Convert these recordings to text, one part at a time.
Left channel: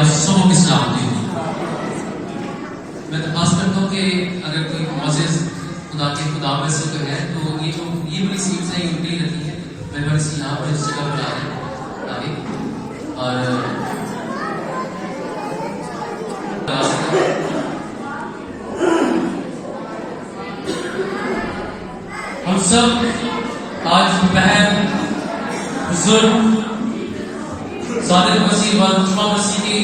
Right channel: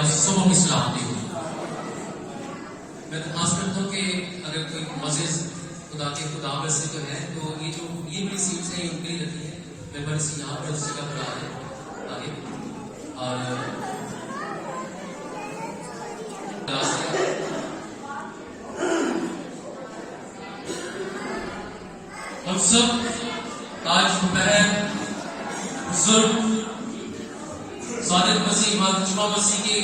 آپ سبوں کی سلامتی ہو. میں درخواست کرتا ہوں کہ اگر کوئی معزز خدا کے خدا میں سے کوئی ہے تو یہ بڑی سیٹس ہیں یہ اٹھتی رہتی ہیں. میں بڑی سی یہاں پر اس جگہ پر آ رہے ہیں آگے اور ہم سب آج دوپہر بزرگ صادق مسیح جمعہ مسیح کی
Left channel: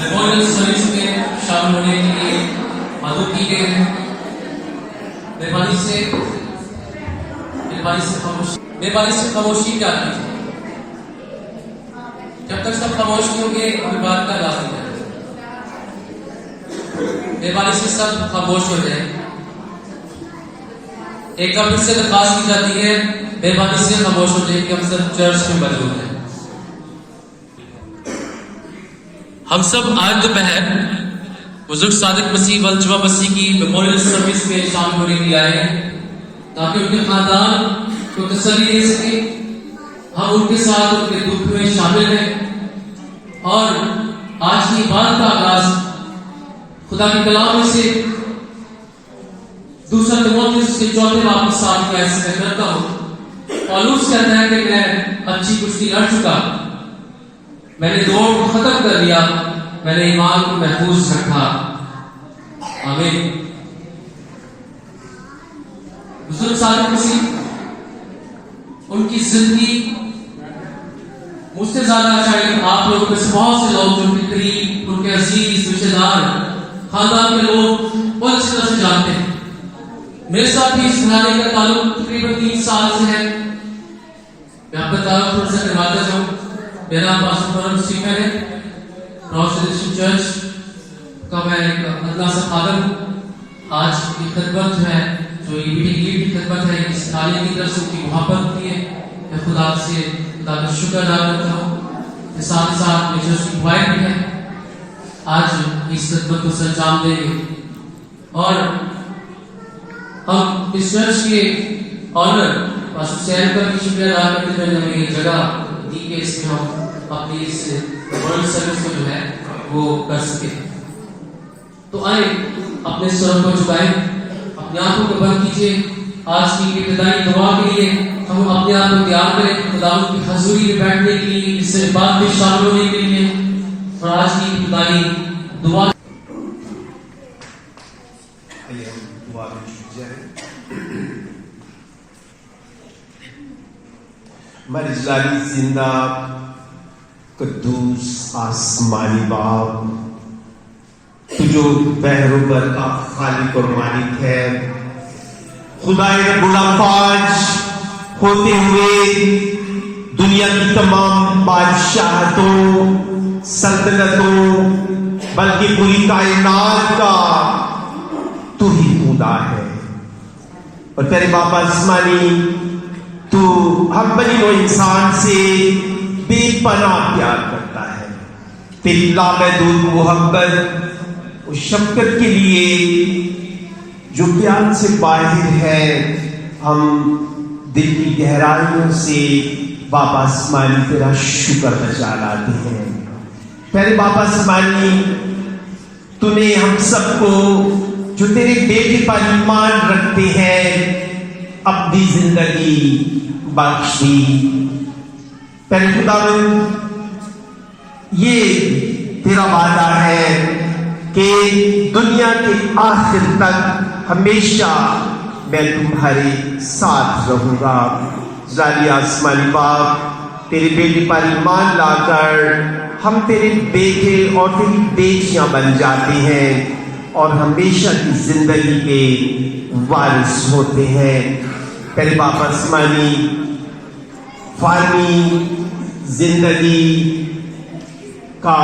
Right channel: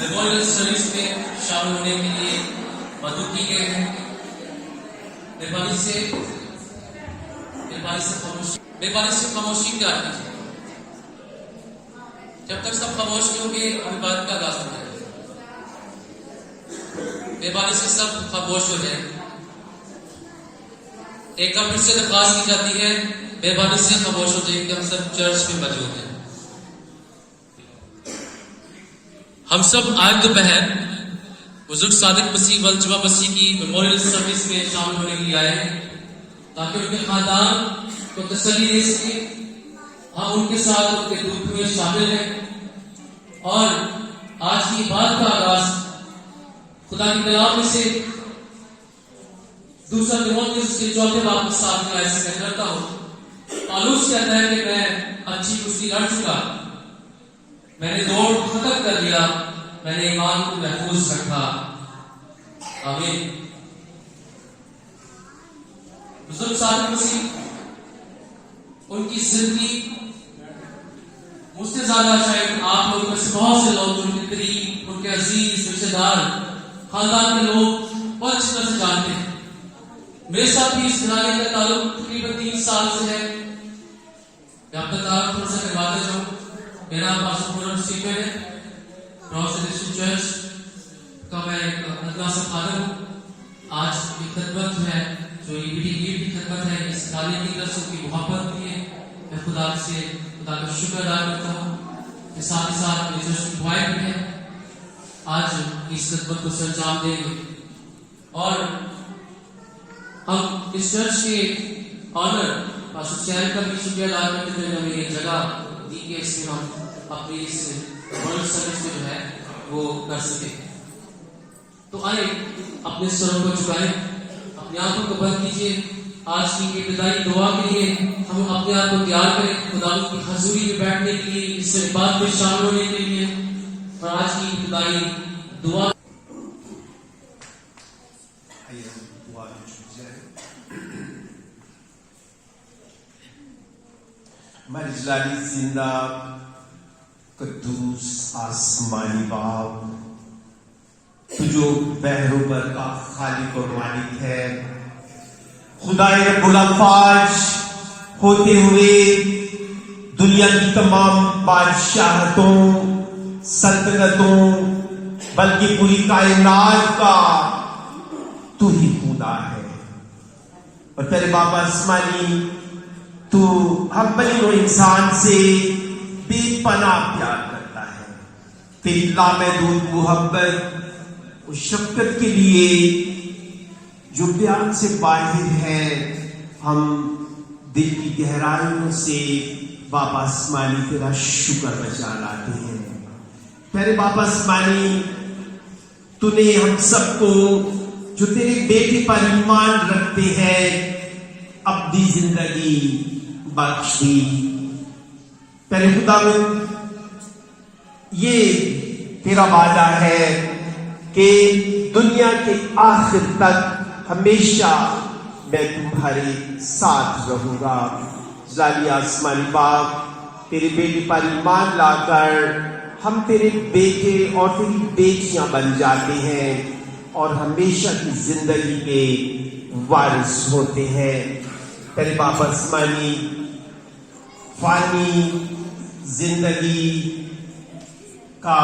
میموریل سروس میں شامل ہونے کے لیے مدعو کی گئے ہیں. مہربانی سے خاموشی کیا کیجیے. جب تک سب خاموش نہیں ہوں گے ہمیں بات کا آغاز نہیں جائے. مہربانی سے سب خاموش ہو جائیں. ایک بار پھر سے درخواست کی جاتی ہے مہربانی سے خاموش ہو جائیں کہ ہم سب چرچ میں موجود ہیں. ہم سب آج دوپہر بزرگ صادق مسیح جمعہ مسیح کی میموریل سروس میں شامل ہونے کے لیے آئے ہیں تاکہ ان کے خاندان کو تسلی دے سکے. ہم ان کے ساتھ ان کے دکھ میں شامل ہیں اور آج کی بات کا آغاز خدا کے کلام میں سے دوسرا تیموتھیوس کے 4 باب کے 7 کی آیت سے میں کرتا ہوں. پالوس کہتا ہے کہ میں اچھی کشتی لڑ چکا, میں نے دوڑ کو ختم کر دیا, میں نے ایمان کو محفوظ رکھا. آمین. بزرگ صادق مسیح ان کی زندگی مجھ سے زیادہ اچھا ہے. آپ لوگ میں سے بہت سے لوگ جو ان کے قریب, ان کے عزیز, رشتے دار, خاندان کے لوگ بہت اچھی طرح سے جانتے ہیں. میرے ساتھ بھی اس گھرانے کا تعلق تقریباً 3 سال سے ہے. میں آپ کا تعلق تھوڑا سا کرواتا جاؤں. میرا نام پاسٹر فرم سیفر ہے. پروفیسر چرچ کا میں ایک ادنا سا فادر ہوں. آج کی خدمت جو ہے جو یہ میٹنگ کی خدمت ہے اس تعلیم کی طرف سے کی محبت ہوتی ہے. میں خدا کا شکر ادا کرتا ہوں. ساتھ ساتھ میری چرچ کی دعائیں بھی ہے آج اس خدمت کو سر انجام دیں گے. اور ہم اس چرچ کے آنر پاسٹر سیال کا بھی شکریہ ادا کرتے ہیں جو ہمیں یہ جگہ دی کہ اس میں ہم اپنی اس ورلڈ سروس کو جو ہے وہ کر سکیں. تو آئے اپنے سروں کو جھکائیں, اپنے آنکھوں کو بند کیجیے. آج کی ابتدائی دعا کے لیے ہم اپنے آپ کو تیار کریں خدا کی حضوری میں بیٹھنے کے لیے, اس سے بعد میں شامل ہونے کے لیے. اور آج کی ابتدائی دعا مرجلالی زندہ قدوس آسمانی باپ, تو جو بحر و بر کا خالق اور مالک ہے, خدائے رب الافواج ہوتے ہوئے دنیا کی تمام بادشاہتوں, سلطنتوں, بلکہ پوری کائنات کا تو ہی خدا ہے. اور تیرے باپ آسمانی تو ہر بنی و انسان سے بے پناہ پیار کرتا ہے. تیری لامحدود محبت اور شفقت کے لیے جو بیان سے باہر ہے, ہم دل کی گہرائیوں سے باپ آسمانی تیرا شکر بجا لاتے ہیں. پیارے باپ آسمانی, تو نے ہم سب کو جو تیرے بیٹے پر ایمان رکھتے ہیں اپنی زندگی بخشی. پہلے خداوند, یہ تیرا وعدہ ہے کہ دنیا کے آخر تک ہمیشہ میں تمہارے ساتھ رہوں گا. ذالی آسمانی باپ, تیرے بیٹے پر ایمان لا کر ہم تیرے بیٹے اور تیری بیٹیاں بن جاتے ہیں اور ہمیشہ کی زندگی کے وارث ہوتے ہیں. پہلے باپ آسمانی, فانی زندگی کا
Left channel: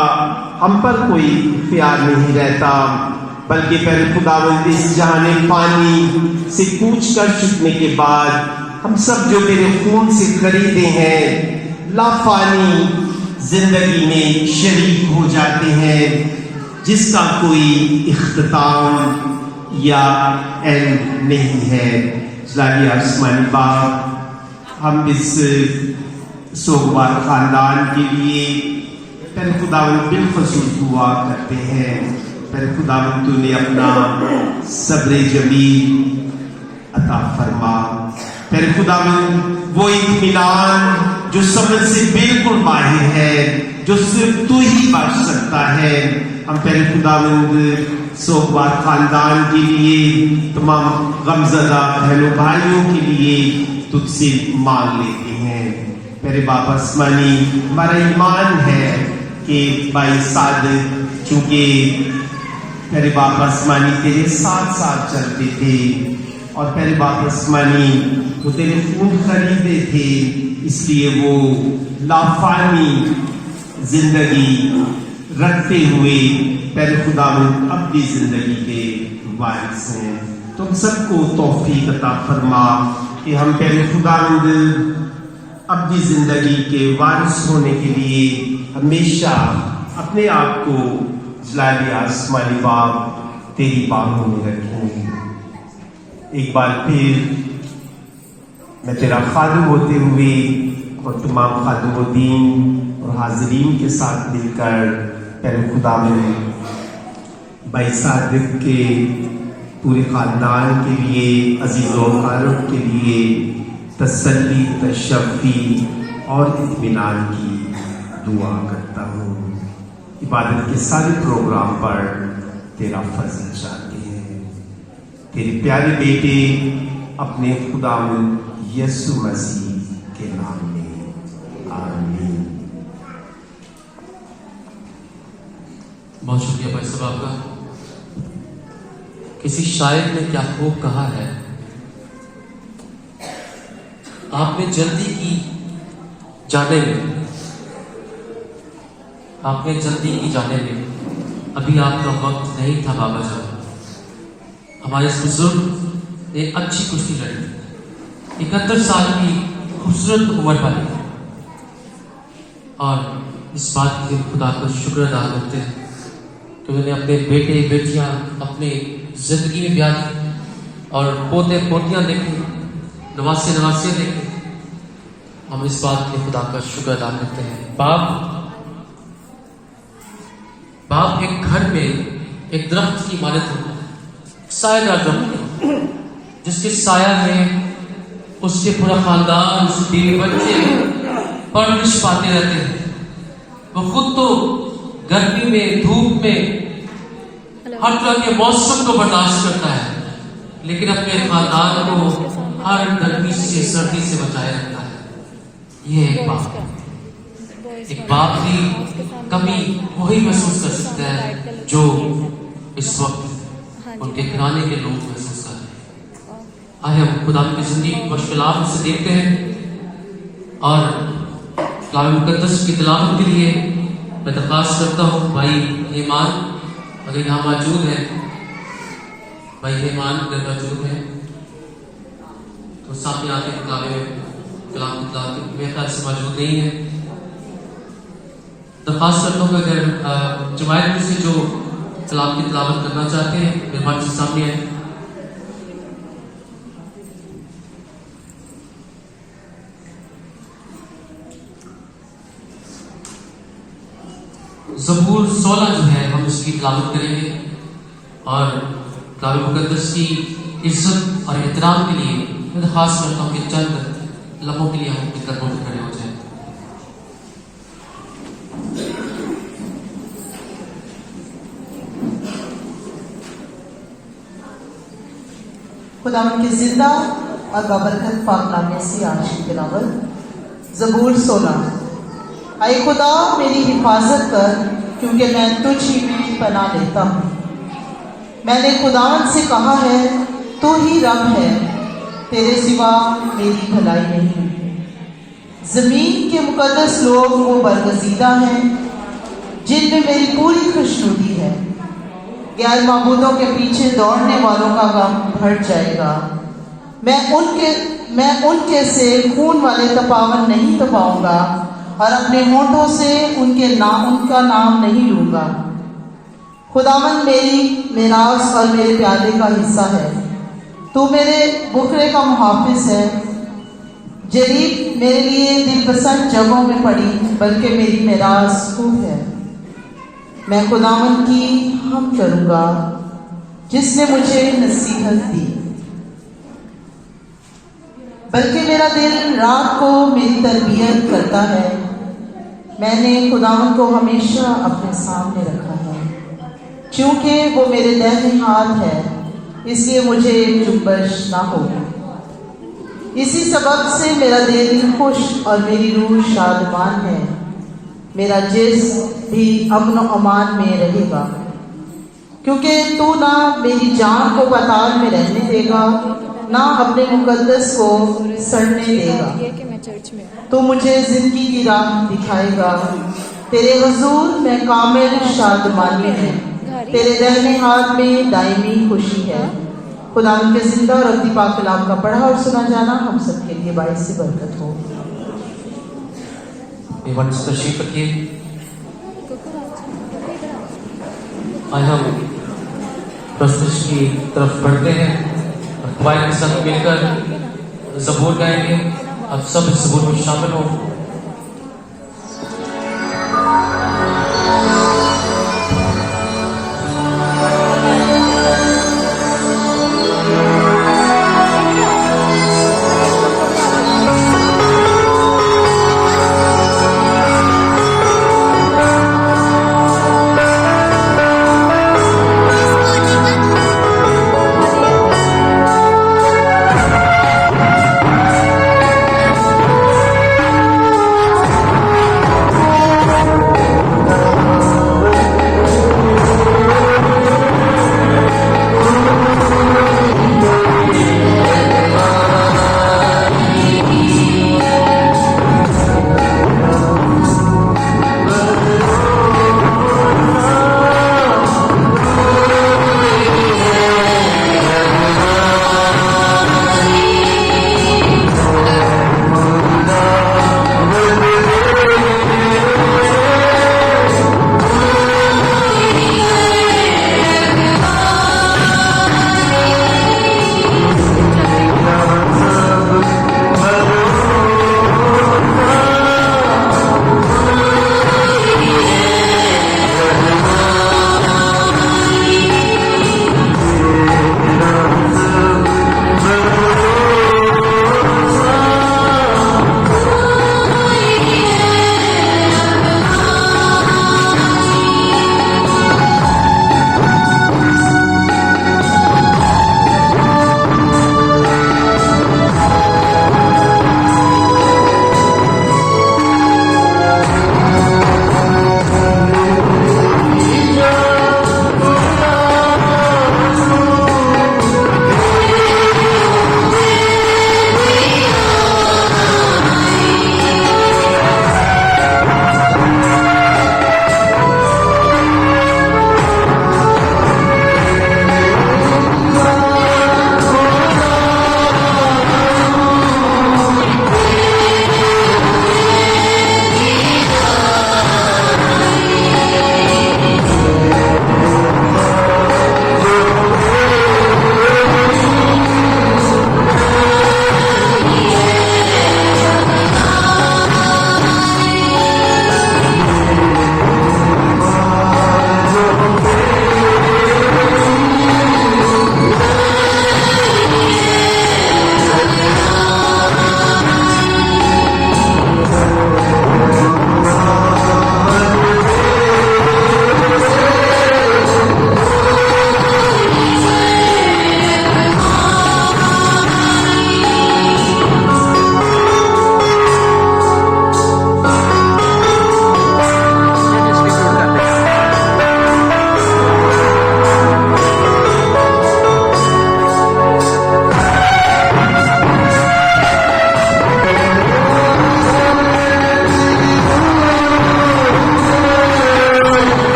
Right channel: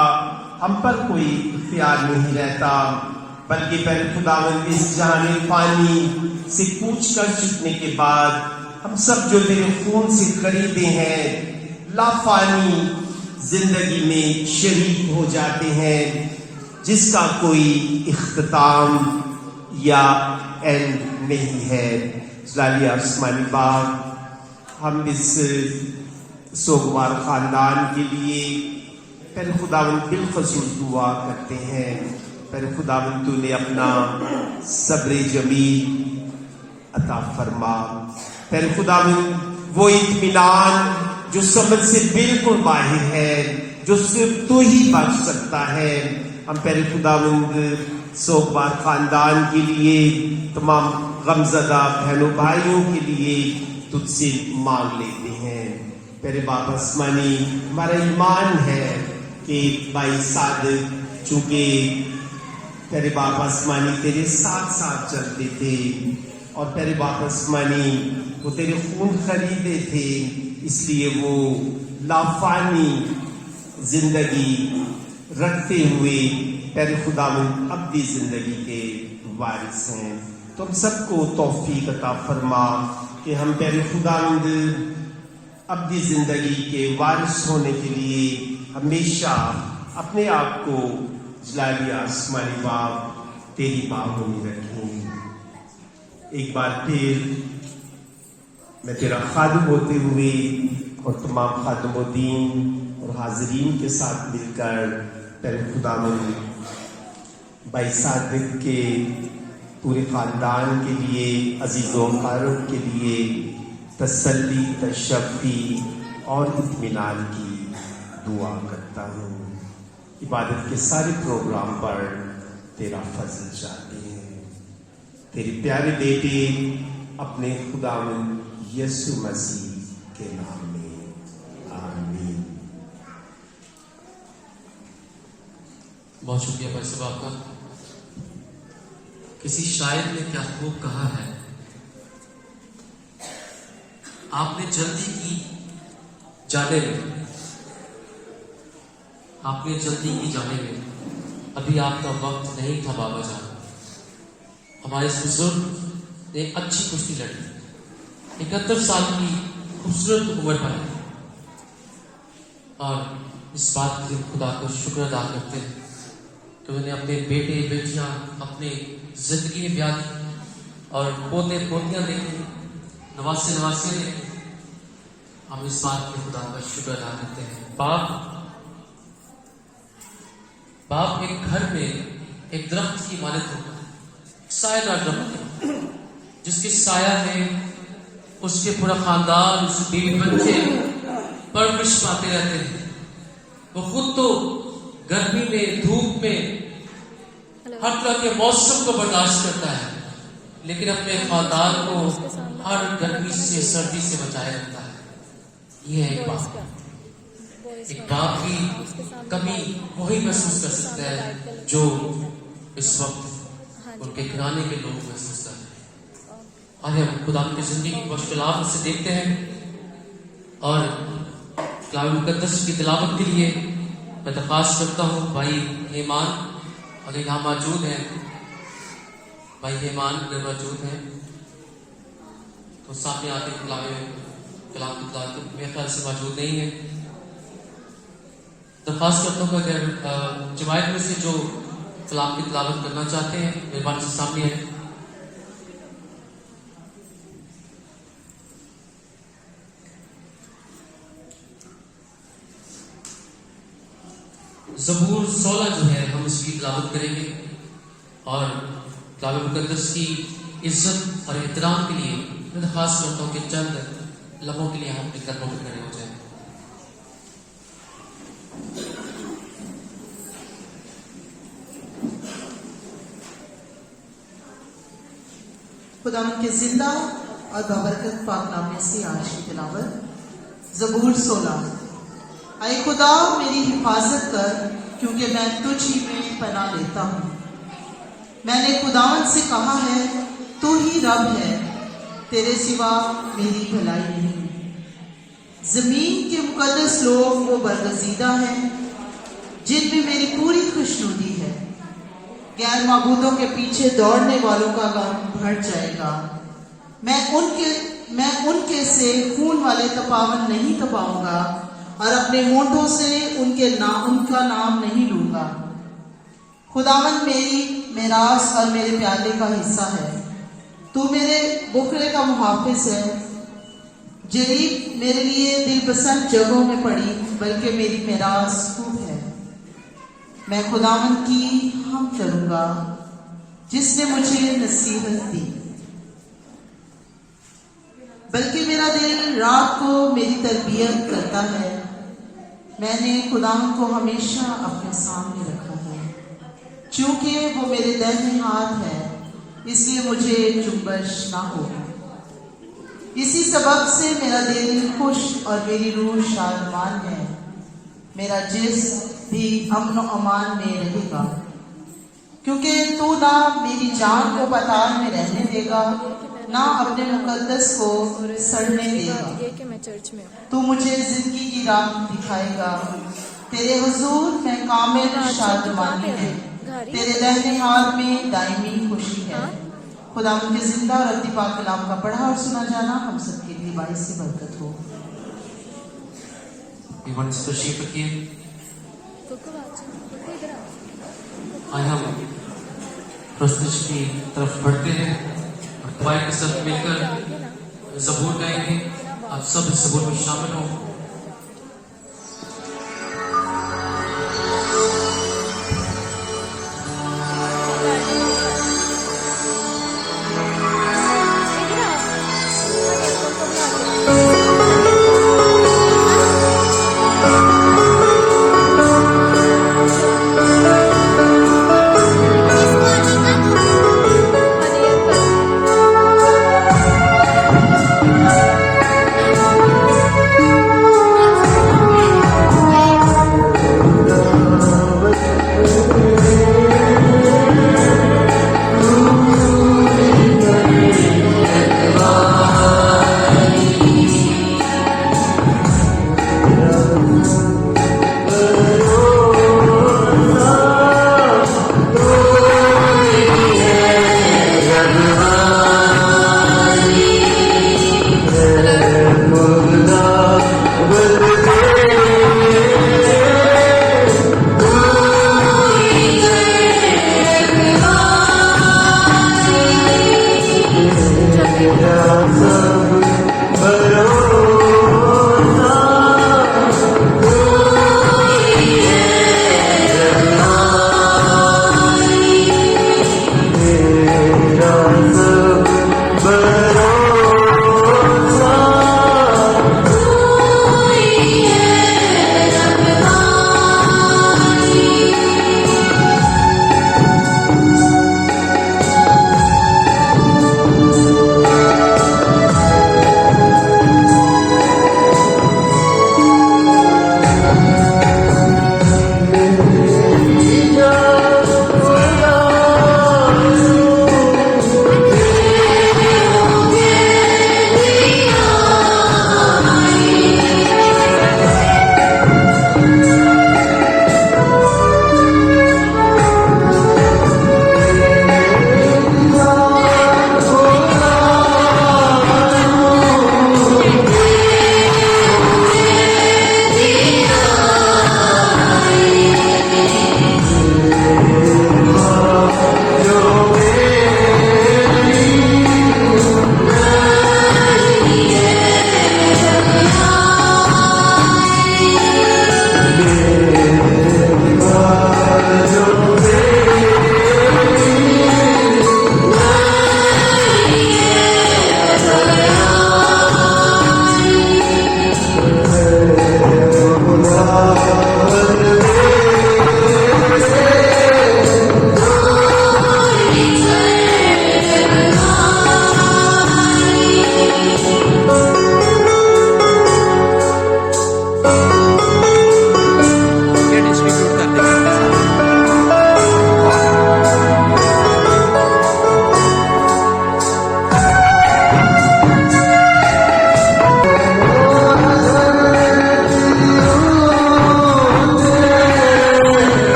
ہم پر کوئی اختیار نہیں رہتا, بلکہ پہلے خداوند اس جہان فانی سے کوچ کر چکنے کے بعد ہم سب جو تیرے خون سے خریدے ہیں لافانی زندگی میں شریک ہو جاتے ہیں, جس کا کوئی اختتام یا اینڈ نہیں ہے. ذالی آسمانی باپ, ہم اس سوگوار خاندان کے لیے پر خداوند بالخصوص دعا کرتے ہیں، پر خداوند تو نے اپنا صبر جمیل عطا فرما، پر خداوند وہ اطمینان جو سمجھ سے بالکل باہر ہے، جو صرف تو ہی بخش سکتا ہے، ہم پہلے خداوند سوگوار خاندان کے لیے، تمام غمزدہ بہنوں بھائیوں کے لیے تجھ سے مانگ لیتے ہیں۔ میرے باپ آسمانی، ہمارا ایمان ہے کہ بھائی صادق چونکہ میرے باپ آسمانی تیرے ساتھ ساتھ چلتے تھے، اور میرے باپ آسمانی وہ تیرے خون خریدے تھے، اس لیے وہ لافانی زندگی رکھتے ہوئے پہلے خداوند ابدی زندگی کے وارث ہیں۔ تم سب کو توفیق عطا فرما کہ ہم پہلے خداوند ابدی زندگی کے وارث ہونے کے لیے ہمیشہ اپنے آپ کو جلالی آسمانی باپ تیری باہوں میں رکھیں۔ ایک بار پھر میں تیرا خادم ہوتے ہوئے اور تمام خادم الدین اور حاضرین کے ساتھ مل کر پہلے خداوند بھائی صادق کے پورے خاندان کے لیے، عزیز و اقارب کے لیے تسلی، تشفی اور اطمینان کی دعا کرتا ہوں۔ عبادت کے سارے پروگرام پر تیرا فضل چاہتے ہیں، تیرے پیارے بیٹے اپنے خداوند یسوع مسیح کے نام میں، آمین۔ بہت شکریہ بھائی صاحب آپ کا۔ کسی شاعر نے کیا خوب کہا ہے، آپ نے جلدی کی جانے میں، آپ نے جلدی کی جانے میں، ابھی آپ کا وقت نہیں تھا بابا جان۔ ہمارے اس بزرگ ایک اچھی کشتی لڑی، 71 سال کی خوبصورت عمر پائی، اور اس بات کے خدا کا شکر ادا کرتے ہیں کہ انہوں نے اپنے بیٹے بیٹیاں اپنے زندگی میں بیاہی اور پوتے پوتیاں دیکھیں، نواسے نواسیاں دیکھیں۔ ہم اس بات کے خدا کا شکر ادا کرتے ہیں۔ باپ ایک گھر میں ایک درخت کی مانند ہوتا ہے، سایہ دار درخت جس کے سایہ میں اس کے پورا خاندان، اس کے بیوی بچے پرورش پاتے رہتے ہیں۔ وہ خود تو گرمی میں، دھوپ میں، ہر طرح کے موسم کو برداشت کرتا ہے، لیکن اپنے خاندان کو ہر گرمی سے، سردی سے بچائے رکھتا ہے۔ یہ ایک باپ کی کمی وہی محسوس کر سکتا ہے جو اس وقت ان کے گھرانے کے لوگ محسوس کر رہے ہیں۔ آئے ہم خدا کی زندگی کی مشکلات سے دیکھتے ہیں، اور کلام مقدس کی تلاوت کے لیے میں درخواست کرتا ہوں بھائی ایمان اگر یہاں موجود ہے، بھائی ایمان اگر موجود ہے تو سامنے آتے کلام کی تلاوت میرے خیال سے موجود نہیں ہے۔ درخواست کرتا ہوں کہ اگر جماعت میں سے جو کلام کی تلاوت کرنا چاہتے ہیں مہربانی سے سامنے آئیں۔ زبور 16 جو ہے ہم اس کی تلاوت کریں گے، اور کلام مقدس کی عزت اور احترام کے لیے میں درخواست کرتا ہوں کہ چند لمحوں کے لیے ہم اپنی قدموں پہ کھڑے ہو جائیں۔ خدا کے زندہ اور بابرکت پاک نامے سے آج کی تلاوت زبور 16۔ اے خدا میری حفاظت کر، کیونکہ میں تجھ ہی میں پناہ لیتا ہوں۔ میں نے خدا سے کہا ہے تو ہی رب ہے، تیرے سوا میری بھلائی نہیں۔ زمین کے مقدس لوگ وہ برگزیدہ ہیں جن میں میری پوری خوشنودی ہے۔ غیر معبودوں کے پیچھے دوڑنے والوں کا غم بڑھ جائے گا۔ میں ان کے سے خون والے تپاون نہیں تپاؤں گا، اور اپنے ہونٹوں سے ان کا نام نہیں لوں گا۔ خداوند میری میراث اور میرے پیادے کا حصہ ہے، تو میرے بکرے کا محافظ ہے۔ جریب मेरे लिए दिलपसंद जगहों में पड़ी, बल्कि मेरी मेराज खूब है। मैं खुदावन की हम करूँगा जिसने मुझे नसीहत दी। बल्कि मेरा दिल रात को मेरी तरबियत करता है। मैंने खुदावन को हमेशा अपने सामने रखा है, क्योंकि वो मेरे दाहिने हाथ है, इसलिए मुझे जुम्बश ना हो। इसी सबब से मेरा दिल खुश और मेरी रूह शादमान है। मेरा जिस्म भी अमन और अमान में रहेगा, क्योंकि तू ना मेरी जान को पाताल में रहने देगा, ना अपने मुकद्दस को सड़ने देगा। तू मुझे जिंदगी की राह दिखाएगा। तेरे हुजूर में कामिल शादमानी है, तेरे दाहिने हाथ में दायमी खुशी है। खुदा उनके जिंदा और अब्दी पाक कलाम का पढ़ा और सुना जाना हम सबके लिए बाइस से बरकत हो। आज हम प्रस्तुति की तरफ बढ़ते हैं। खुदावंद के संग मिलकर ज़बूर गाएंगे। अब सब इस ज़बूर में शामिल हो।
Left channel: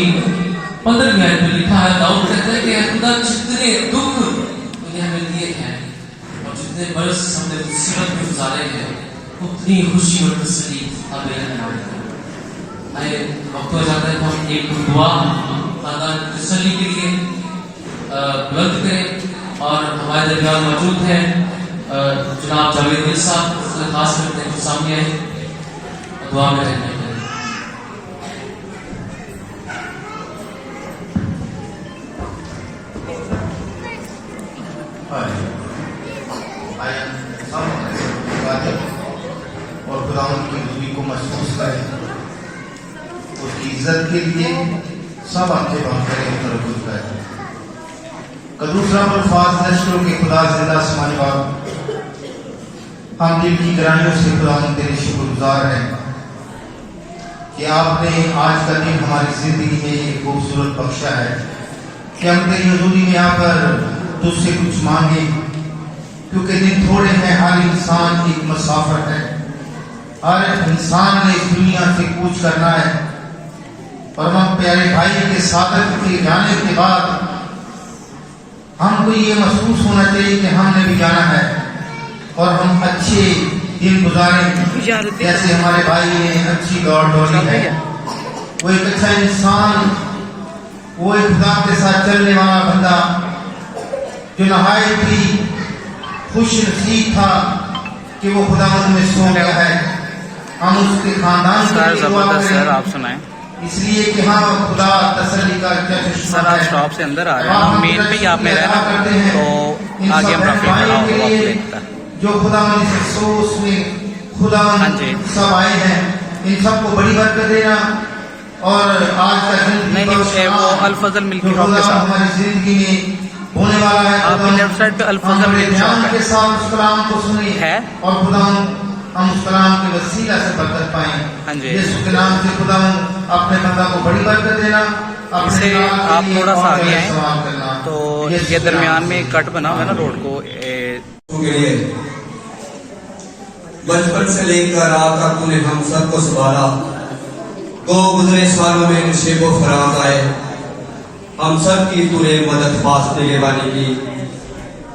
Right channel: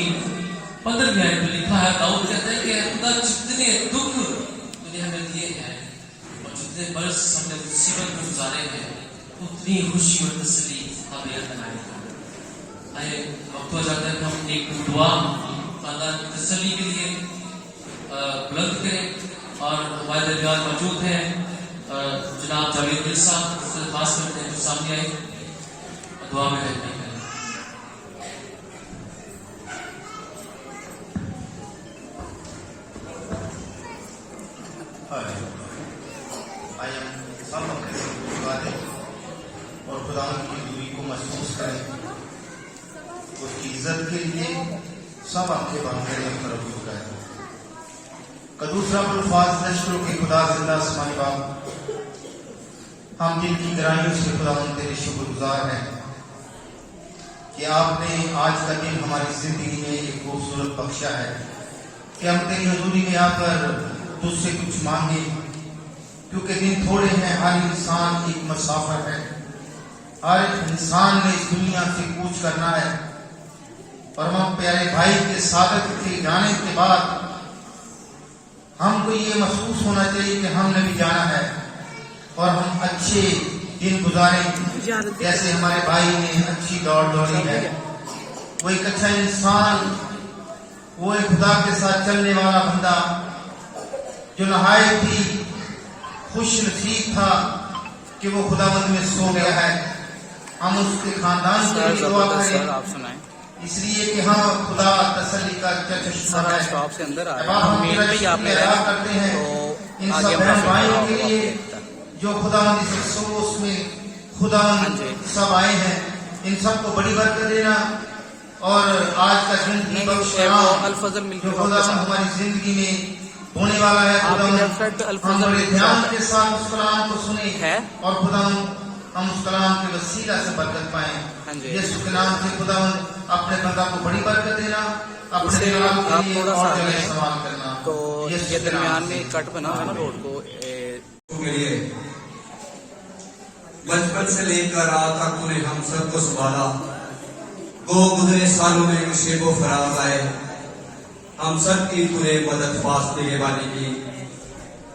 की 15वीं आयत में लिखा है, दाऊद कहते हैं कि खुदा जितने दुख तूने हमें दिए हैं और जितने बरस हमने मुसीबत में गुजारे हैं, उतनी खुशी और तसल्ली हमें हमारे आए वक्त हो जाता है तो हम एक दुआ खानदान तसल्ली के लिए बुलंद करें। और हमारे दरमियान मौजूद हैं जनाब जावेद मिल साहब, खास करके जो सामने आए दुआ में रहने के लिए। और खुदावंद की दूरी को महसूस करें, उसकी इज्जत के लिए सब आंखें बंद करें, तरबूज करें। कदूसरा अल्फाज नश्रों के खुदा जिंदा आसमानी बाप, हम दिल की गहराइयों से खुदावंद तेरे शुक्रगुजार हैं कि आपने आज का दिन हमारी जिंदगी में एक खूबसूरत बख्शा है कि हम तेरी हजूरी में आकर तुझसे कुछ मांगे, क्योंकि दिन थोड़े हैं, हर इंसान एक मुसाफिर है, हर इंसान ने इस दुनिया से कूच करना है। और हम प्यारे भाई के सादत के जाने के बाद हमको ये महसूस होना चाहिए कि हमने भी जाना है और हम अच्छे दिन गुजारें, जैसे हमारे भाई ने अच्छी दौड़ दौड़ी है। वो एक अच्छा इंसान, वो एक खुदा के साथ चलने वाला बंदा जो नहायत ही खुश नसीब था कि वो खुदावंद में सो गया है। हम उसके खानदान के लिए दुआ करें, आप सुनाएं। इसलिए कि हाँ खुदा तसल्ली का सर आप स्टॉप से अंदर आ रहे हैं, हम मेन पे ही आप में रहना, तो आगे हम रफी खड़ा होगा आपको देखता है। जो खुदावंद इस अफसोस में खुदावंद सब आए हैं, इन सबको बड़ी बरकत देना। और आज का दिन नहीं वो अल-फजल मिल्की शॉप के साथ हमारी जिंदगी में होने वाला है, आपकी लेफ्ट साइड पे अल-फजल मिल्की शॉप के साथ उस कलाम को सुने है और खुदावंद हम उस कलाम के वसीला से बरकत पाएं। हाँ जी, यीशु के नाम से खुदावंद अपने बंदा को बड़ी बरकत देना। इसे आप थोड़ा सा आगे आए तो ये दरमियान में कट बना हुआ है ना रोड को के लिए। बचपन से लेकर आज तक तूने हम सबको संभाला, को गुजरे सालों में इन शेबो फराज आए, हम सब की तूने मदद वास्ते लेवानी की।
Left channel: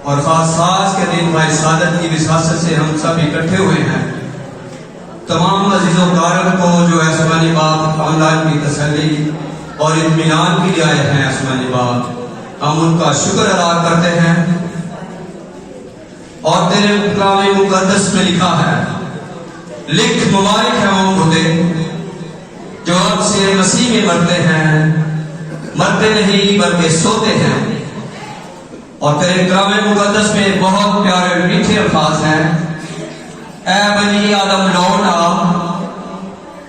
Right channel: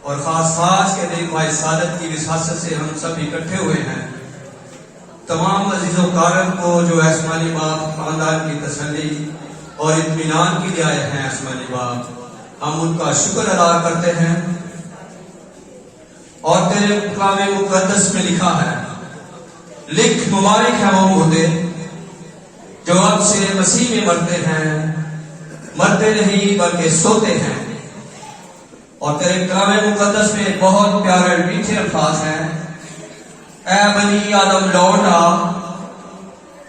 और खास आज के दिन भाई सादत की विसासत से हम सब इकट्ठे हुए हैं। तमाम अजीजों कारम को जो आसमानी बाप खानदान की तसल्ली और इत्मीनान के लिए आए हैं आसमानी बाप, हम उनका शुक्र अदा करते हैं। और तेरे कलाम मुकद्दस में लिखा है, लिख मुबारक है वो मुर्दे जो अब से मसीह में मरते हैं, मरते नहीं बल्कि सोते हैं। और तेरे कलाम मुकद्दस में बहुत प्यारे मीठे अल्फाज हैं, ऐ बनी आदम लौट आ,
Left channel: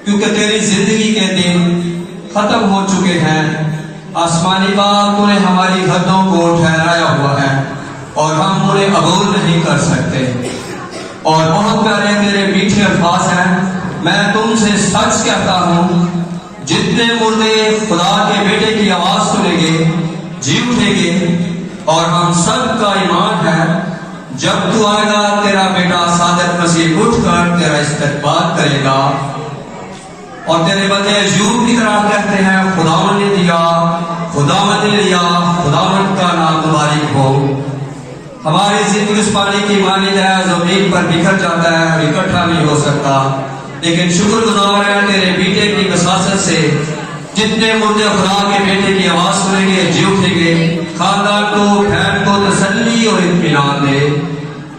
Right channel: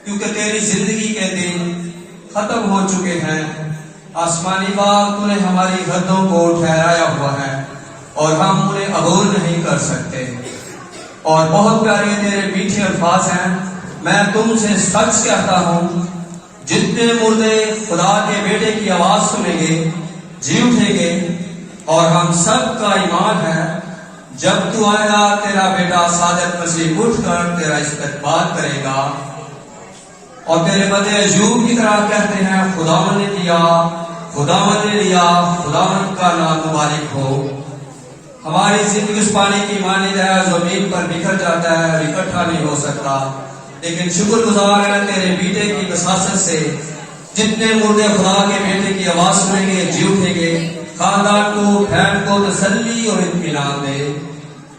क्योंकि तेरी जिंदगी के दिन खत्म हो चुके हैं। आसमानी बाप तूने हमारी हदों को ठहराया हुआ है और हम उन्हें अबूर नहीं कर सकते। और बहुत प्यारे तेरे मीठे अल्फाज हैं, मैं तुमसे सच कहता हूं, जितने मुर्दे खुदा के बेटे की आवाज सुनेंगे जी उठेंगे। और हम सब का ईमान है जब तू आएगा तेरा बेटा सादत मसीह उठकर तेरा इस्तकबाल करेगा। और तेरे बंदे अय्यूब की तरह कहते हैं, खुदावंद ने दिया, खुदावंद ने लिया, खुदावंद का नाम मुबारक हो। हमारी जिंदगी उस पानी की मानी जाए जमीन पर बिखर जाता है, इकट्ठा नहीं हो सकता, लेकिन शुक्रगुजार है तेरे बेटे की वसासत से जितने मुर्दे खुदा के बेटे की आवाज सुनेंगे जी उठेंगे। खानदान को बहन को तसल्ली और इत्मीनान दे।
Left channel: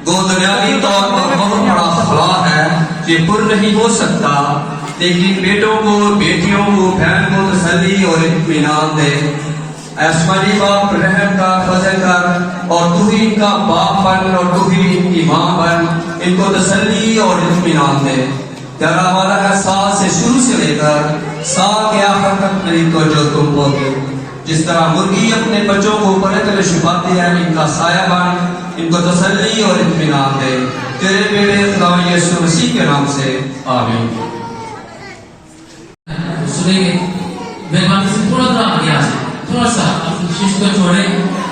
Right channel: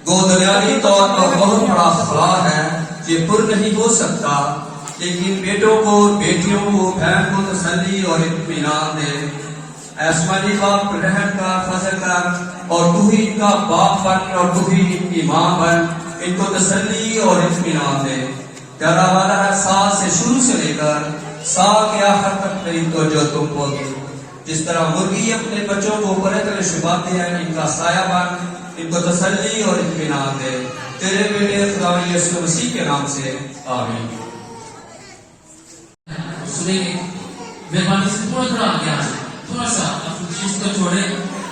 दो दुनियावी तौर पर बहुत बड़ा खला है, ये पुर नहीं हो सकता, लेकिन बेटों को बेटियों को बहन को तसल्ली और इत्मीनान दे। आसमानी बाप रहम का फजल कर और तू ही इनका बाप बन और तू ही इनकी माँ बन, इनको तसल्ली और इत्मीनान दे। तेरा वाला है साल से शुरू से लेकर साल के आखिर तक मेरी तवज्जो तुम होगी। जिस तरह मुर्गी अपने बच्चों को ऊपर तले छुपाती है, इनका साया बन, इनको तसल्ली और इत्मीनान दे। तेरे बेटे खुदा यीशु मसीह के नाम से आमीन। सुनेंगे मेहरबानी से थोड़ा सा आगे आ जाए, थोड़ा सा अपनी शीश को छोड़े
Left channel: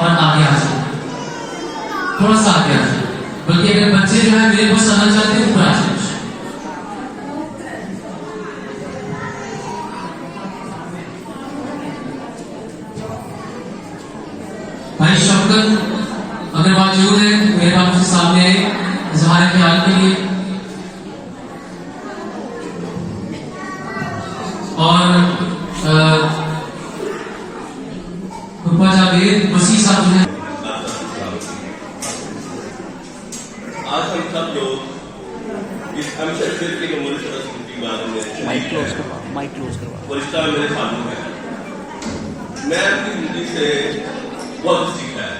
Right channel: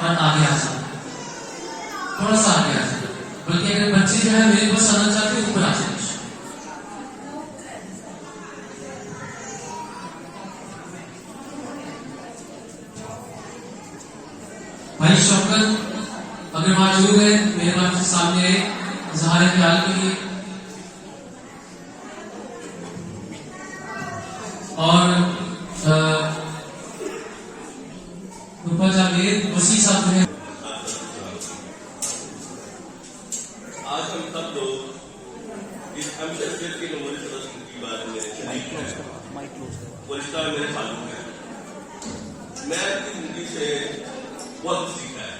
और आगे आ जाए, थोड़ा सा आगे आ जाए। बल्कि अगर बच्चे जो है मेरे पास आना चाहते हैं ऊपर आ जाए। भाई शौकत अगर मौजूद है मेहरबान के सामने इजहार ख्याल के लिए, और फूफा जावेद वसी साहब जो है। आज हम सब लोग इस अमशद के नमूने के बारे में माइक क्लोज करवा वरिष्ठता मेरे सामने है। मैं अपनी जिंदगी से बहुत कुछ सीखा है,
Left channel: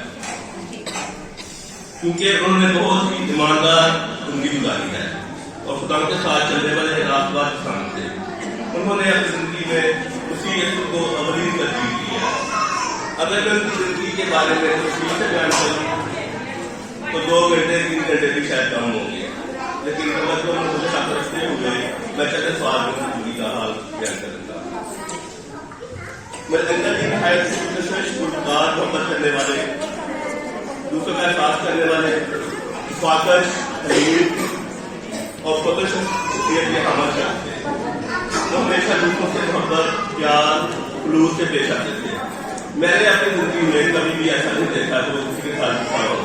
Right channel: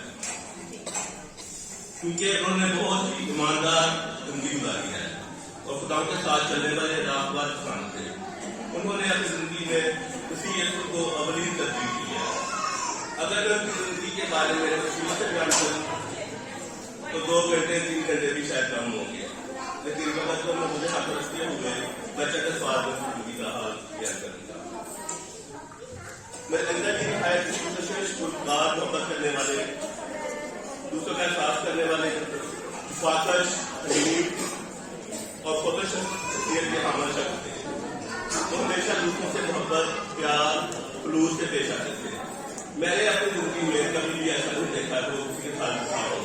क्योंकि उन्होंने बहुत ही ईमानदार जिंदगी गुजारी है और खुदा के साथ चलने वाले रास्तबाज इंसान थे। उन्होंने अपनी जिंदगी में उसी को अवली तरजीह दी है। अगर मैं उनकी जिंदगी के बारे में तफसील से बयान करूँ तो 2 घंटे 3 घंटे भी शायद कम होंगे, लेकिन अगर मुझे साथ रखते हुए मैं चंद सवाल में जिंदगी का हाल बयान करूंगा। मैं अंदर की नहायत गुलकार मोहब्बत करने वाले, दूसरों का एहसास करने वाले, स्वाकश और खुदश शख्सियत के हामिल शख्स थे। वो हमेशा दूसरों से मोहब्बत, प्यार, खुलूस से पेश आते थे। मैंने अपनी जिंदगी में कभी भी ऐसा नहीं देखा जो किसी के साथ गुस्सा हो।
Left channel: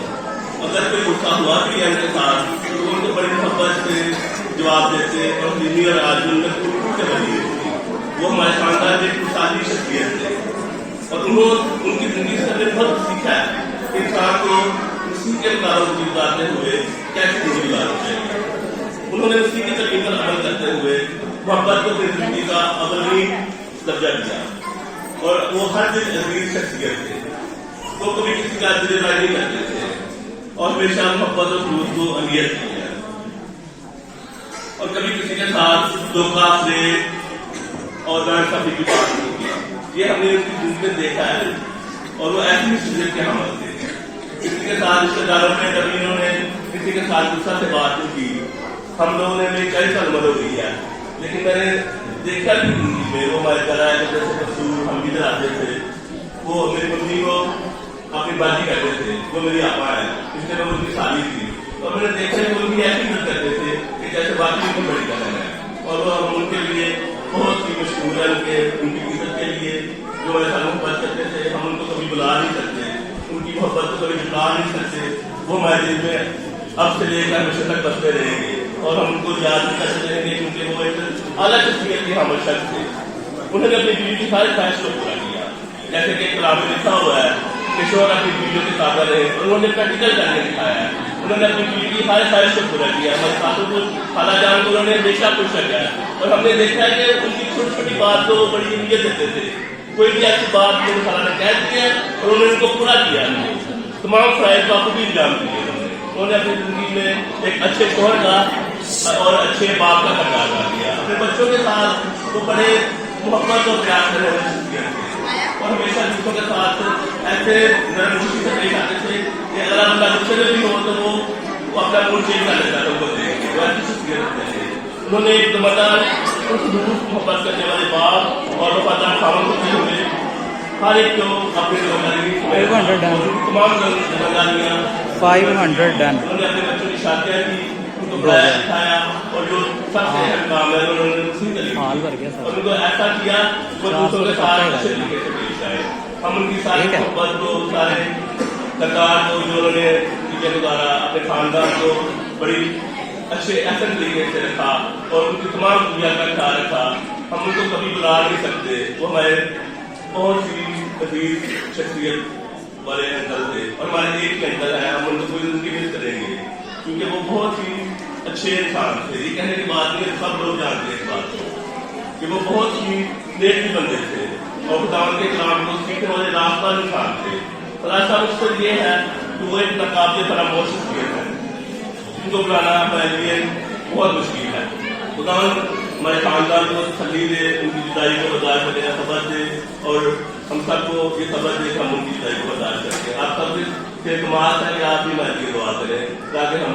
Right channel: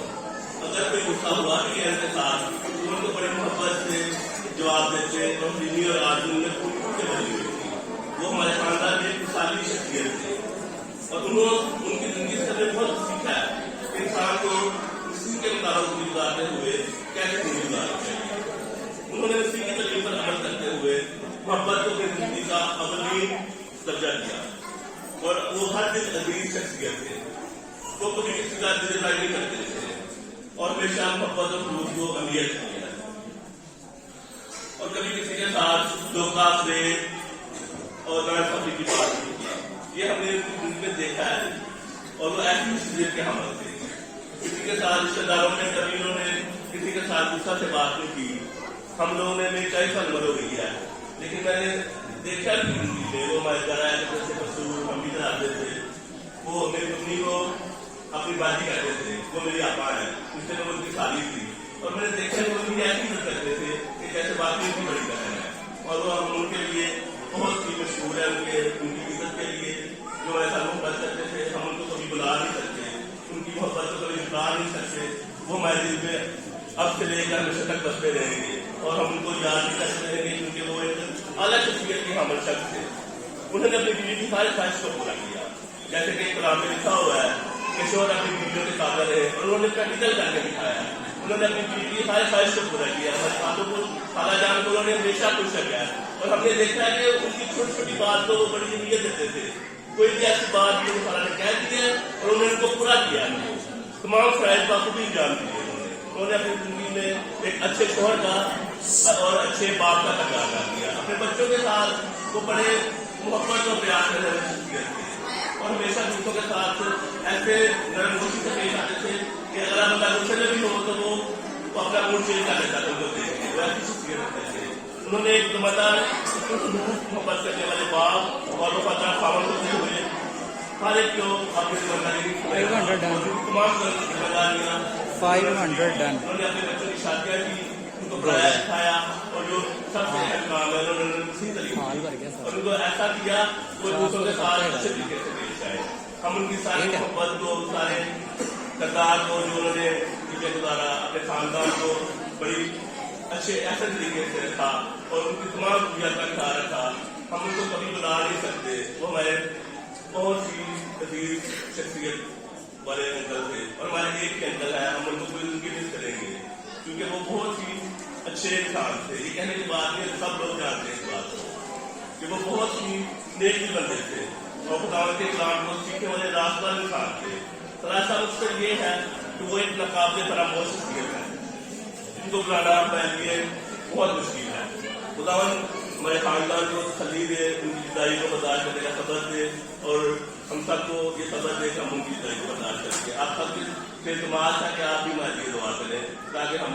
अगर कोई गुस्सा हुआ भी है उनके साथ तो उनको बड़ी मोहब्बत से जवाब देते और दिल्ली और आदमी में खूब से बनी हुई थी। वो हमारे खानदान में एक खुशहाली शख्सियत थे और उन्होंने उनकी जिंदगी से हमें बहुत सीखा है कि इंसान को उसी के मुताबिक गुजारते हुए कैसे जिंदगी गुजारनी चाहिए। उन्होंने उसी की तकलीफ पर अमल करते हुए मोहब्बत को अपनी जिंदगी का अवली दर्जा दिया और वो हर दिन अजीज शख्सियत थे। वो कभी किसी का दिलदार नहीं करते थे और हमेशा मोहब्बत और खुलूस को अहमियत दी है और कभी किसी के साथ धोखा से और नाइंसाफी की बात नहीं की। ये हमने उसकी जिंदगी में देखा है और वो ऐसी शख्सियत के हमल थे। किसी के साथ रिश्तेदारों में कभी इन्होंने किसी के साथ गुस्सा से बात नहीं की। हम लोगों ने मेरी 40 साल उम्र हो गई है, लेकिन मैंने देखा कि जिंदगी में वो हमारे घर आए जैसे कसूर हम भी आते थे। वो मेरी मम्मी को अपनी बाजी करते थे, वो मेरी आपा है, इसलिए मैं उनकी शादी थी और मैंने देखा कि वो भी ऐसी मत करते थे कि जैसे बाकी की बड़ी कहना है और वो हम उनके लिए बहुत ही मशहूर है। उनकी इज्जत के लिए जो ऐसा मोहब्बत करते थे, हम उनको कभी बुला नहीं सकते, उनकी मोहब्बत को कभी बुला नहीं सकते। वो हमारे दिल में अब से लेकर हमेशा तक बसते रहेंगे और हम उनको याद भी करते रहेंगे, क्योंकि वो एक अलग शख्सियत के हमल शख्स थे। उन्होंने अपनी बीवी की सारी ख्वाहिश को पूरा किया, जैसे कि कलाम में लिखा हुआ है कि शोहर अपनी बीवियों के ताबा रहे और उन्होंने प्रैक्टिकल करके दिखाया है। उन्होंने अपनी बीवी की हर ख्वाहिश को पूरा किया। हमारे साथों को खाला जान को उन्होंने हमेशा खुश रखा है और हमने देखा है कि उनकी छोटी छोटी बात को वो बड़ी अहमियत देते थे। कोई भी ऐसी बात जो खाला ने कह दी है और उन्होंने उनको पूरा किया। तमाम फराइज का खूब इंजाम दिए उन्होंने अपनी जिंदगी में एक अच्छे शोहर का और अच्छे बाप का किरदार अदा किया। अपने बच्चों के साथ वो बड़े मोहब्बत और प्यार करने वाले शख्सियत थे और हमेशा दूसरों के साथ ऐसे नरमुखी से पेश आते थे कि अगर बंदा गुस्से में भी हो तो वो अपना मूड चेंज कर लेता था। उनको देख के ऐसी शख्सियत थे। उन्होंने एक दमदार मोहब्बत करने वाले बाप और वफादार खामन होते हुए हर एक को अपनी जिम्मेदारी तमाम जिम्मेदारियाँ 500 डन। उन्होंने अपने बच्चों की शादियाँ की, उनको पढ़ाया सिखाया और जो सबसे अहम काम है उन्होंने उसी तरीके और उनको ऐसा किया वो दूसरों के साथ अच्छे तरीके से पेश आए। हम उनकी सारी मोहब्बत को, सारे किरदार को जो उन्होंने चीजें गुजारा, अपने खानदान को बड़ी अच्छे ऐसे तरीके से रखा और उनकी तमाम दुनिया का ख्याल रखा। हम उनको कभी बुला नहीं सकते। वो हमारे बहुत ही अजीज शख्सियत वाले अंकल थे और हमारे एक के अंकल है। हम उनको कोई उनकी मिस करेंगे क्योंकि वो बहुत ही अच्छे इंसान थे। ये कहने की बात नहीं, सब लोग जानते हैं इस बात को कि वो बहुत ही नेक भी बंदे थे और खुदावंद के कलाम को सीखने वाले रास्ता इंसान थे। और ऐसा मकसद ये है कि वो एक नाकाबिल फरामोश शख्सियत है जिनको बुलाना हमारे लिए बहुत मुश्किल है। खुदावंद हमारे खानदान को तसल्ली दे, उनकी जुदाई को बर्दाश्त करने का सब्र दे और हम सबको ये सब्र दे कि हम उनकी जुदाई को बर्दाश्त करके आप सबसे समाज है कि आप भी हमारे लिए दुआ करें ताकि हम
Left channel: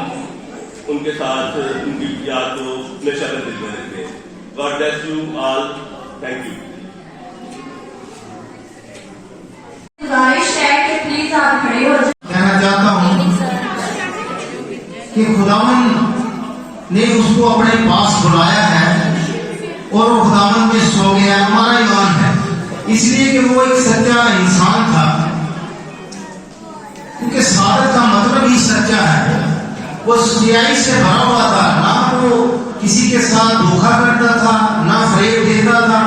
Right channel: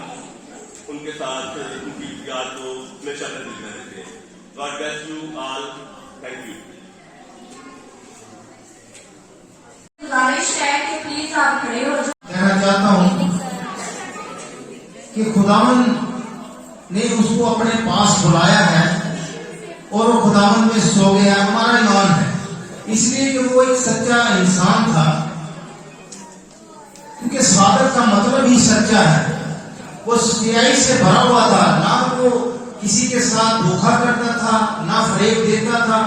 उनके साथ उनकी याद को हमेशा अपने दिल में रखें। God bless you all. Thank you. गुजारिश है कि प्लीज आप खड़े हो जाए। कहना चाहता हूँ कि खुदावन ने उसको अपने पास बुलाया है और वो खुदावन में सो गया। हमारा ईमान है इसलिए कि वो एक सच्चा इंसान था क्योंकि सादत का मतलब ही सच्चा है। वो सच्चाई से भरा हुआ था, ना वो किसी के साथ धोखा करता था, ना फरेब देता था,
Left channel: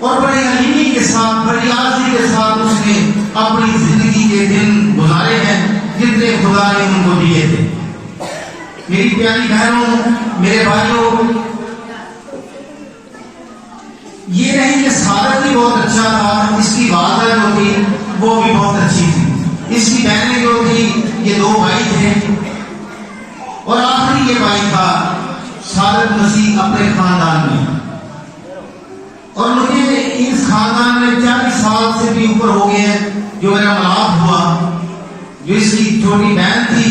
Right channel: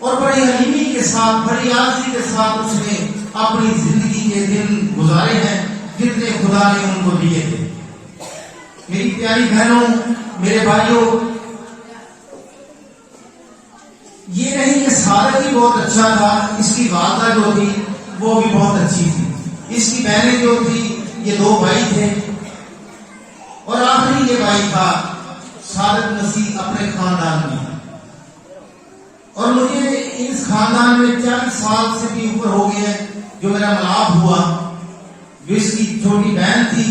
और बड़े हलीमी के साथ, बड़ी आदमी के साथ उसने अपनी जिंदगी के दिन गुजारे हैं जितने खुदा ने उनको दिए थे। मेरी प्यारी बहनों, मेरे भाइयों, ये नहीं कि सादत ही बहुत अच्छा था, इसकी वालदा जो थी वो भी बहुत अच्छी थी, इसकी बहनें जो थी, ये 2 भाई थे, और आखिरी ये भाई था सादत मसीह अपने खानदान में। और मुझे इस खानदान में 40 साल से भी ऊपर हो गए हैं जो मेरा मिलाप हुआ। जो इसकी छोटी बहन थी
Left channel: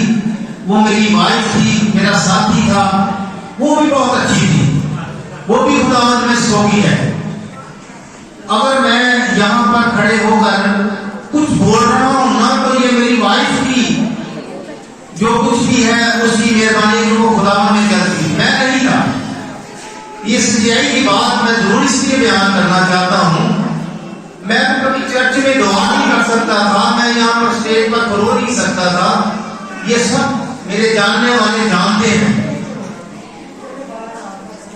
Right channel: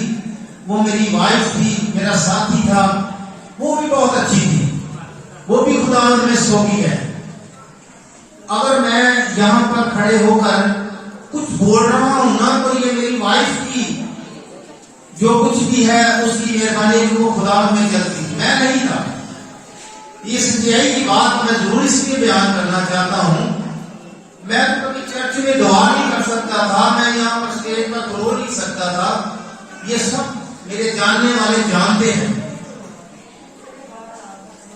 वो मेरी वाइफ थी, मेरा साथी था, वो भी बहुत अच्छी थी, वो भी खुदावंद में सोगी है। अगर मैं यहाँ पर खड़े होकर कुछ बोल रहा हूं ना, तो ये मेरी वाइफ की जो कुछ भी है उसकी मेहरबानी को खुदावंद में गलती, मैं नहीं था। ये सच्चाई की बात मैं जरूर इसलिए बयान करना चाहता हूं। मैं कभी चर्च में दुआ नहीं कर सकता था, मैं यहाँ पर स्टेज पर रो नहीं सकता था, ये सब मेरे जानने वाले जानते हैं।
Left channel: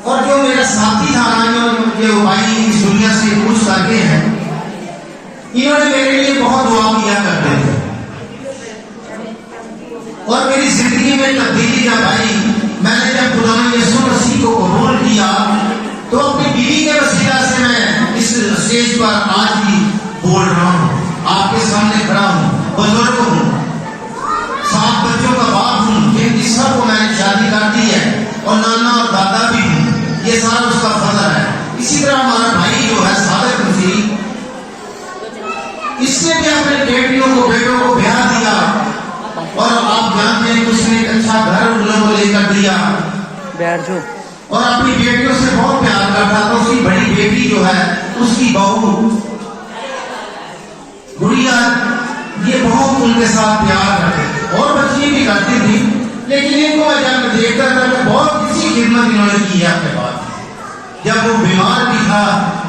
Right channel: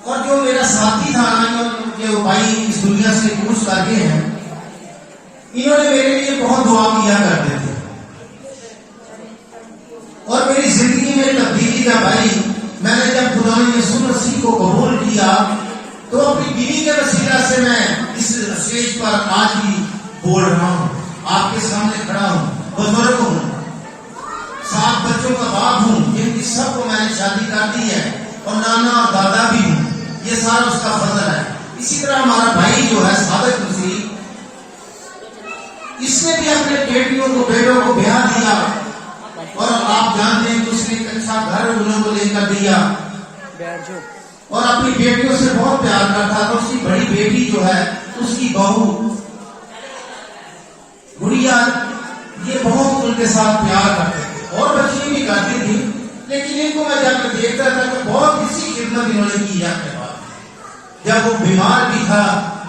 और जो मेरा साथी था ना, जो भाई इस दुनिया से पूछ करके हैं, इन्होंने मेरे लिए बहुत दुआ किया करते थे। और मेरी जिंदगी में तब्दीली जब आई, मैंने जब खुदा ने यीशु मसीह को कबूल किया, तो अपनी बीवी के वसीला से मैं इस स्टेज पर आज भी बोल रहा हूँ, आपके सामने खड़ा हूँ, बुजुर्ग हूँ, 7 बच्चों का बाप हूँ, जिनकी सबको मैंने शादी कर दी है, और नाना और दादा भी हूँ। ये सारा उसका फजल है। इसी तरह हमारा भाई जो है सादत मसीह, इसने भी अपने बेटों को ब्याह दिया, और आप जानते हैं कि उसने एक अच्छा घर उन लोगों को लेकर दिया, और अपनी बेटियों से बहुत प्यार करता था। उसकी बड़ी बेटी जो है, उसकी बहू गुड़िया, ये बहुत उनके साथ प्यार करते थे, और बच्ची भी करती थी, लेकिन इनको मैं जब देखकर बहुत किसी खिदमत इन्होंने की है अपने बाद। जब वो बीमार भी था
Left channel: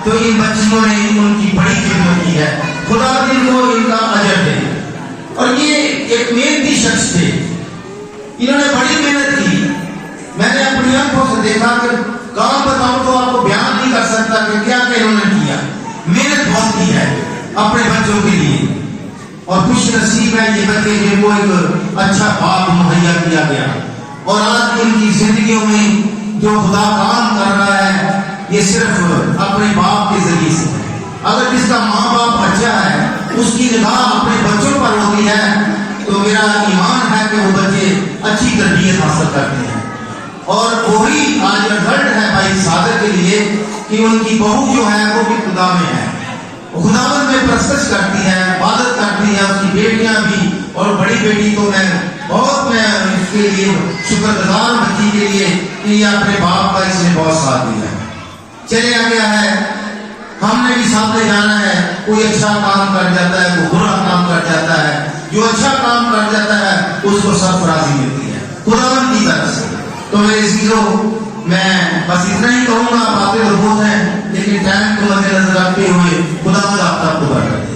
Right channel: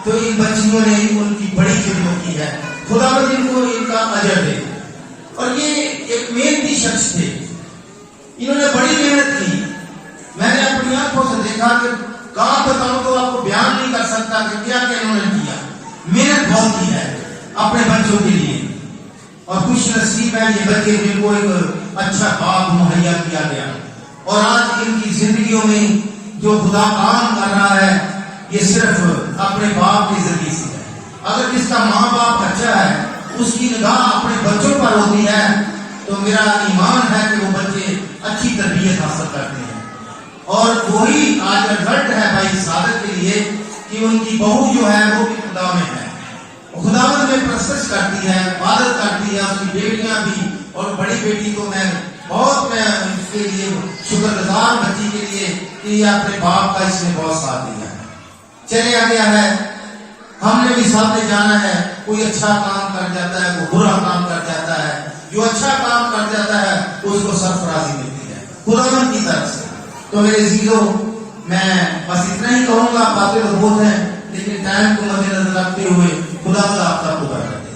तो इन बच्चियों ने उनकी बड़ी खिदमत की है, खुदा इनको इनका अजर दे। और ये एक मेहनती शख्स थे, इन्होंने बड़ी मेहनत की। मैंने अपनी आंखों से देखा कि काम बताऊं तो आपको बयान नहीं कर सकता कि क्या क्या इन्होंने किया। मेहनत बहुत की है अपने बच्चों के लिए, और खुश नसीब है ये बच्चे जिनको एक अच्छा बाप मुहैया किया गया। और आज इनकी जिंदगियों में जो खुदा काम कर रहा है, ये सिर्फ अपने बाप के जरिए से है। अगर किसका माँ बाप अच्छा है, उसकी निगाह अपने बच्चों पर होती है, तो मेरा ईमान है कि वो बच्चे अच्छी तरबियत हासिल करते हैं। और वही आज रिजल्ट है भाई सादत के लिए कि उनकी बहू जो है वो भी खुदा में है, खुदावंद में प्रस्तुत करती है, इबादत करती है, उसकी बेटियां भी, और बड़ी बेटी तो मैं इसके लिए शुक्रगुजार बच्ची के लिए कि अपने बाप का इसने बहुत साथ दिया है। चले आ गया है, हमने भी साथ ले जाना है। कोई अच्छा काम कर जाता है, कोई बुरा काम कर जाता है, जो अच्छा काम कर जाता है उसको सरफराजी मिलती है खुदावंद की तरफ से। तो मेरे अजीजों, मैं बस इतना ही कहूंगा, बातें तो बहुत हैं, लेकिन टैलेंट को मद्देनजर रखते हुए खुदावंद आप सबको बरकत दे।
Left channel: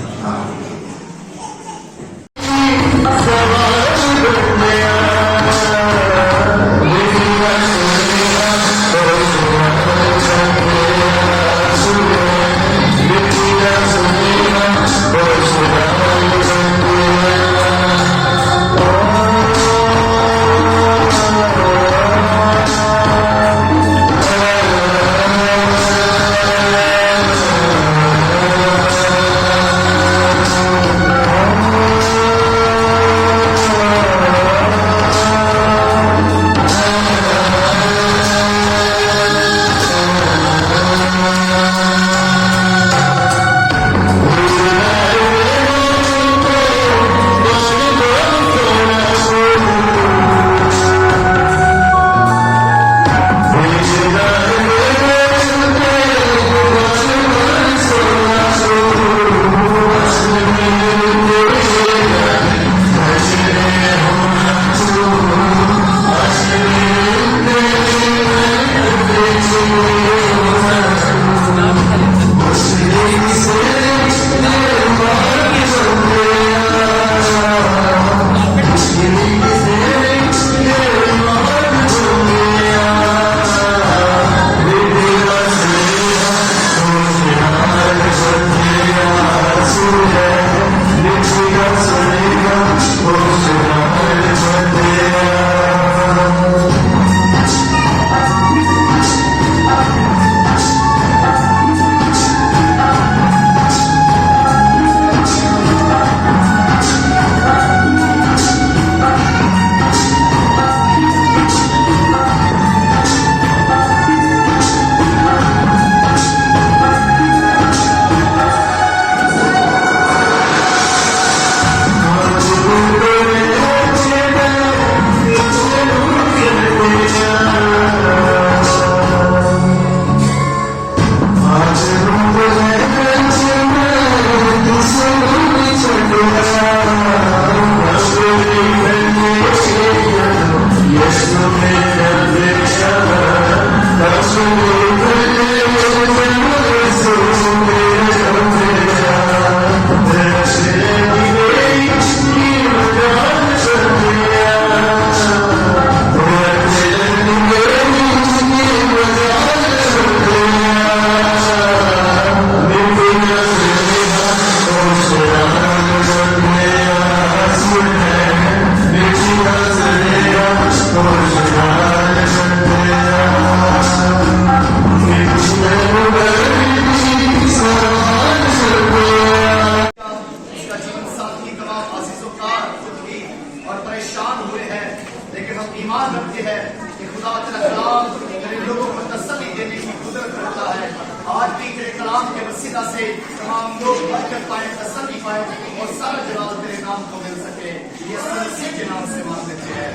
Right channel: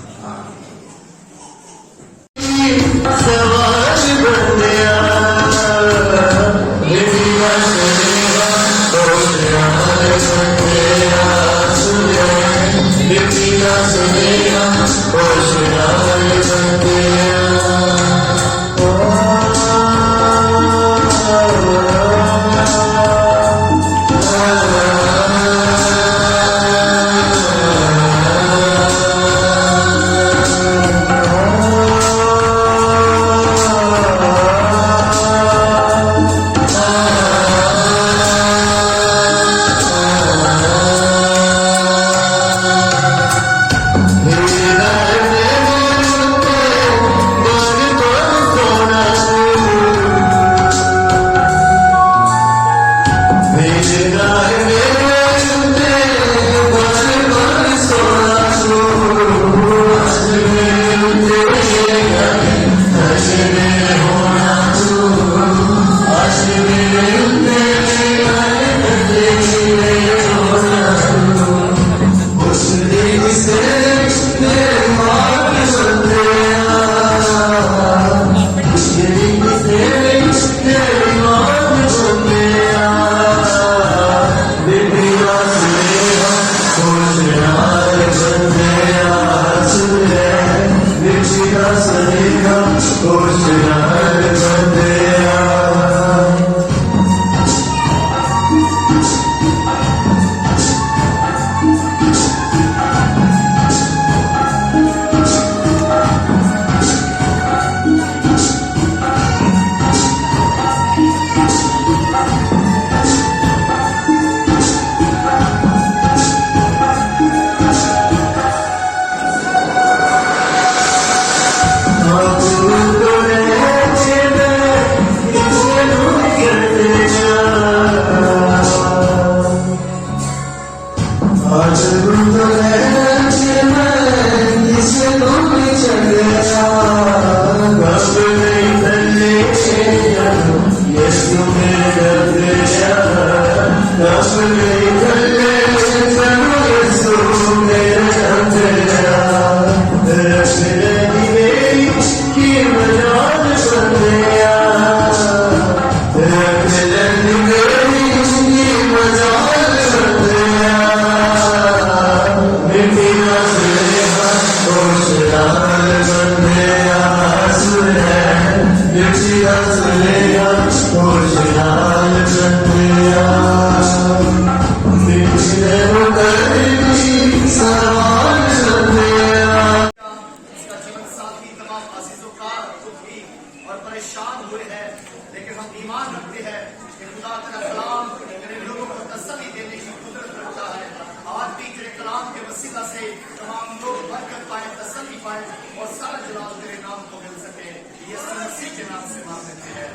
बरकत पाए, तसल्ली पाए और सारा जलाल तेरे नाम को मिल सके। ये मसीह के नाम से मांग लेते हैं,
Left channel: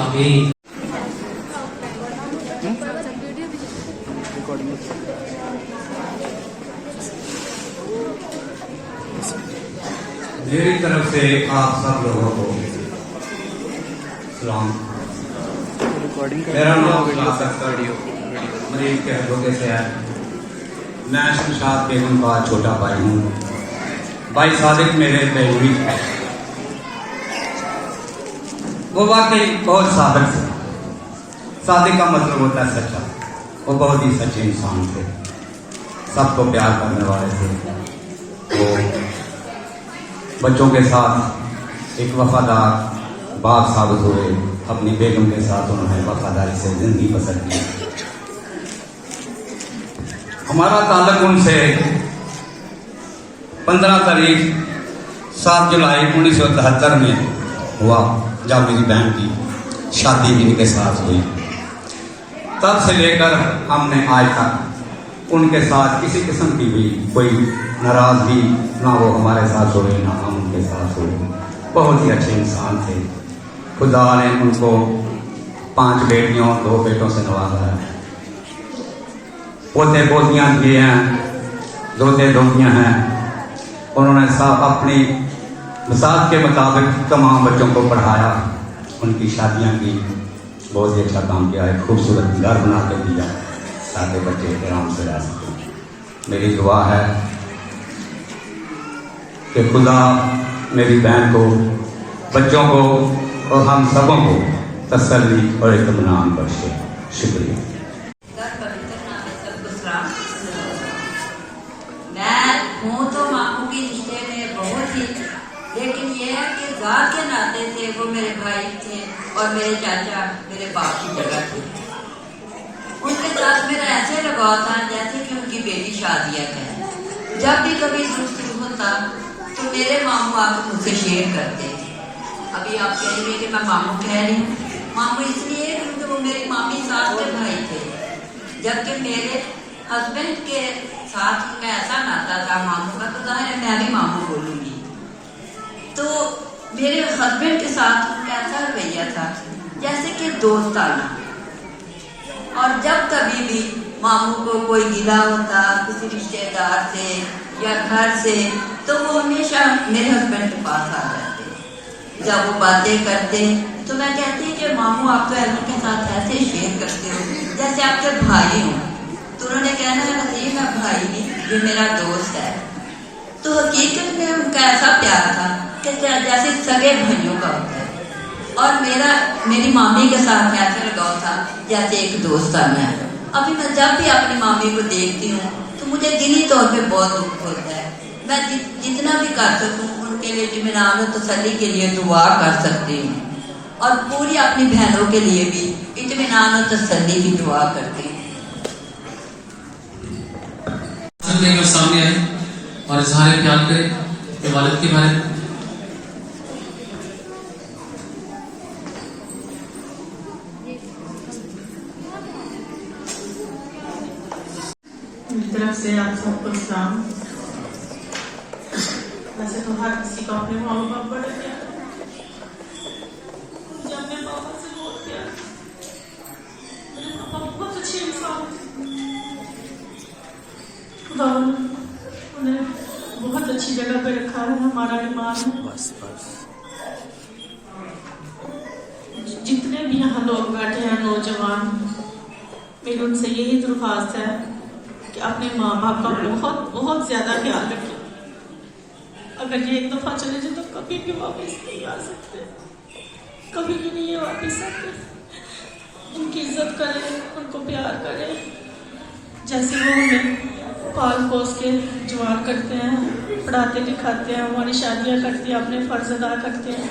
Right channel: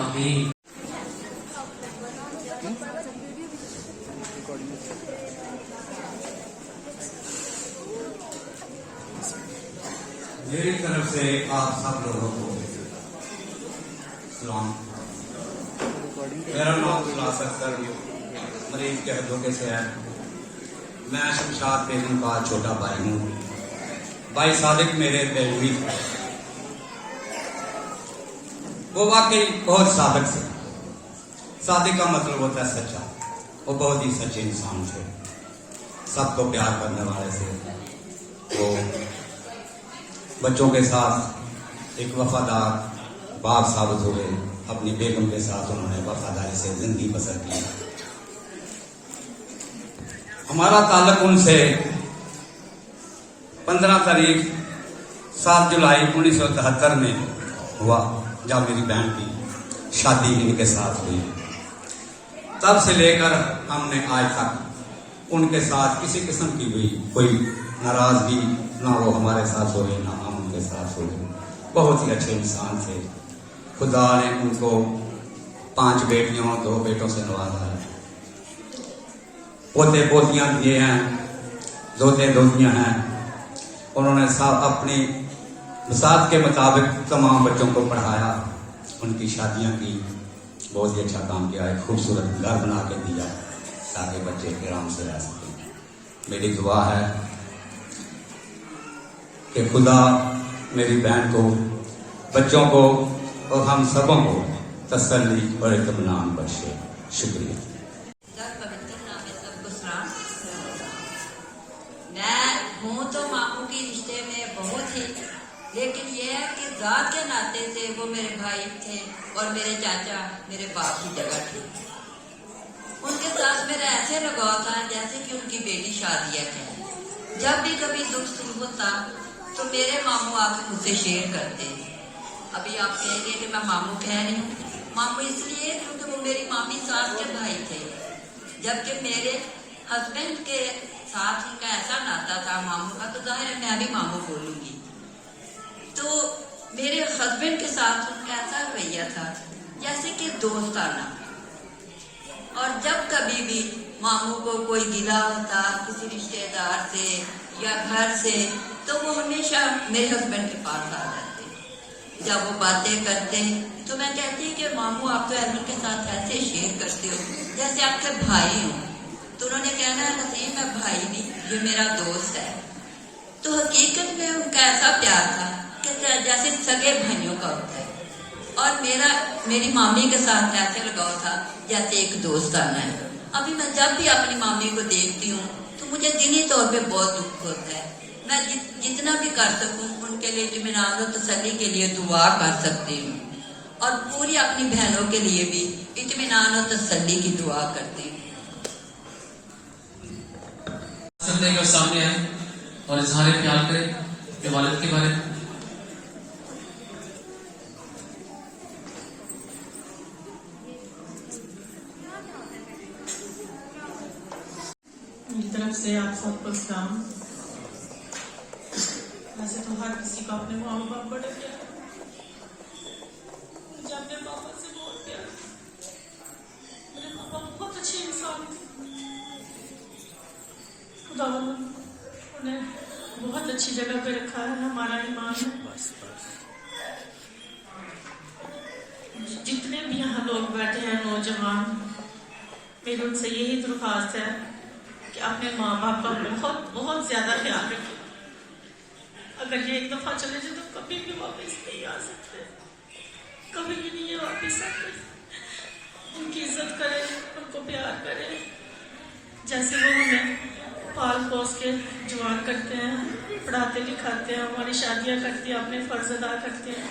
आमीन। मेरी तरफ से आप सब लोगों को सलाम। मेरा नाम मरीज के हल्के से है। मैं शमशाद बेगम का छोटा भाई हूँ। भाई सादिक मेरे पहलवी है, वो वाकई बहुत साबित थे। सादिक का मतलब होता है सच्चा। वो बहुत ही सच्चे इंसान थे, सबको प्यार करने वाले थे। वो बच्चों के साथ एक वफादार बाप साबित हुए। अपनी बेगम के साथ उन्होंने वफादारी से जिंदगी बसर की। हमारा ताल्लुक उनसे 15 तारीख 7 जुलाई 1973 में हुआ, जब मेरी बहन की शादी इनके साथ हुई। तब से लेकर हमने आज तक उनके साथ किसी किस्म की भी कोई नाराजगी ना वो हमारे साथ हुए ना हम उनके साथ हुए। बहुत ही अच्छे इंसान थे। खुदा ने उनको 5 बेटियों 2 बेटों से नवाजा है। पोते पोतियां दिए हैं, दोते दोतियां हैं। उन्होंने सब अपनी मिसाल के मुताबिक तमाम बच्चों को पढ़ाया, उनकी शादियां की, बहुत ही अच्छा काम किया है। खूबसूरत घर बना के दिया ताकि बच्चे आराम से रह सकें। मेरी दुआ है कि खुदा मेरी बहन को, बच्चों को और हम सबों को तसल्ली और इत्मीनान बख्शे। शुक्रिया। मैं हूँ तो मामू के रिश्ते में बहुत ही, लेकिन ये है कि जात के नाते से वो मेरे भाई थे और मेरे चाचा मेरे बाप की जगह थे। उनके साथ मेरा ऐसे लगाव था जैसे कि उनकी बेटी शादियाँ है। जब भी कभी दुख सुख होता तो मेरे मामू आकर मुझसे शेयर करते थे। अभी आप कहेंगे कि मैं मामू कह रही हूँ, मामू इसलिए क्योंकि वो मेरी मामी सास के भाई थे, जबकि मेरे हस्बैंड के साथ में ऐसा नाता था मामू का, तो जाहिर है मैं भी मामू बोलूंगी। तो मेरे हस्बैंड के साथ उनका ऐसा रवैया था जैसे कि दोस्ताना। और जब कभी भी मामू को कोई गिला होता किसी रिश्तेदार से या घर से, तो वो हमेशा मेरे हस्बैंड के पास आ जाते। जब वो बातें करते तो मैं कहती कि मामू आप तो अली के साथ ऐसे शेयर करते हो जैसे आपके भाई हो। तो उन्होंने कहना है नसीब मैं भाई नहीं, ये मेरा दोस्त है। तो हकीकत में उनका ऐसा प्यार था कि जैसे सगे भाइयों का होता है। और मेरी मामी के साथ ऐसे लगाव था जैसे एक दोस्ताना है। अभी मैं जब भी अपनी मामी को देखती हूँ तो मुझे दिली तौर पे बहुत दुख होता है। मैं जितना भी कर सकूँ उनके लिए इत्मीनान और तसल्ली के लिए दुआ कर सकती हूँ, और पूरी अपनी बहनों के लिए भी इत्मीनान और तसल्ली की दुआ करती हूँ। सामने आए और इजहार प्यार करें अपने वालिद के बारे में। मेरी तरफ से आप सबको सलाम। वैसे तो हर किसी को अपने माँ बाप बड़े प्यार, मुझे अपने पापा से बहुत प्यार। मेरे पापा बहुत अच्छे इंसान थे। खुदा उन्हें बहुत अच्छी जगह पे रखा है। हमारा ईमान है। जितने भी यहाँ लोग बैठे हैं नौजवान, मेरी उनसे यही दरख्वास्त है कि अपने माँ बाप का बहुत बहुत ज्यादा ख्याल रखें। अगर ये एक दफा चले जाए तो कभी भी वापस नहीं आ सकते, कभी भी नहीं वापस आते। उनकी इज्जत करें, उनको प्यार करें, जैसे वो हमें पाल पोस के जवान करते हैं, पढ़ाते लिखाते हैं, हमारी शादियाँ करते हैं, अपने फर्ज अदा करते हैं।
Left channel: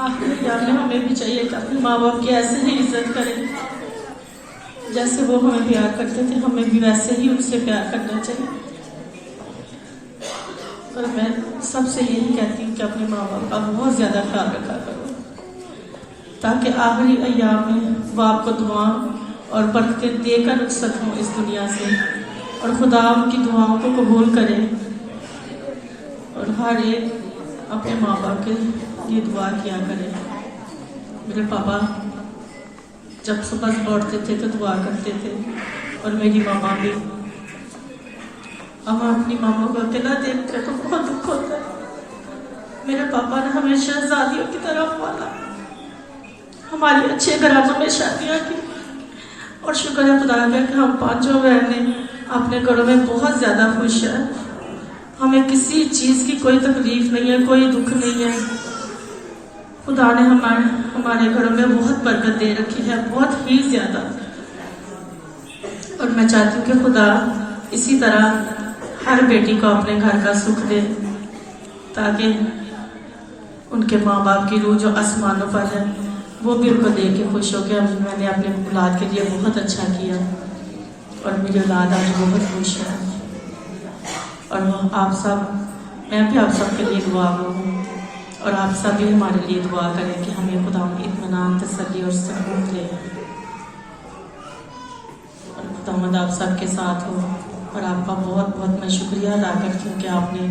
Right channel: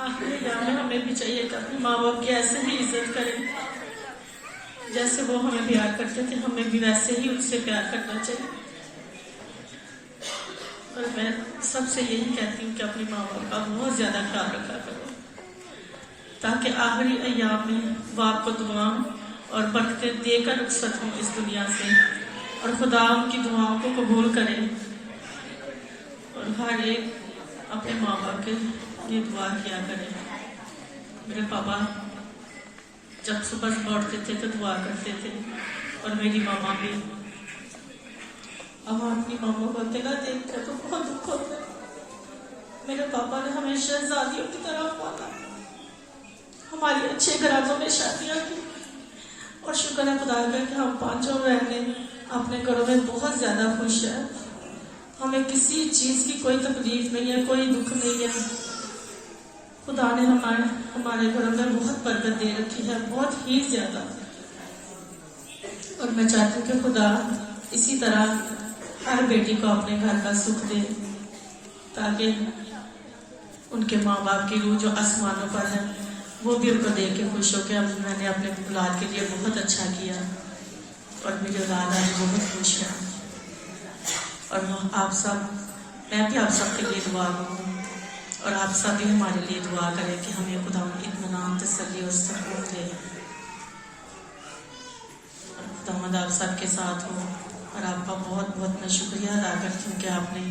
आखिरी याद में हमें भी चाहिए कि अपने माँ बाप की ऐसे ही इज्जत करें जैसे वो हमें प्यार करते थे, हमें भी वैसे ही उनसे प्यार करना चाहिए। और मैं सबसे यही कहती हूँ कि अपने माँ बाप का बहुत ज्यादा ख्याल रखा करो, ताकि आखिरी अय्याम में वो आपको दुआ और बरकतें देकर रुखसत हों इस दुनिया से, और खुदा उनकी दुआओं को कबूल करे हर एक अपने माँ बाप के लिए दुआ किया करें। मेरे पापा जब सुबह सुबह उठते थे तो दुआ करते थे, और मेरी मामा भी। अब अपनी मामा को अकेला देखते तो बहुत दुख होता है। मेरे पापा ने हमें शहजादियों की तरफ पाला, हमारी अच्छे घरानों में शादियाँ की, और शुक्र है खुदा का कि हम पांचों बहनें अपने घरों में बहुत ज्यादा खुश है। हमें किसी चीज की कोई तकलीफ नहीं है, कोई दुख नहीं है। खुदा ने हमारे घरों में बहुत बरकत दे रखी है, बहुत ही ज्यादा। और मैं चाहती हूँ कि खुदा इसी तरह हर बेटी को अपने घर का सुख दे, ताकि उनके माँ बाप की रूह जो आसमानों पर है वो भी उनको देख के खुश हो गया। मैंने अपने औलाद के लिए बहुत अच्छा किया, और मेरी औलाद आज बहुत खुश है। और आप सब, मैं भी आप सब के लिए दुआ करूँ, और आप सब भी हमारे लिए दुआ करें कि हमें खुदा इत्मीनान, तसल्ली और सुकून दे। और खुदावंद आप सबके साथ हो। और आपका बहुत बहुत मैं शुक्रिया अदा करती हूँ कि आपने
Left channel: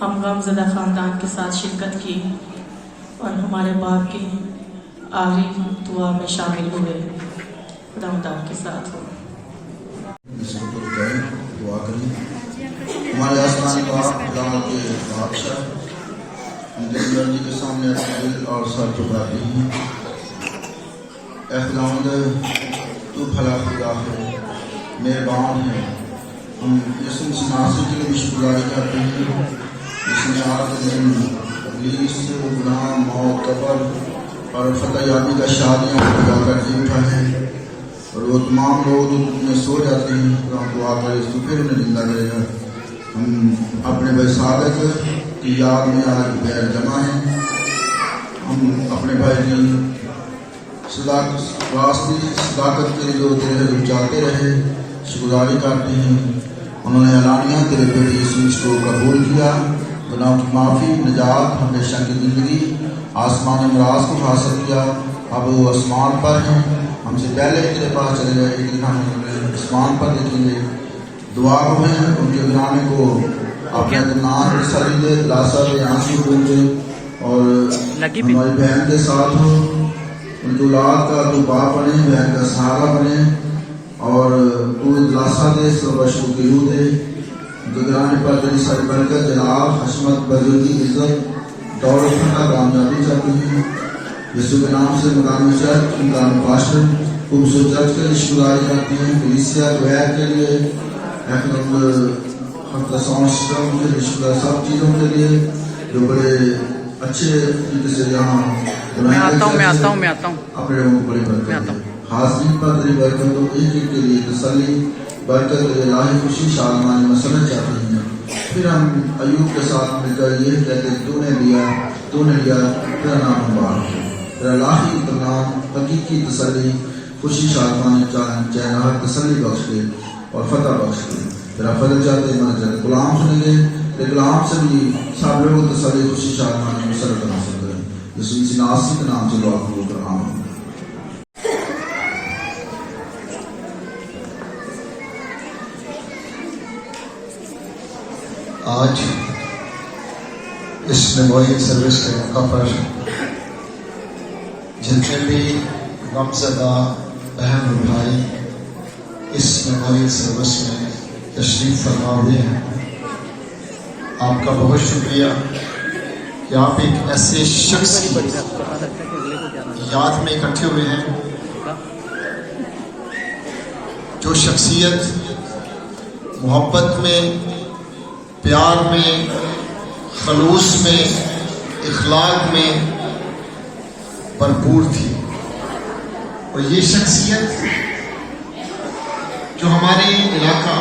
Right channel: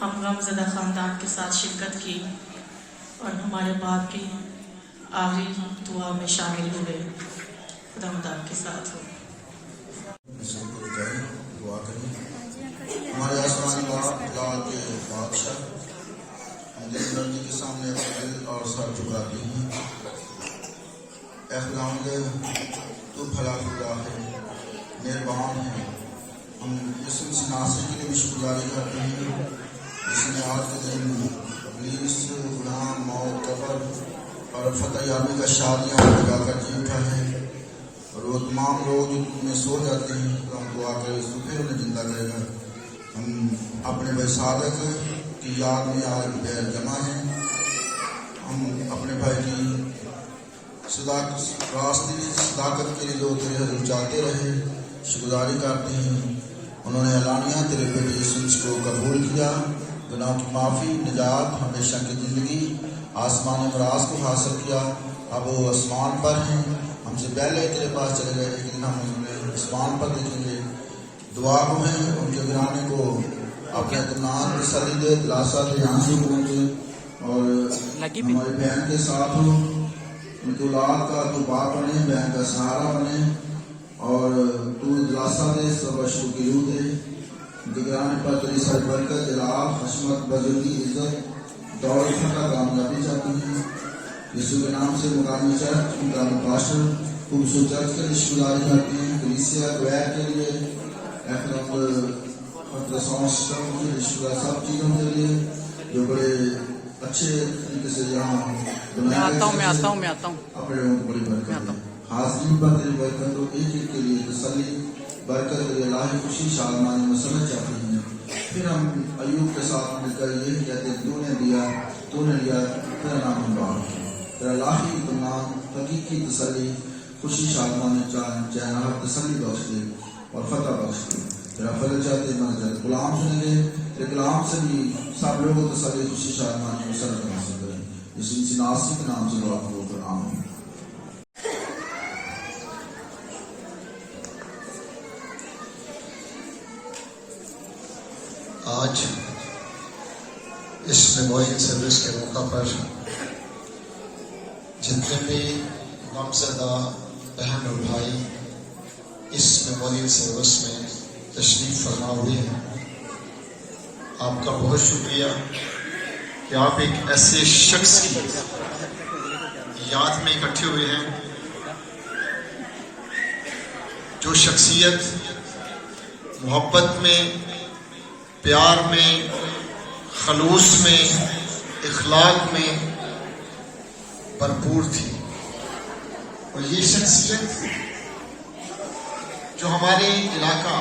हम गमज़दा ख़ानदान के साथ शिरकत की और हमारे बाप की आखिरी दुआ में शामिल हुए। खुदावंद आपके साथ हो। इसको कुछ करें, दुआ करें। हमारे आसमानी बाप, खुदा के बादशाह, हम जिस मर्जी के सामने अपने दिल और सर झुकाते हैं। ऐ खुदावंद, तू भला खुदा है, मेहरबान है। हम यीशु मसीह नासरी के लिए भी शुक्रगुजारी करते हैं, जिसने आज के दिन इब्लीस, गुनाह, मौत, कब्र और फतह याबी का शादियाँ लगा कर जी उठा है। और वो तमाम लोग जो में सो जाते हैं, तो हम दुआ करें यीशु फिर उन्हें जिंदा करेगा। हम अपने भाई सादक की याद में आज बैर जमा है। हम अपने भाई की सदाकत के लिए जो तेरे हजूर चाहते रहे, शुक्रगुजारी करते हैं। उन्होंने अलानिया तेरे बेटे यीशु को कबूल किया। गुनाहों की माफ़ी, निजात, हमेशा की ज़िंदगी, आसमानी अमराज को हासिल किया। अब वो आसमान पर हैं, हमसे पहले तेरे पास चले गए, एक दिन हम उन्हें आसमान पर देखेंगे। दुआ को हैं उनके गिराने को अपने नाम की सली दे, दिलासा दे, आंसू दूंगे। और हमारी बहन के साथ हो, उनकी औलाद का तू बाप बने, बहन का सहारा बने, और तू दिलासा दे, सबशु की रूह दे। गुजराने पर तेरी सारी बरकत, जलाल, हशमत, बुजुर्गी, इज्जत, दौलत का कामयाबी चाहती है। यीशु के नाम से मुकामी चर्च, मुकामी पास्टर, खूबसूरत चर्च के लिए शुक्रगुजारी करती हैं। कलीसिया द्वैत के लिए, सिस्टम के लिए, सब चीज़ों के लिए जो बड़े अच्छे तरीके से यहाँ मैं आता हूँ अपने लोगों को बड़ी बरकत, हाजिरी पर तेरी बरकत हो, एक एक के लिए तसल्ली, बरकत, इलाही खुशी, शादमानी मसरत चाहते हैं। फिर हम अयूब के साथ मिलकर ये कहते हैं, तूने लिया, तेरा नाम मुबारक है। तेरा इलाही इत्मीनान, हकीकी तसल्ली, खुशी, शादमानी, चैन, तसल्ली बख्श दे और फतह बख्श दे। तेरा फजल चाहते मन चाहते गुलाम सुनेंगे, तेरे गुलाम से भी सब लोगों को तसल्ली, खुशी, शादमानी मसरत हासिल करें। यीशु मसीह नासरी के नाम से दुआ कबूल कर, आमीन। आज इस मेमोरियल सर्विस के मौका पर जितने भी गमज़दा बहन और भाई इस मेमोरियल सर्विस में तशरीफ फरमा हुए हैं, आपका बहुत शुक्रिया कि आप एक ऐसे शख्स की याद में इकट्ठे हुए हैं जो शख्सियत मोहब्बत में, प्यार में, खलूस में, इखलाक में भरपूर थी। और ये शख्सियत जो हमारे इलाका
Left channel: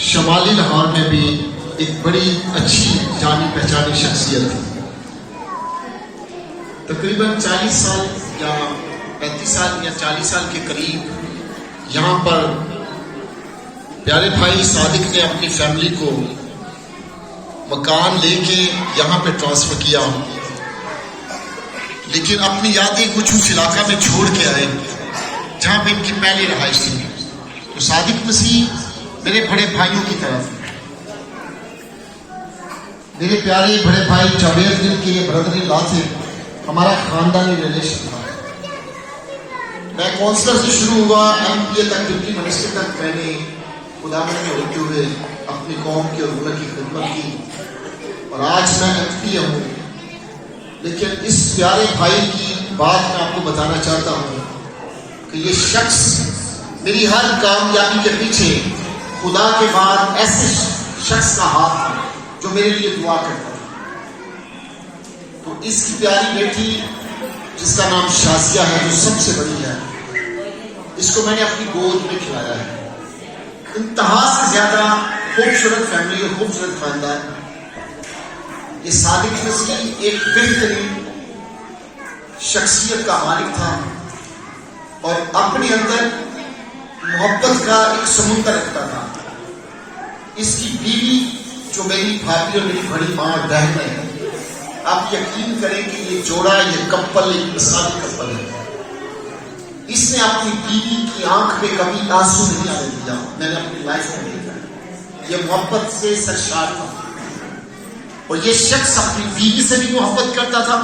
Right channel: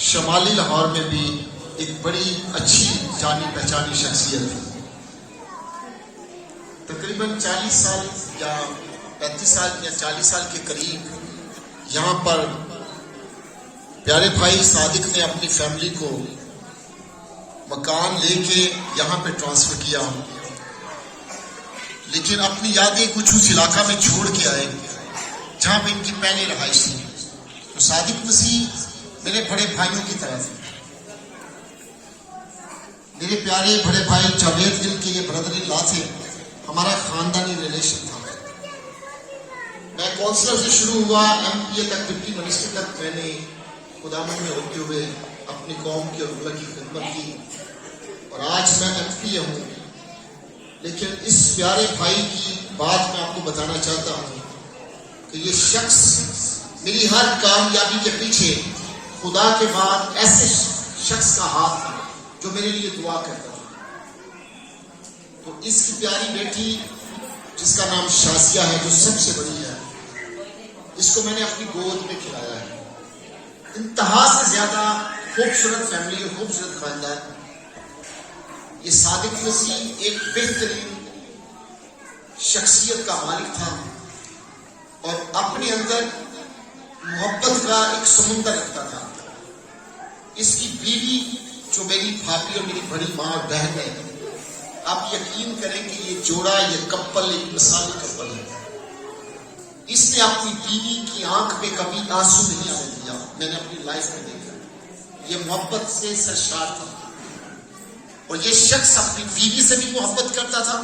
शमाली लाहौर में भी एक बड़ी अच्छी जानी पहचानी शख्सियत थी। तकरीबन 40 साल या 35 साल या 40 साल के करीब यहाँ पर प्यारे भाई सादिक ने अपनी फैमिली को मकान लेके यहाँ पे ट्रांसफर किया, लेकिन अपनी यादें कुछ उस इलाका में छोड़ के आए जहाँ पे इनकी पहली रहाइश थी। तो सादिक मसीह मेरे बड़े भाइयों की तरफ, मेरे प्यारे बड़े भाई जावेद गिल के ये ब्रदर इन लॉ थे, हमारा खानदानी रिलेशन था। मैं काउंसलर से शुरू हुआ, एमपीए तक, डिप्टी मिनिस्टर तक मैंने खुदा में होते हुए अपनी कौम की और मुल्क की खिदमत की और आज मैं एमपीए हूँ। लेकिन इस प्यारे भाई की बात मैं आपको बताना चाहता हूँ कि ये शख्स मेरी हर कामयाबी के पीछे खुदा के बाद ऐसे शख्स का हाथ था जो मेरे लिए दुआ करता था। तो इसकी प्यारी बेटी जिसका नाम शाजिया है, जो सबसे बड़ी है, इसको मैंने अपनी गोद में खिलाया है। इंतहा से ज्यादा खूबसूरत फैमिली और खूबसूरत खानदान। ये सादिक मसीह एक बेहतरीन शख्सियत का मालिक था और अपने अंदर मोहब्बत का एक समुंदर रखता था। इसकी बीवी जो मेरी भाभी और मेरी बड़ी माँ और बहन है, आप यकीन करें कि ये जोड़ा, ये कपल एक मिसाली कपल है। इसने अपनी बीवी की आंख में कभी आंसू नहीं आने दिया, मैंने अपनी लाइफ में देखा। ये मोहब्बत से सरशार था और ये शख्स अपनी बीवी से भी मोहब्बत करता था,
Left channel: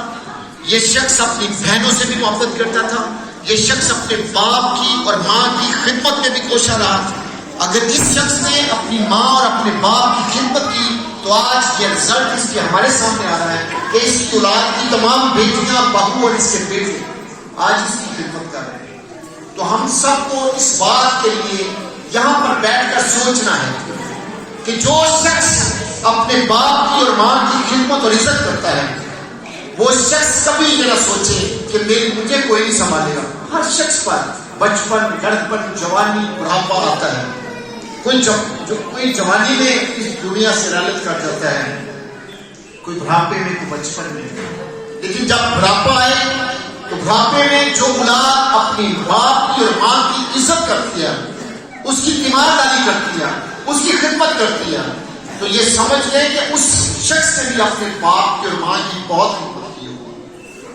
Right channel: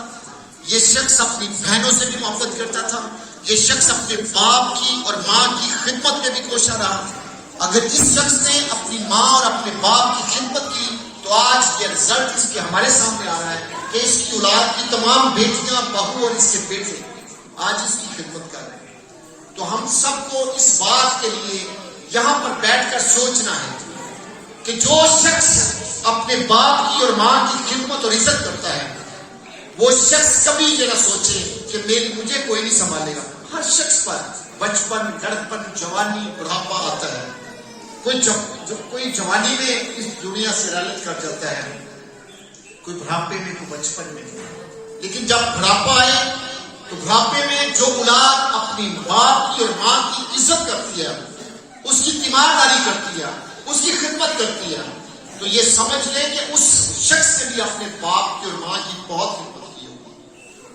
ये शख्स अपनी बहनों से भी मोहब्बत करता था, ये शख्स अपने बाप की और माँ की खिदमत में भी कोशा रहा। अगर इस शख्स ने अपनी माँ और अपने बाप की खिदमत की तो आज ये रिजल्ट इसके हमारे सामने आ रहा है कि इसकी औलाद की तमाम बेटियां, बहू और इसके बेटे आज इसकी खिदमत कर रहे हैं। तो हम सबको इस बात के लिए यहाँ पर बैठकर सोचना है कि जो शख्स अपने बाप की और माँ की खिदमत और इज्जत करता है, वो शख्स कभी ये ना सोचे कि मुझे कोई नहीं संभालेगा। हर शख्स पर बचपन, लड़कपन, जवानी, बुढ़ापा आता है। कोई जवानी में इस दुनिया से लालच कर जाता है, कोई बुढ़ापे में, कोई बचपन में। लेकिन जब बुढ़ापा आए तो बुढ़ापे में जो औलाद अपनी बाप की और माँ की इज्जत करती है, उसकी तीमारदारी करती है, उसकी खिदमत करती है, तो ये समझ ले कि उस शख्स ने भी अपने बाप की और माँ की बहुत खिदमत की हो।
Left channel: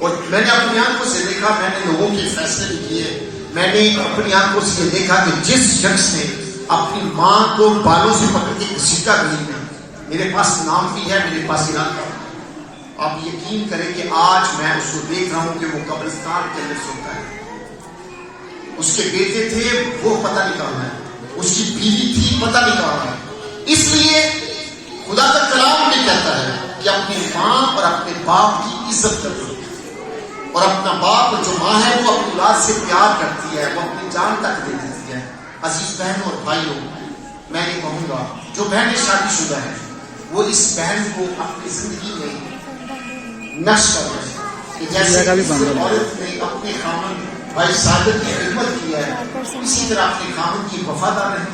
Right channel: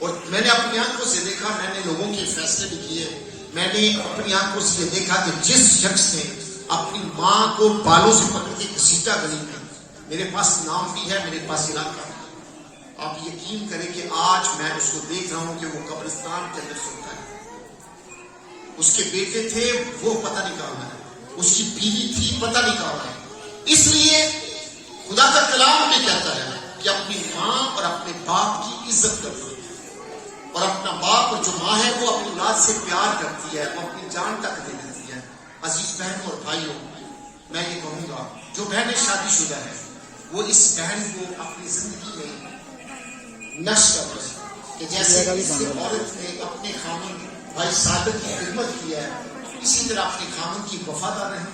और मैंने अपनी आंखों से देखा, मैंने लोगों के फैसले भी किए, मैंने अपनी आंखों से देखा कि जिस शख्स ने अपनी माँ को बालों से पकड़ के घसीटा गली में, मेरे पास नाम भी है, मेरे पास इनाम का, आप यकीन करें कि आज मैं उसको देख रहा हूं कि वो कब्रिस्तान के अंदर सोता है। उसके बेटे थे, वो पता नहीं कहां है, उसकी बीवी थी, पता नहीं कहां है। इसलिए खुदा का कलाम भी कहता है कि अपनी माँ और अपने बाप की इज्जत करो, और अपना बाप जो माँ है वो अपनी औलाद से प्यार करती है, वो अपनी जान तक दे देती है। अजीज बहनों और भाइयों, मैं ये कहूंगा जो बहनें शादीशुदा है वो इस बहन को अपनी जिंदगी में नक्श कर रहे कि जैसे औरत ने अपने खामन भाई सादत की खिदमत की है, इसी तरह अपने खामन की वफादार रहे।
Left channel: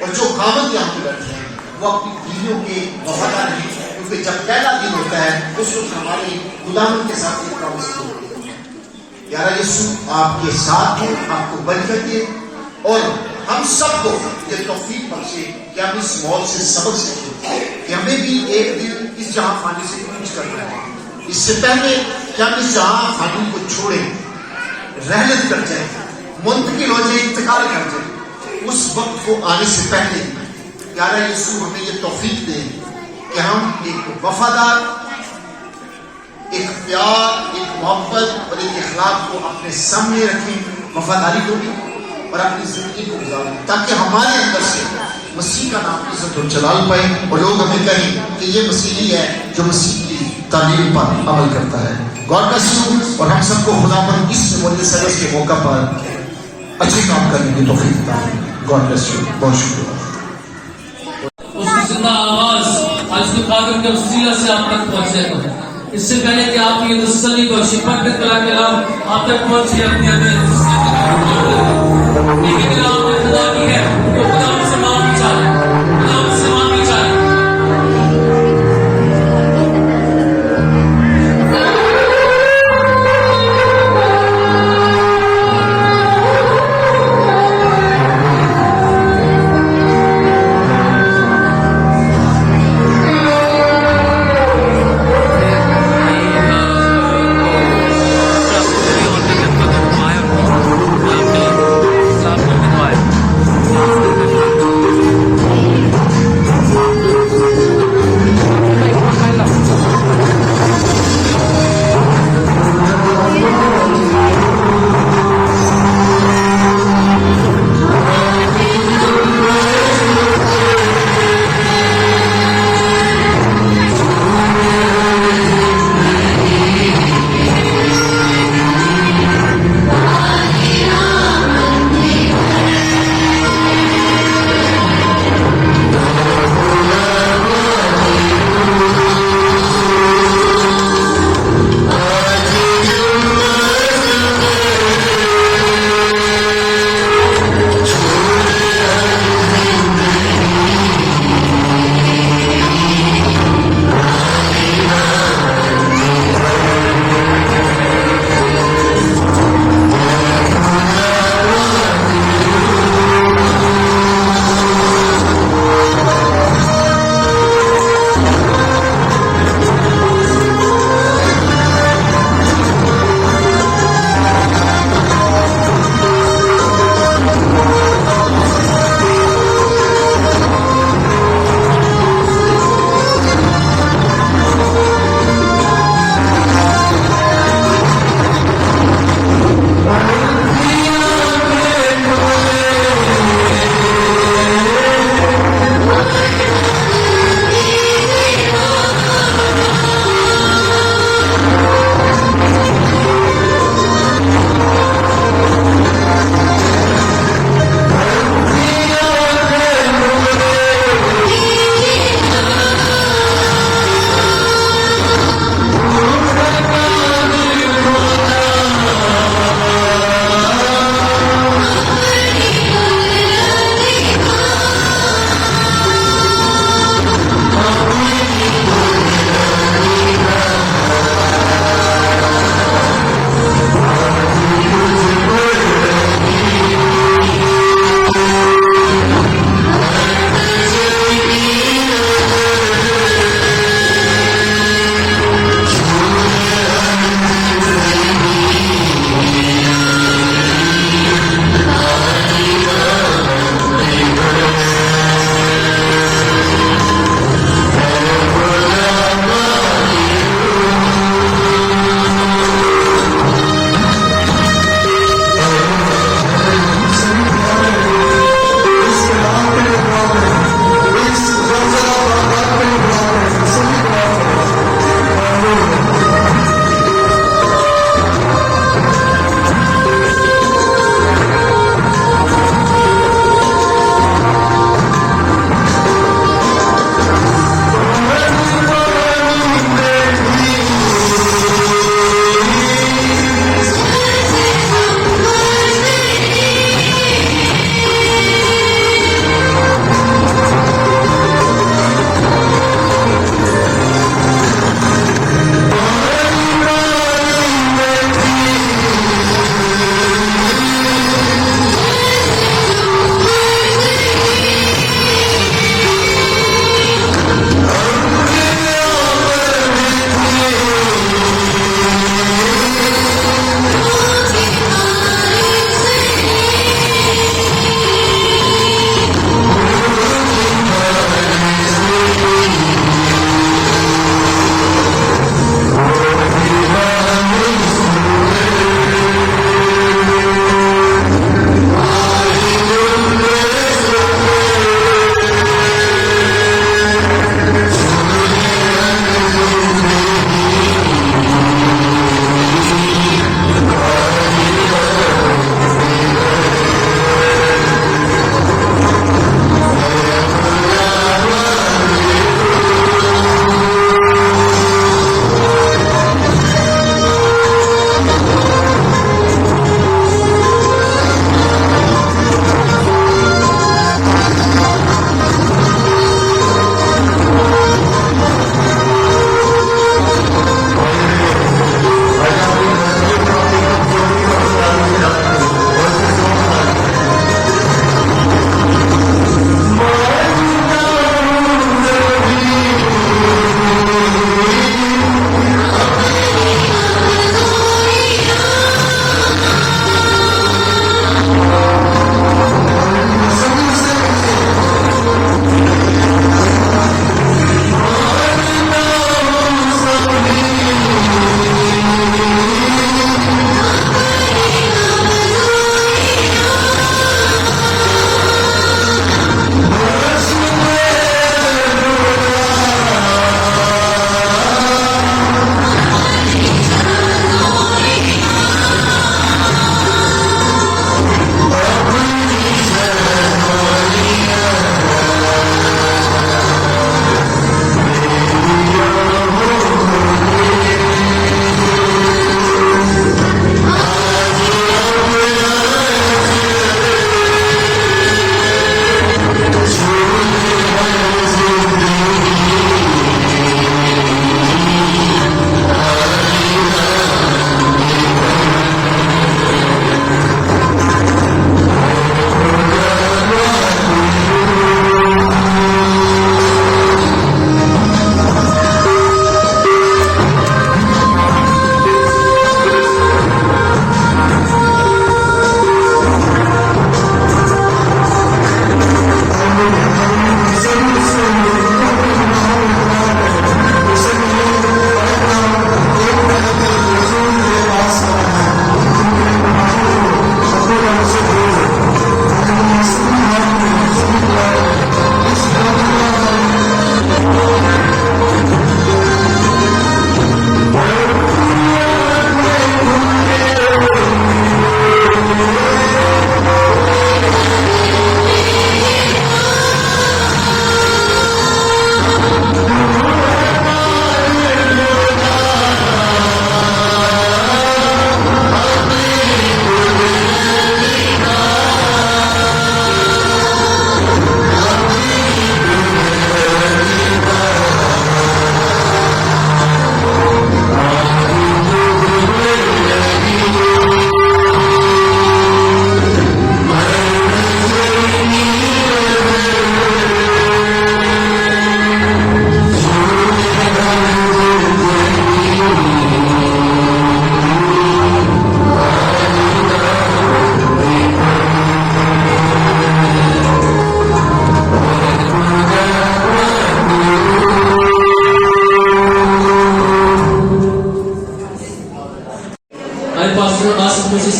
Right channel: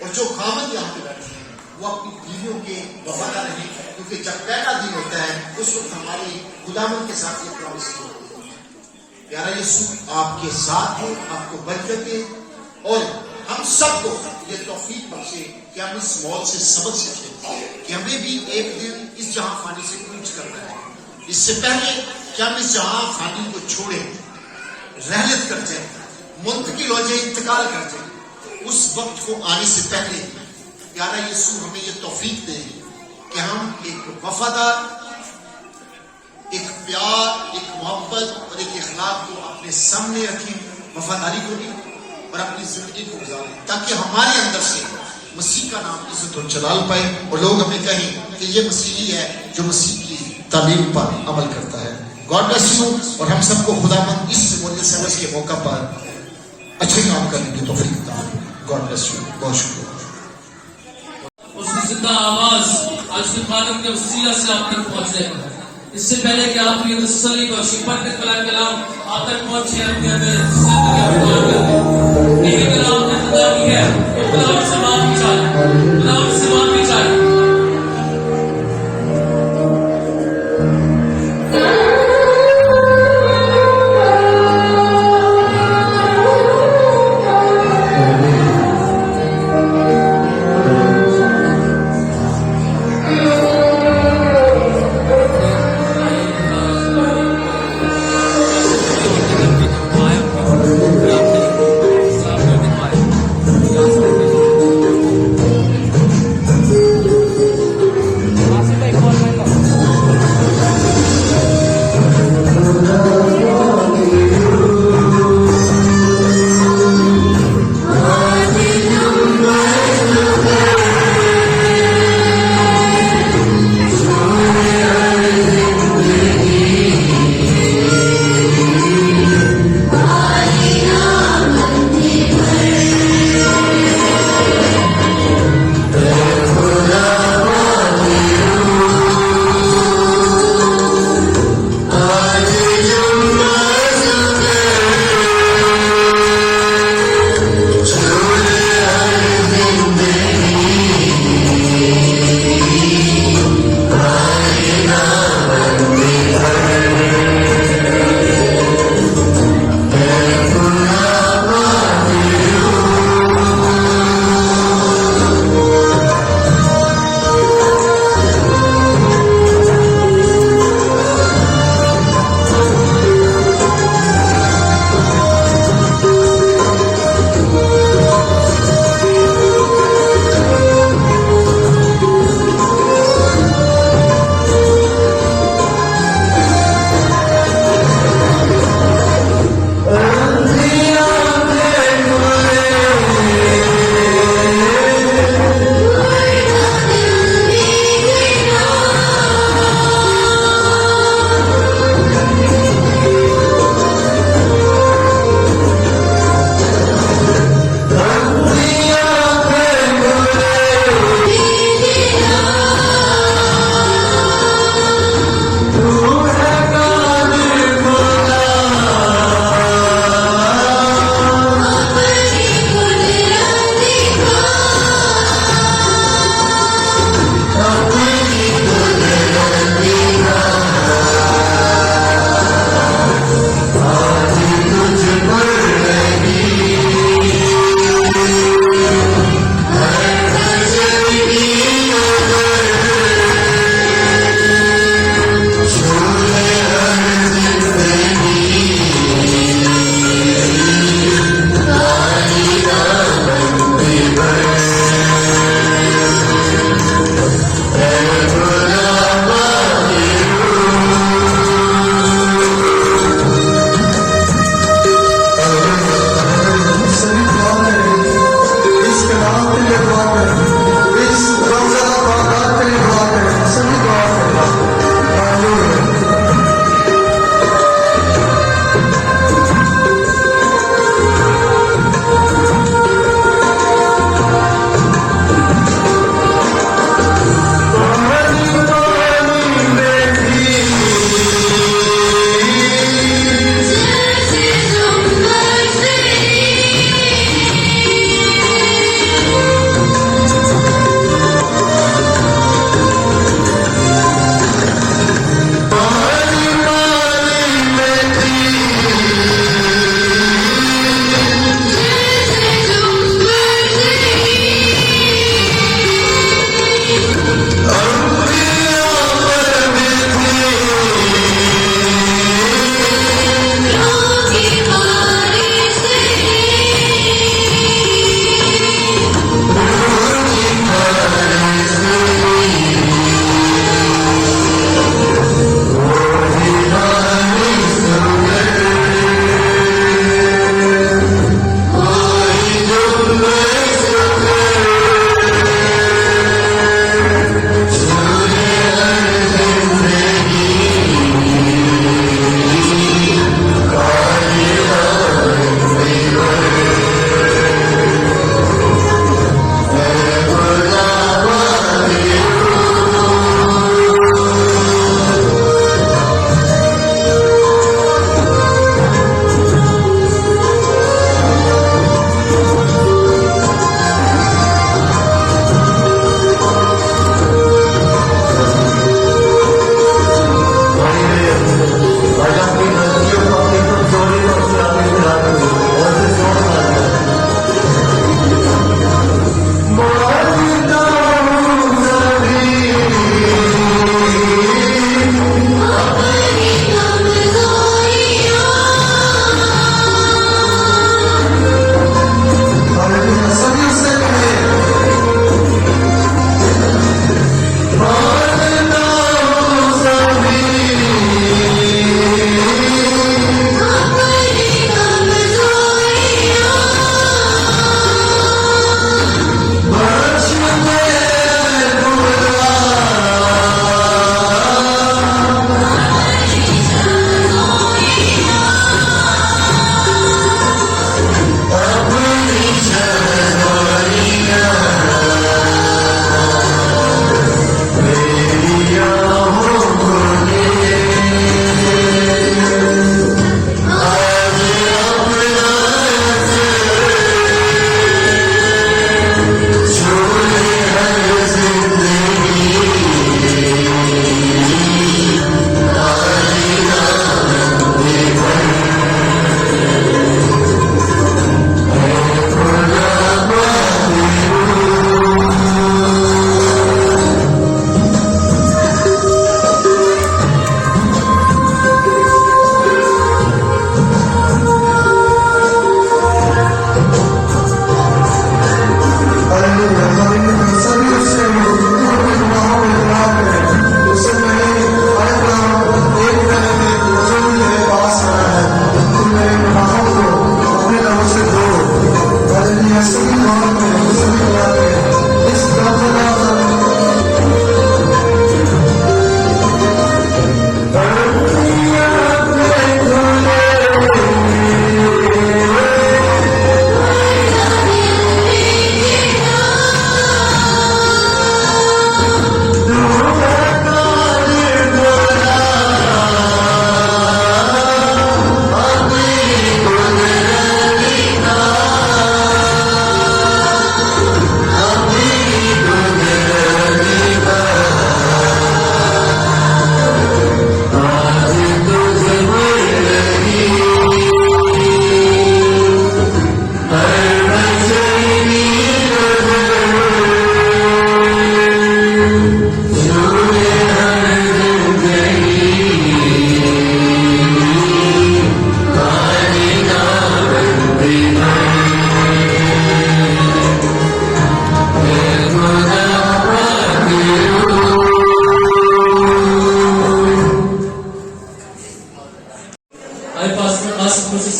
और जो खामन यहाँ पे बैठे हैं वो अपनी बीवियों के वफादार रहे, क्योंकि जब पहला दिन होता है उस वक्त हमारे गुलामन के साथ एक प्रॉमिस होती है, यारा यीशु आपके साथ हो, आपको बरकत दे और हम सबको ये तौफीक बख्शे कि हम इस मौत से सबक सीखें कि हमें भी एक दिन इस जहां फानी से कूच करना है। इससे पहले कि हम इस जहां फानी को छोड़े, रहलत कर जाए, मुंतकिल हो जाए, इंतकाल कर जाए, उस वक्त को आने से पहले यारा यीशु हमें ये तौफीक दे कि हम एक वफादार, एक प्यार, एक मोहब्बत और एक इखलाक को अपने सामने रखें, वफादारी को भी और अपनी जिंदगी को गुजारें, ताकि हमारे अंदर से मसीह का नाम इज्जत और जलाल पाए और लोग हमें कहें कि ये मसीही है जो मसीह की तालीम पर अमल करता है। God bless you. और हम सबको खुदाबंद इस मुल्क सर्विस के मौका पर अच्छे काम करने की तौफीक देता है। God bless you. बहुत शुक्रिया। उसकी जिंदा आवाज आज के कादिर के वसीला से आप तक पहुंचने को। इससे पहले कि आप ये तसल्ली बख्शी पक्के तरह के नाम आप तक पहुंचे, अपने अपने नाम का इंतजार है, वो खुदा से माफी चाहे, खुदा से माफी चाहे।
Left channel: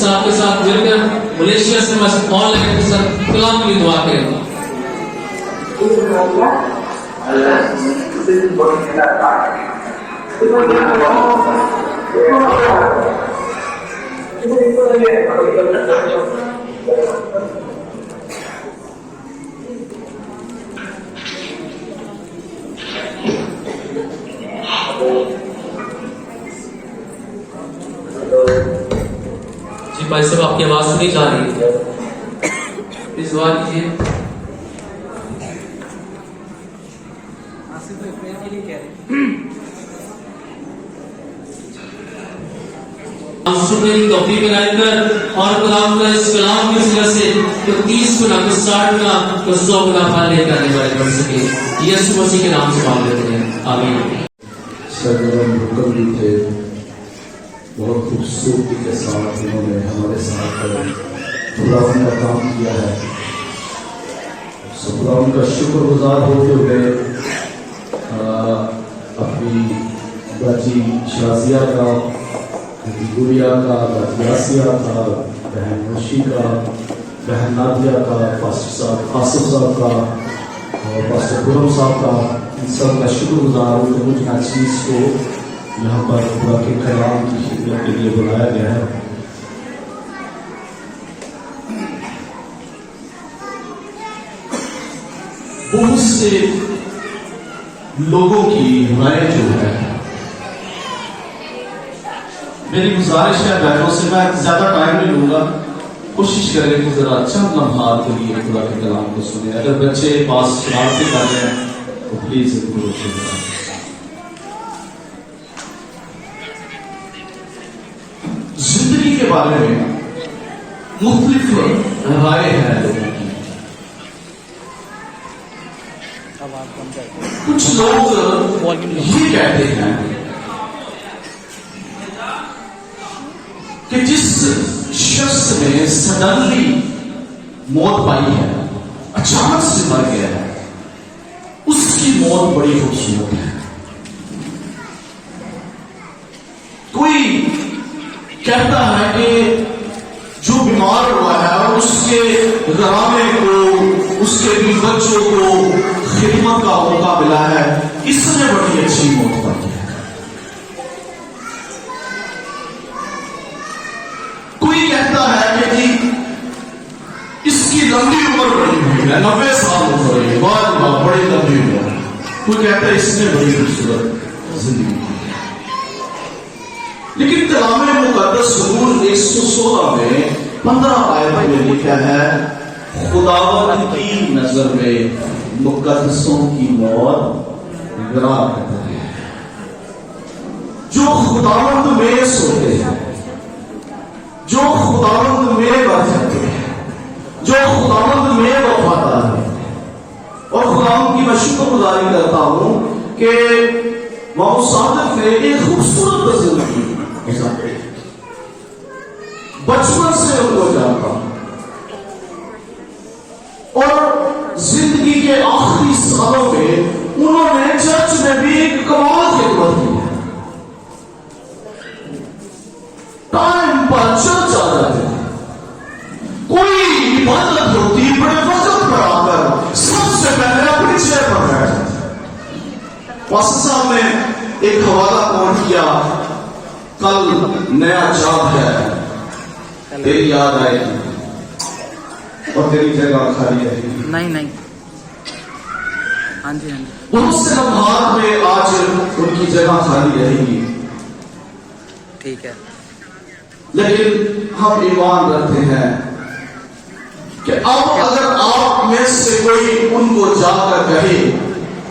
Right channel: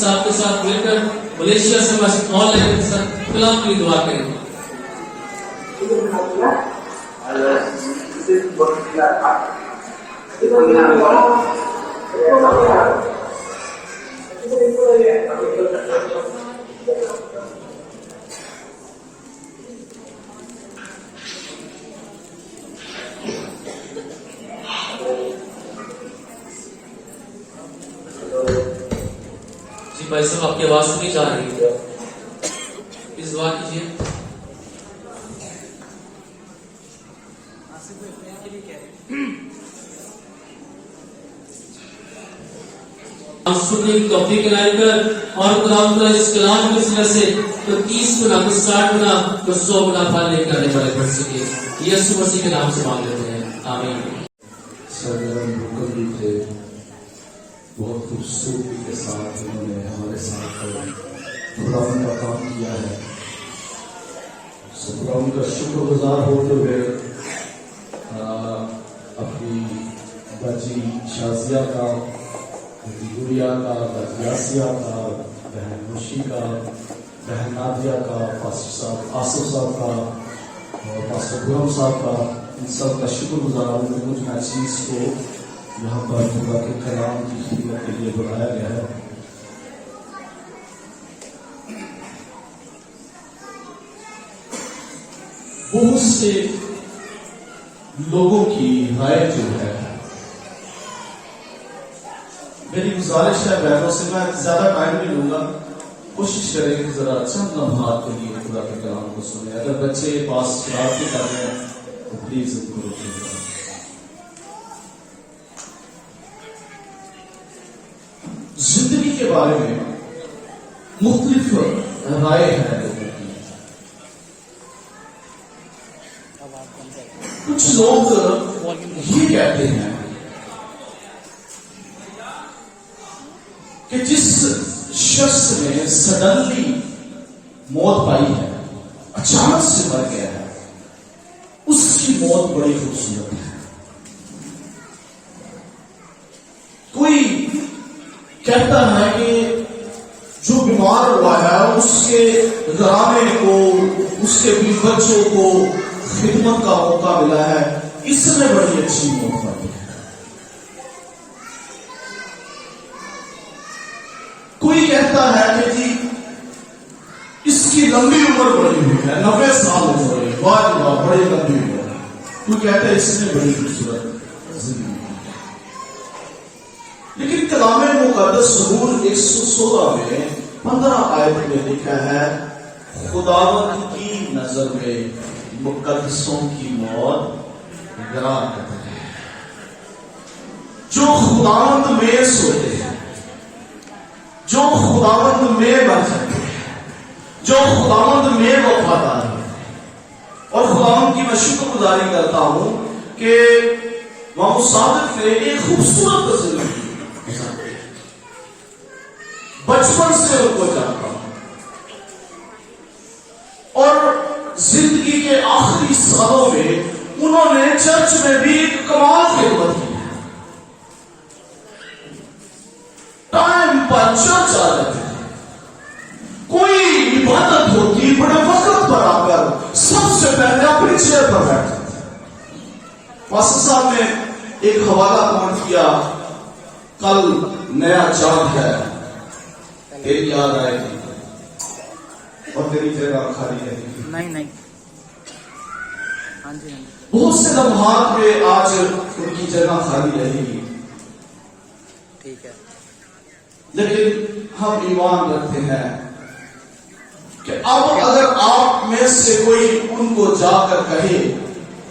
साहब के साथ मिलकर मलेशिया से बस ऑनलाइन के साथ कलाम की दुआ करें। जी भाई साहब, आपकी आवाज सुनी जा रही है, इस बात कीजिए। हम सुनने की तौफीक इनायत कर और खुदावंद का इस कलाम की वजह से तो 30 गुना, तो 60 गुना, तो 100 गुना फल लेकर आने वाले बन सके। यीशु मसीह के नाम से मांग लेते हैं, आमीन। सरगर्म हुक्म भी थे, बहुत खूबसूरती के साथ इन्होंने हमारे साथ खुदावंद का काम किया है। खुदावंद का शुक्रगुजार होते हुए अपनी बाजी शाजिया का, गुड़िया का, यासिया का, बहन मुशी का, बहन नादिया का, पास्टर साहब आसिफ साहब का और पास्टर गुरम साहब का, इन सब का शुक्रगुजार हूँ कि मुझे हर चीज़ को यहाँ पर खुदा के कलाम की खिदमत के लिए बुलाया गया है। बहुत से लोगों की राय जो है, मेरी गुजारिश है बहनों से, मैं ज्यादा टाइम नहीं लूंगा, कोशिश करें कि जरा चंद लम्हात के लिए खुदा के कलाम को सुने। अगर बच्चे पास शरारती कर रहे हैं तो प्लीज इनको रोकिएगा। जिंदगी के बारे में मुख्तलिफ राय है लोगों की। कुछ लोग ये कहते हैं कि जिस शख्स ने सडनली मौत पाई है, अचानक से मर गया है, उसकी मौत बड़ी खूबसूरत है। कोई कहता है कि जो बीमार हुआ है उसके घराने को, उसके भी बच्चों को खिदमत का मौका मिला है, इसने बड़ी अच्छी मौत पाई है। कोई कहता है कि जी इसकी लंबी उम्र बड़ी हुई है, 90 साल हो गए, बहुत बड़ी लंबी उम्र है। कोई कहता है इसने बड़ी खूबसूरत जिंदगी की है। लेकिन कलामे मुकद्दस ज़बूर 116 में 15 आयत में लिखा है, खुदावंद की नजर में मुकद्दसों की मौत गिरावट है। जो खुदावंद में सोते हैं, जो खुदावंद में मर जाते हैं, जो खुदावंद में वफादार है। और खुदावंद की मैं शुक्रगुजारी करता हूं कि मामू सादिक ने एक खूबसूरत जिंदगी गुजारी। बचपन से उनको जानता हूं और जिंदगी के आखिरी सालों में उन्होंने चर्च में भी एक कमाल खिदमत की है। टाइम पर चर्च आ जाते थे, कोई इबादत होती बड़े वक्त पर आकर सबसे पहले अपनी चेयर पर बैठ जाते। पास्टर साहब ने एक हवाला कोट किया, कल नया चांद है, तेरी याद आएगी और तेरी जगह खाली रहेगी। नहीं हाँ जी बहुत से लम्हात में आज उनकी जगह खाली रहेगी। ठीक है, लेकिन हम ईमान रखते हैं कि अब अगर आप में से कोई उनको जाकर कहे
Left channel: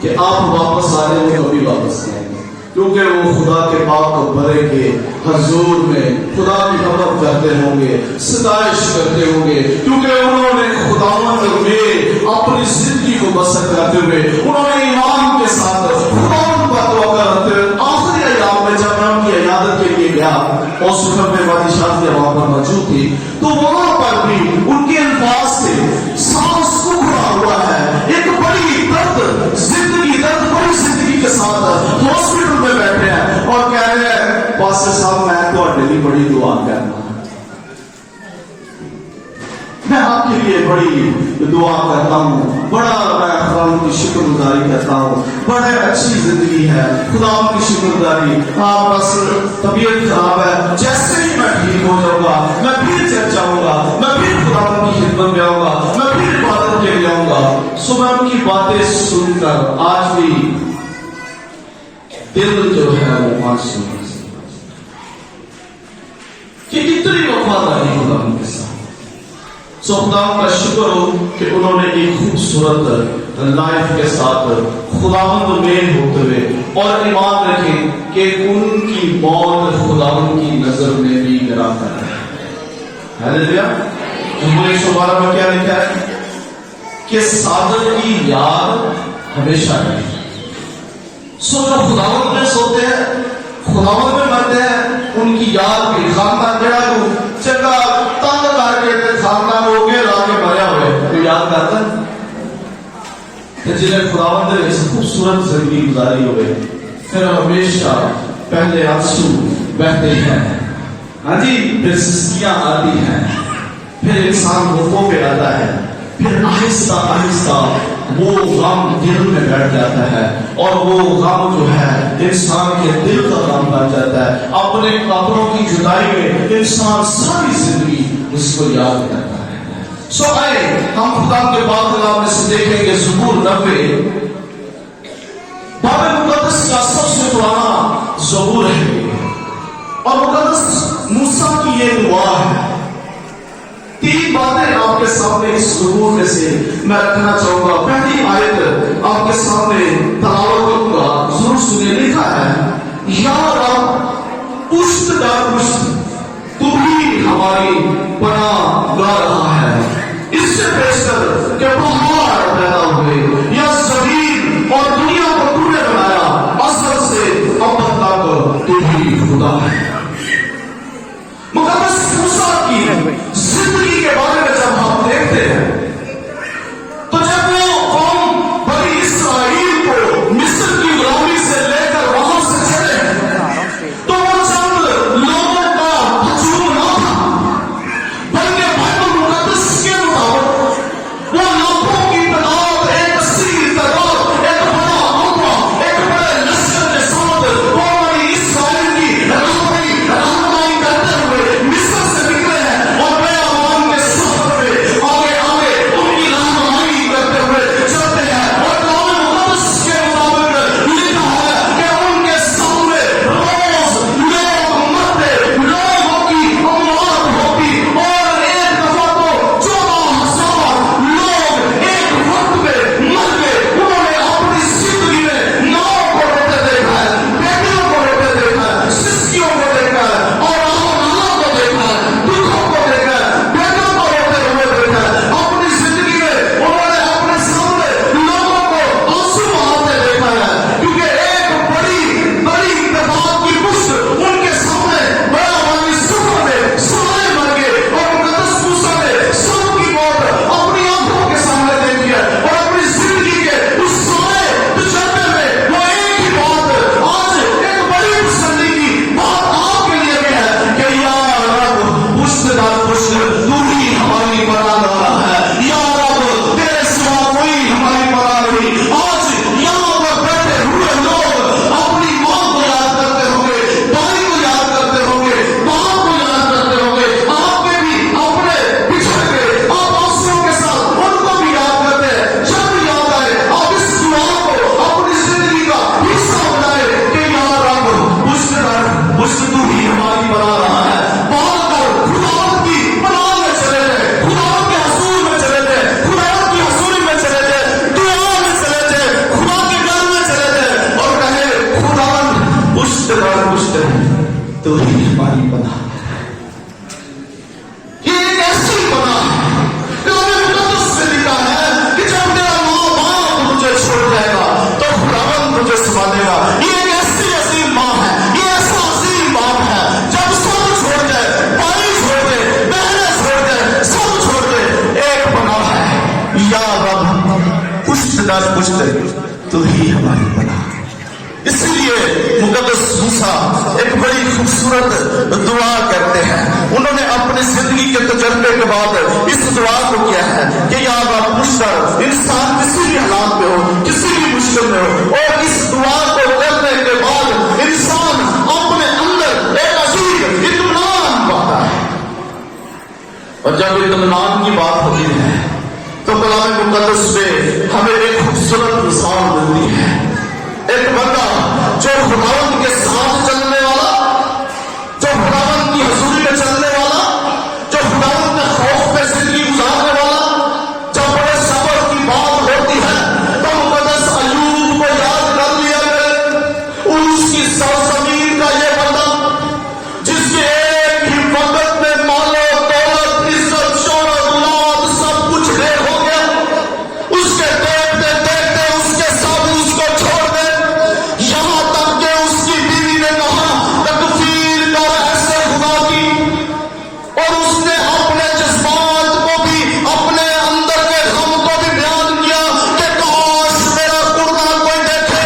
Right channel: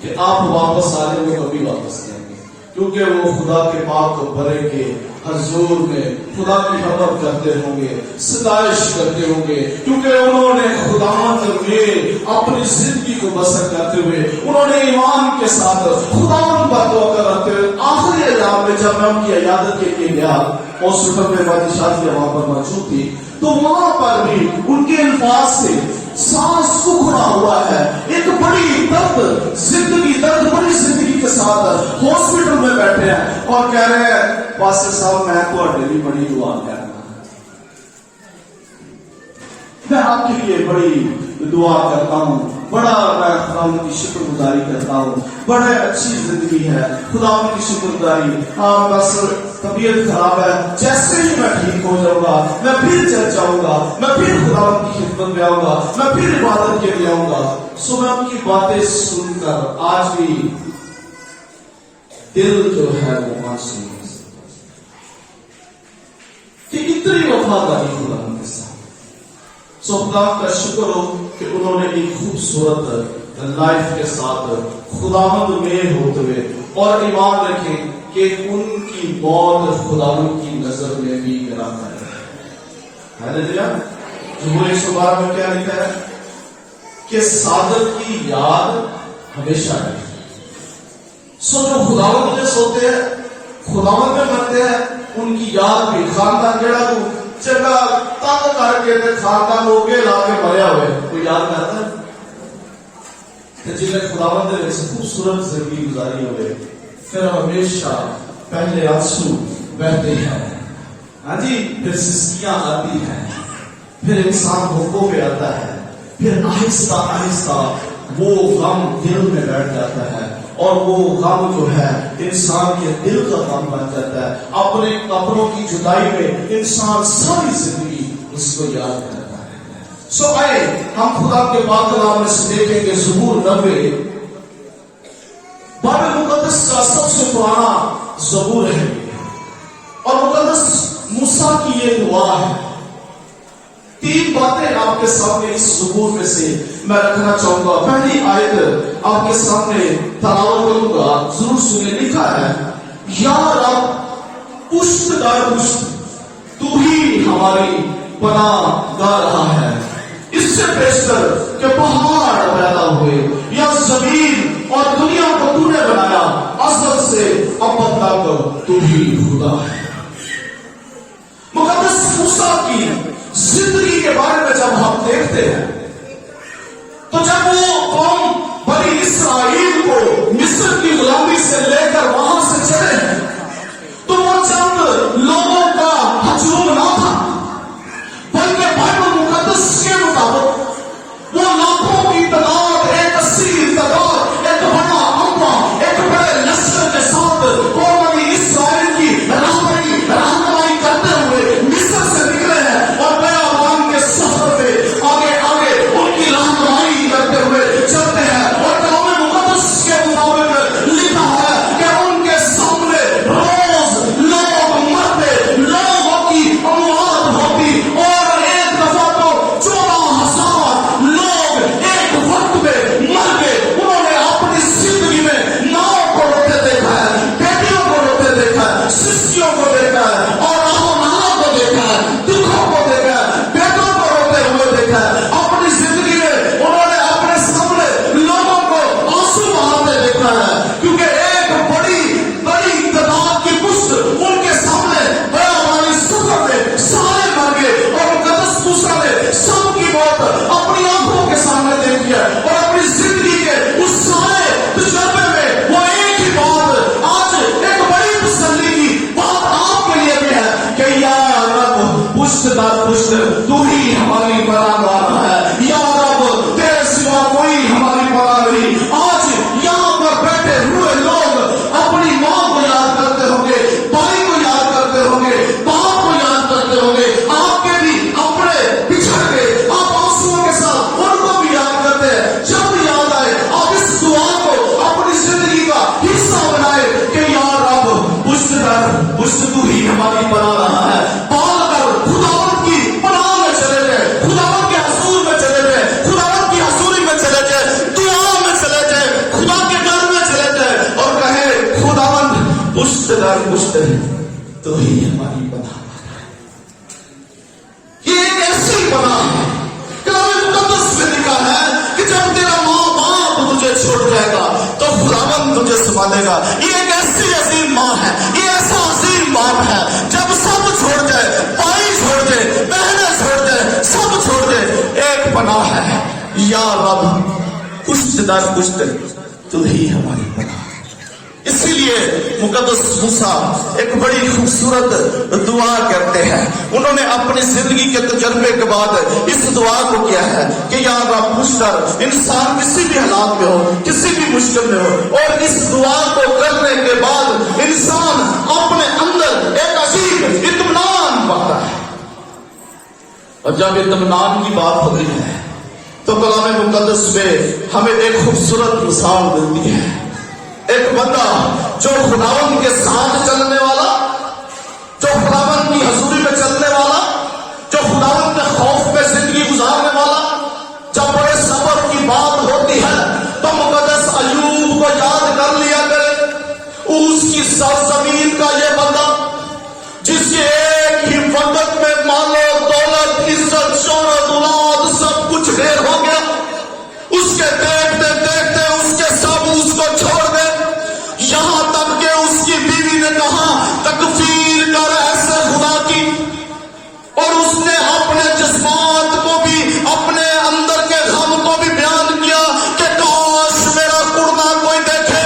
कि आप वापस आ रहे हो, कभी वापस नहीं आएंगे, क्योंकि वो खुदा के पाक भरे के हजूर में खुदा की खबर करते होंगे, सताइश करते होंगे, क्योंकि उन्होंने खुदावंद में अपनी जिंदगी को बसर करते हुए उन्होंने ईमान के साथ खुदावंद पर तवक्कुल रखते हुए आखिरी अय्याम में जब मैं उनकी इयादत के लिए गया और सुबह में वाली शादी वहां पर मौजूद थी, तो वहां पर भी उनके अल्फाज से सांस उखड़ा हुआ है। एक बड़ी दर्द जिंदगी, दर्द बड़ी जिंदगी के साथ हॉस्पिटल में बैठे हैं और कह रहे हैं पास्टर साहब मैं तो बड़ी दुआ करना। میں آپ کے لیے بڑی دعا کرتا ہوں, بڑا میں خدا کی شکر گزاری کرتا ہوں. بڑے اچھی زندگی ہے, خدا کی شکر گزاری. ہاں بس طبیعت خراب ہے, جیسے ہی میں ٹھیک ہو جاؤں گا میں پھر چل جاؤں گا, میں پھر خدا کی خدمت میں آؤں گا, میں پھر عبادت کے لیے آؤں گا. سو میں ان کی باتیں سن کر آج بھی دل جو ہے وہ معصوم ہے کہ کتنی وفاداری خدا کے ساتھ. سو خدا کا شکر ہو کہ انہوں نے ایک خوبصورت لائف کے ساتھ خداوند میں ہوتے ہوئے, اور ایمان رکھیں کہ ان کی موت خداوند کی نظر میں بھی گرا کر ہے. ہاللیلویا. زبور 112 میں کیا لکھا ہے کہ صادق کی یاد ہمیشہ رہے. سو جو خداوند میں سوتے ہیں, خداوند میں مرتے ہیں, ان کی یاد بھی خاندان جڑا کو چنگا تنگ کر کے خاندان ہو کے لا کے مریا ہوئے کوئی یاد کرتا ہے. جنہیں خداوند نے اس خوبصورت زندگی گزاری ہوئے پھر ہمیشہ پہلے آنسو بہتے ہیں, ہاں جی, پھر سسکیاں آتی ہیں, پھر انسان ہوٹوں پہ آتا ہے, پھر آہستہ آہستہ وہ غم دل میں بیٹھ جاتا ہے, اور وہ غم جو ہے انسان کے دل کا غم بن جاتا ہے. اپنے کپڑوں کی جدائی میں انسان ساری زندگی اس کو یاد کرتا ہے. سو آئے ہم خدا کے پاک کلام میں سے دیکھیں گے زبور 90 باب مقدس کا سب سے پرانا زبور ہے, اور مقدس موسیٰ کی یہ دعا ہے. 3 باتیں آپ کے سامنے اس زبور میں سے میں رکھنا چاہوں گا. پہلی آیت آپ کے سامنے تلاوت کروں گا, ضرور سنیں. لکھا ہے, یا رب پشت در پشت تو ہی ہماری پناہ لا رہا ہے. اس سے پیشتر کہ پہاڑ پیدا ہوئے یا زمین اور دنیا کو تو نے بنایا, ازل سے اب تک تو ہی خدا ہے. مقدس موسیٰ کی زندگی کے بارے میں جب ہم دیکھتے ہیں تو جب وہ قوم بنی اسرائیل کو مصر کی غلامی سے لے کر وہاں سے چلے تو وہ چند لوگوں کا ہجوم نہ تھا, بلکہ بائبل مقدس کے مطابق وہ لاکھوں کی تعداد, ایک کثیر تعداد, ایک بڑا عملہ, ایک بڑے لشکر کے ساتھ وہ بنی اسرائیل کی رہنمائی کرتے ہوئے مصر سے نکلے ہیں, اور بیابان کے سفر پہ آگے آگے ان کی رہنمائی کرتے ہوئے چلتے ہیں. اور کلام مقدس کے مطابق لکھا ہے کہ ان کے سامنے روز لوگ مرتے, لوگوں کی اموات ہوتی, اور ایک دفعہ تو 14,000 لوگ ایک وقت میں مر گئے. انہوں نے اپنی زندگی میں ناؤں کو روتے دیکھا ہے, بیٹیوں کو روتے دیکھا ہے, سسکیوں کو دیکھا ہے, اور کو دیکھا ہے, دکھوں کو دیکھا ہے, بیٹوں کو روتے ہوئے دیکھا ہے. اپنی زندگی میں انہوں نے اپنے سامنے لوگوں کو آنسو بہاتے دیکھا ہے, کیونکہ ایک بڑی تعداد کی پشت ان کے سامنے بڑا والی سفر میں سارے مر گئے, اور مقدس موسیٰ نے سب کی موت اپنی آنکھوں کے سامنے دیکھی ہے. اور اپنی زندگی کے اس سارے تجربے میں وہ ایک ہی بات, آج ایک بڑی تسلی کی بات آپ کے لیے بھی ہے کہ یا رب پشت در پشت تو ہی ہماری پناہ رہا ہے. یا رب تیرے سوا کوئی ہماری پناہ نہیں. آج یہاں پر بیٹھے ہوئے لوگ اپنی ماں کو یاد کرتے ہوں گے, بھائی کو یاد کرتے ہوں گے, باپ کو یاد کرتے ہوں گے, آپ کے بھی اپنے بچھڑ گئے, آپ آنسوؤں کے ساتھ ان کو بھی یاد کرتے ہیں. جب یاد آئے آپ اس دعا کو اپنی زندگی کا حصہ بنائے کہ یا رب پشت در پشت تو ہی ہماری پناہ رہا ہے. بال کر خداوند کی پناہ میں چلے جائے, خداوند کے حضور میں چلے جائے, خداوند کی حضوری میں چلے جائے, دعا میں چلے جائے, خدا کے گھر میں چلے جائے, اور کہے خداوند پشت در پشت تو ہی ہماری پناہ. یہ ایک ایسی پناہ ہے, کلام مقدس میں لکھا ہے کہ جب تیرا ماں باپ تجھے چھوڑ جائے گا تو خداوند تجھے سنبھالے گا. یہ ایک ایسی عظیم ماں ہے, یہ ایسا عظیم باپ ہے, جب سب چھوڑ جائے, بھائی چھوڑ دے, بہنیں چھوڑ دے, سب چھوڑ دے, ایک پناہ ہے, یا رب پشت در پشت تو ہی ہماری پناہ. اسی لیے مقدس موسیٰ ایک بڑی خوبصورت खूबसूरत दुआ करते हैं। उन्होंने अपनी जिंदगी के तजर्बे के बाद इस दुआ को किया है कि या अल्लाह मुझपर इंसान किसी भी हालात में हो, किसी भी मुश्किल में हो, और इस दुआ को करने के बाद इंसान अपने अंदर एक अजीब इत्मीनान पाता है। और जब इत्मीनान की बात होती है तो कुरान मुक़द्दस में हमें एक खूबसूरत मिसाल मिलती है। एक बंदा जो खुदावंद के साथ चलने वाला, जो खुदावंद की हजूरी में चलने वाला, जो खुदावंद के खौफ में जिंदगी गुजारने वाला, जब बड़े सबर की बात होती है तो मुक़द्दस अय्यूब को याद कर लिया करे। उसकी सरजमीन का ये बंदा जिसके एक ही वक्त में मालो दौलत इज्जत शोहरत औलाद सब कुछ ढेर हो गया, उसके देखते देखते उसके सब उसको छोड़ दे, यहां तक कि उसकी बीवी ने कहा तकफीर कर ऐसे खुदा की, और उसने अपने जज्बात को भी, अपने अंदर के गम को भी बयान किया कि काश मेरा कुर्बा कोई देखे,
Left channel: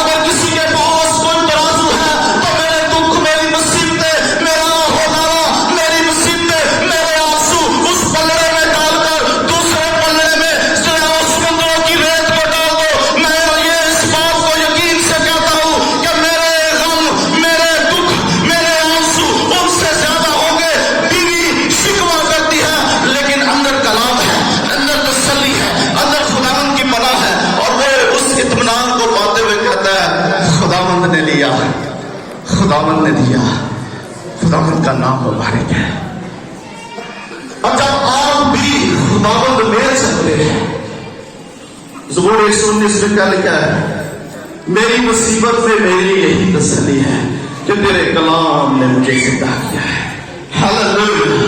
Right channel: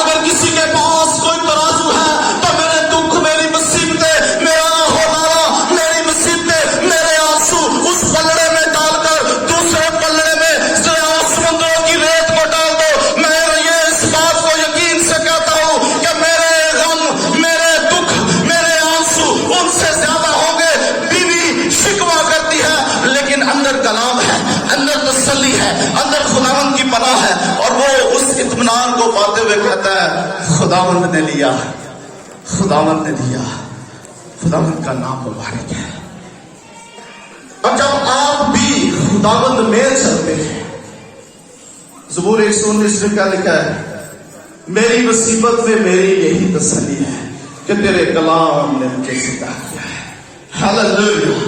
अगर किसी के पास कोई तराजू है तो मेरे दुख, मेरी मुसीबतें, मेरा होदारा, मेरी मुसीबतें, मेरे आंसू उस पल्ले में डालकर दूसरे पल्ले में समुद्रों की रेत में डाल दो। मैं ये इस बात को यकीन से कहता हूं कि मेरे गम, मेरे दुख, मेरे आंसू उनसे ज्यादा होंगे। बीवी शिकवा करती है लेकिन अंदर कलाम है, अंदर तसल्ली है, अंदर खुदावंद की पनाह है, और वो उस इत्मीनान को पाते हुए कहता है खुदावंद ने लिया, खुदावंद ने दिया, खुदावंद का नाम मुबारक है। अब जब आप भी खुदावंद में चलते हैं, ज़बूर 119 में क्या लिखा है, मेरी मुसीबत में मेरी यही तसल्ली है कि तेरे कलाम ने मुझे जिंदा किया है। हालेलुया।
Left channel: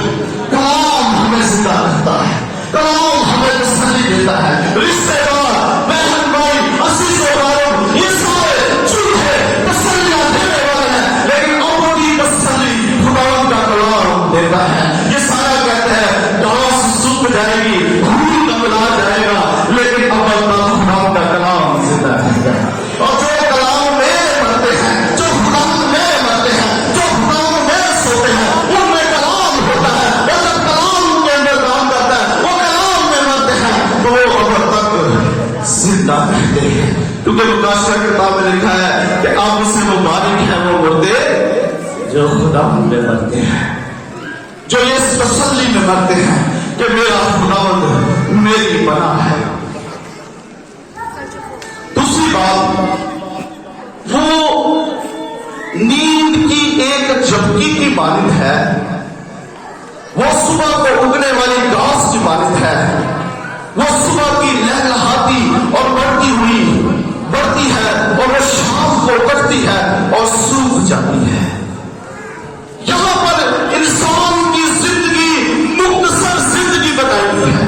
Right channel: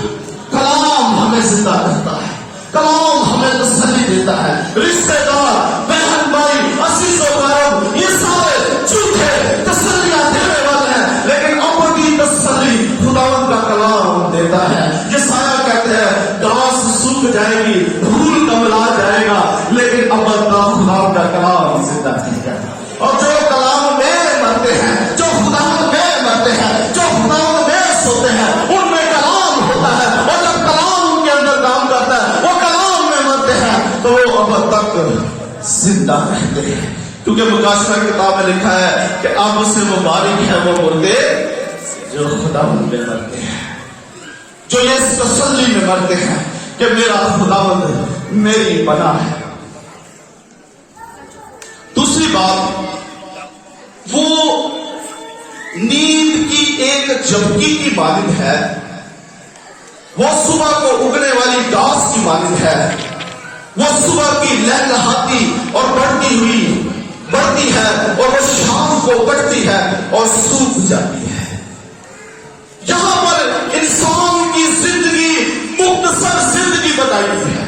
कलाम हमें जिंदा करता है, कलाम हमें तसल्ली देता है। रिश्तेदार, बहन भाई, अजीजों भाइयों, ये सारे झूठे तसल्लियां देने वाले हैं, लेकिन अपनी तसल्ली खुदावंद का कलाम देता है। ये सारे कहते हैं घास सूख जाएगी, धूल कमला जाएगा, लेकिन अब खुदावंद का कलाम जिंदा रहेगा। और जो कलाम में मरते हैं, जो खुदावंद में मरते हैं, जो खुदावंद में सोते हैं, उनमें कलाम होता है, और जब कलाम के अंदर काम करता है, वो कलाम में मरते हैं, तो वो अब तक जिंदा रहते हैं। क्योंकि मुकाशर किताब में लिखा है कि अब से मुबारक है वो बंदे जो खुदावंद में मरते हैं, जो इस तसल्ली में मरते हैं कि मेरा खुदावंद मेरी पनाह है। दूसरी बात, वो नींद की एक झपकी की मालिक है, वो सुबह को उगने वाली घास की मालिक है, वो सुबह की लहलहाती और बढ़ती है और वो शाम को कटती है और सूख जाती है। यहां पर इंसान की जिंदगी मुख्तसर जिंदगी बताई है।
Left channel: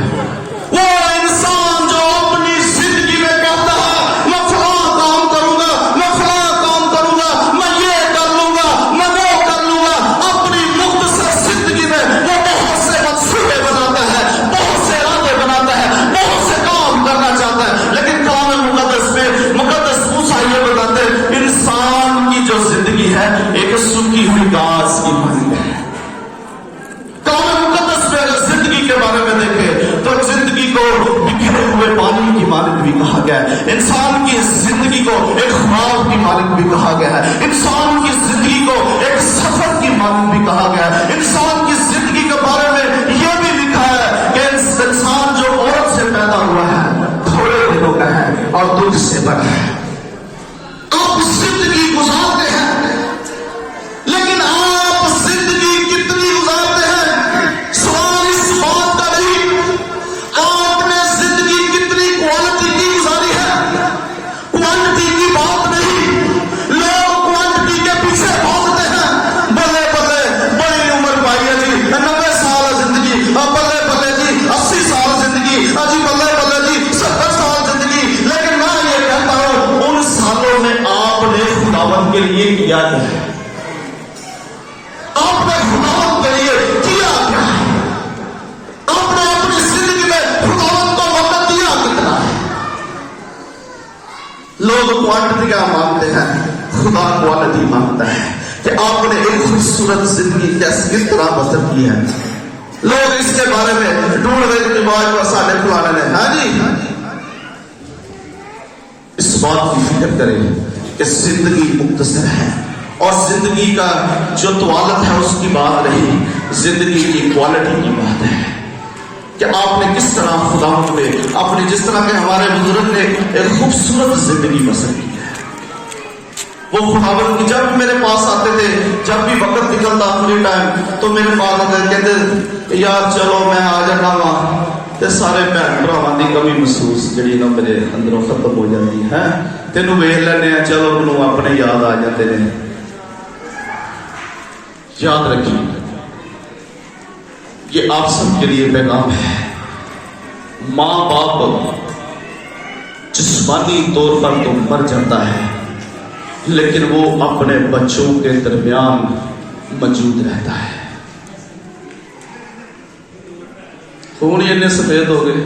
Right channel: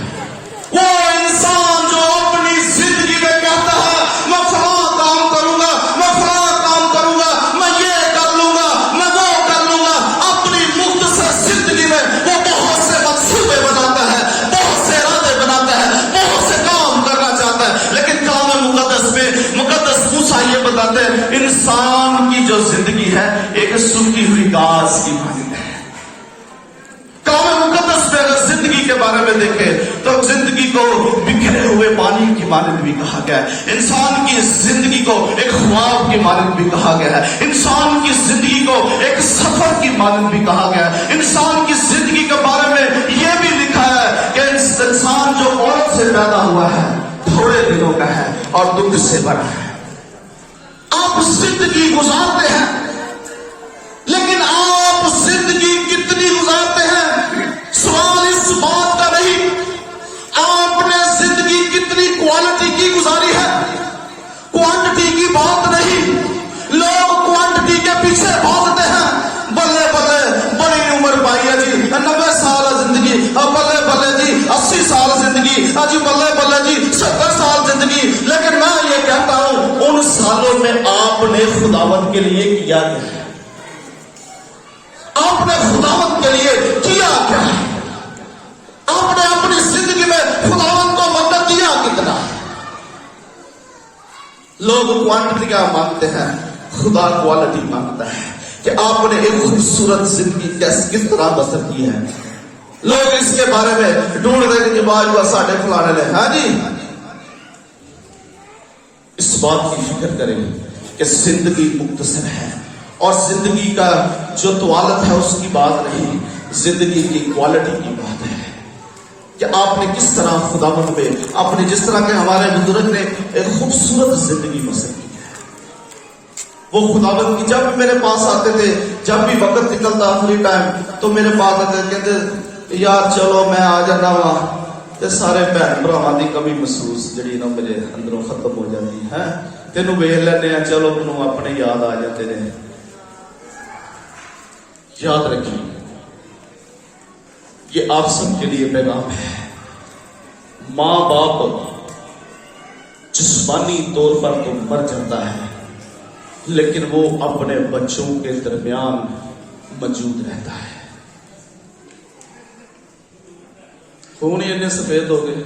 वो इंसान जो अपनी जिंदगी में कहता है मैं फलां काम करूंगा, मैं फलां काम करूंगा, मैं ये कर लूंगा, मैं वो कर लूंगा, अपनी मुख्तसर जिंदगी में वो बहुत से मंसूबे बनाता है, बहुत से वादे बनाता है, बहुत से काम करना चाहता है, लेकिन कुरान मुक़द्दस मूसा ये बताते हैं इंसान की जो जिंदगी है एक सूखी हुई घास की मानद है। कुरान मुक़द्दस में अगर जिंदगी के बारे में देखें तो जिंदगी को बिखरे हुए पानी की मानद भी कहा गया है, इंसान की जिंदगी को एक ख्वाब की मानद भी कहा गया है, इंसान की जिंदगी को एक सफर की मानद भी कहा गया है। इंसान की जिंदगी के बारे में यह भी लिखा है कि इंसान जो औरत से पैदा हुआ है थोड़े दिनों का है और दूध से भरा है। आप जिंदगी गुजारते हैं, लेकिन आप जिंदगी कितनी गुजारते हैं सवाल इस बात का नहीं, आपने जिंदगी कितनी क्वालिटी की गुजारी है, क्वांटिटी की बात नहीं। लोग क्वांटिटी के पीछे भागते हैं, बल्ले बल्ले बड़ी उम्र बारिया जी 90 साल जिंदगी, और बल्ले बल्ले जी 80 साल जिंदगी, अजी बल्ले बल्ले जी 70 साल जिंदगी। लेकिन मैं ये कहता हूं उन सालों में आपने खुदावंद के लिए किया क्या है? आपने खुदावंद के लिए किया क्या है? आपने अपनी जिंदगी में खुदावंद को वक्त दिया कितना है? लोग क्वांटिटी का मांगते हैं, खुदा क्वालिटी मांगता है। کہ آپ نے ایک خوبصورت زندگی کیسے کس طرح بسر کی ہے. لوگ اس کے بارے میں ڈھونڈ رہے کہ بعد کا ساڑھے فلانے نے. ہاں جی, اس بات کی فکر کریں کہ زندگی مختصر ہے, اور زندگی کا جو طوالت ہے اس کی بات نہیں, زندگی کی کوالٹی کی بات ہے کہ آپ نے کس طرح خداوند میں اپنے, جس طرح کہ ہمارے بزرگ نے ایک خوبصورت زندگی بسر کی ہے. وہ خداوند کی جب بھی میرے پاس آتے تھے, جب بھی وقت نکلتا فری ٹائم, تو میرے پاس آتے کہتے یار چلو میں آ جانا وا, تے سارے بھن بھراواں دی کمی محسوس جڑی نا میرے اندروں ختم ہو جاتی ہے. تینوں ویکھ لینے ہیں, چلو منوں اپنے یاد آ جاتے ہیں. یاد رکھیے یہ آپ سب کے لیے پیغام ہے. ماں باپ جسمانی طور پر تو مر جاتا ہے, لیکن وہ اپنے بچوں کے درمیان موجود رہتا ہے. خون ہی اتنے سفید ہو گئے,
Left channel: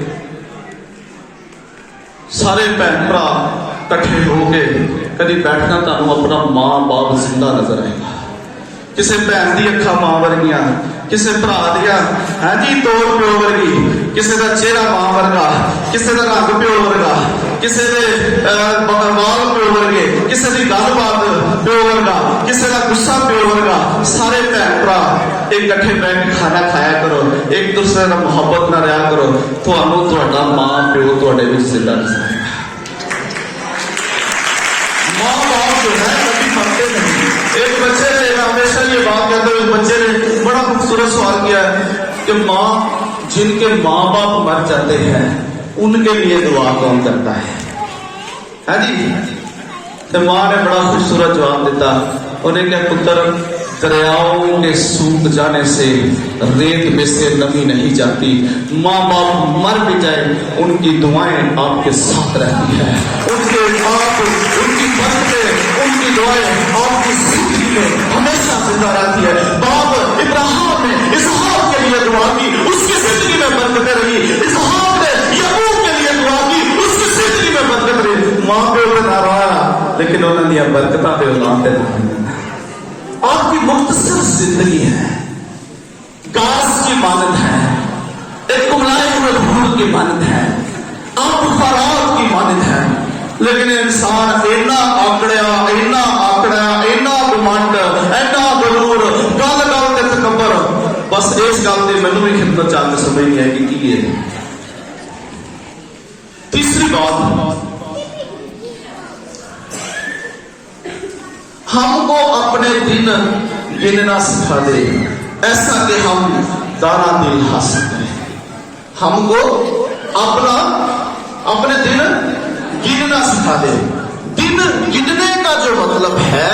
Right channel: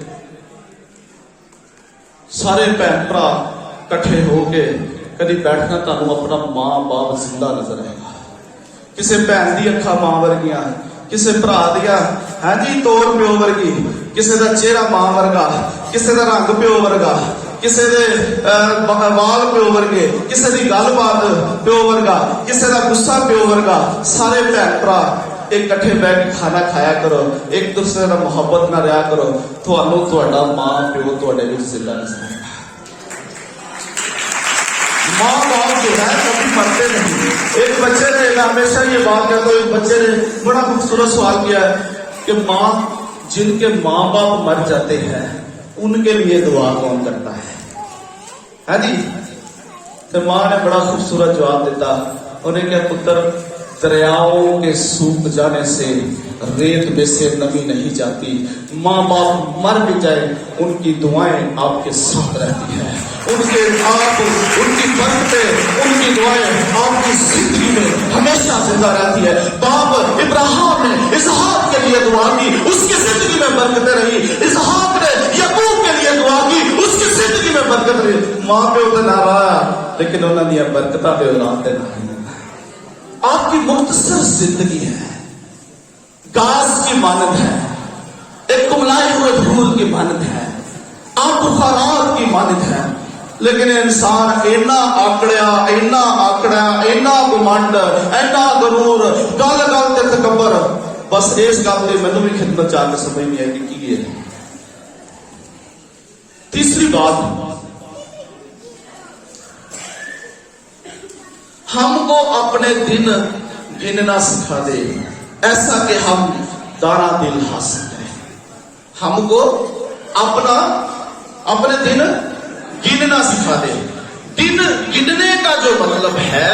سارے بہن بھرا کٹھے ہو کے کدی بیٹھنا تمہیں اپنا ماں باپ زندہ نظر آئے گا. کسی بہن دی اکھاں ماں ورگیاں, کسی برا دیا ہاں جی توڑ پیو ورگی, کسی کا چہرہ ماں ورگا, کسی کا رنگ پیو ورگا, کسی کے بال پیو ورگے, کسی کی گل بات پیو ورگا, کسی کا غصہ پیو ورگا. سارے بھن بھرا ایک کٹھے بیٹھ کے کھانا کھایا کرو, ایک دوسرے کا محبت نہ رہا کرو, تھوڑا ماں پیو تھوڑے بھی زندہ نظر آئے گا. ماں باپ جو ہے کبھی مرتے نہیں. ایک بچے نے ہمیشہ یہ بات کہتے ایک بچے نے بڑا خوبصورت سوال کیا ہے کہ ماں, جن کے ماں باپ مر جاتے ہیں ان کے لیے دعا کون کرتا ہے؟ ہاں جی, تو ماں نے بڑا خوبصورت جواب دیتا, انہیں کہا پتر دریاؤں کے سوکھ جانے سے ریت میں سے نمی نہیں جاتی. ماں باپ مر بھی جائے ان کی دعائیں آپ کے ساتھ رہتی ہیں, ان کے آپ ان کی برکتیں, ان کی دعائیں آپ کی زندگی میں ہمیشہ زندہ رہتی ہے. باپ ابراہیم نے اسحاق کے لیے دعا کی, اس کی زندگی میں برکتیں رہی. اسحاق نے یعقوب کے لیے دعا کی, اس کی زندگی میں برکت رہی. ماں پیو نہ رہا لیکن انہوں نے برکتاں پہ اولاد نہیں. آپ کی مختصر زندگی ہے, گاس کی مانند ہے, ایک کملائی ہوئے دھول کی مانند ہے, آپ خوراک کی مانند ہے. لیکن انسان اینا آکڑا, اینا گمانڈ, اینا غرور, گل گل تے تکبر. بس اس گل کی مینوں بھی خدمت چاہ کے سمجھ نہیں آئی کہ ہے. تیسری بات, ہم کو اپنے دن گننا سکھا دے, ایسا کہ ہم دانا دل حاصل کریں. ہم کو اپنے دن گننا سکھا دے. دن گننے کا جو مطلب ہے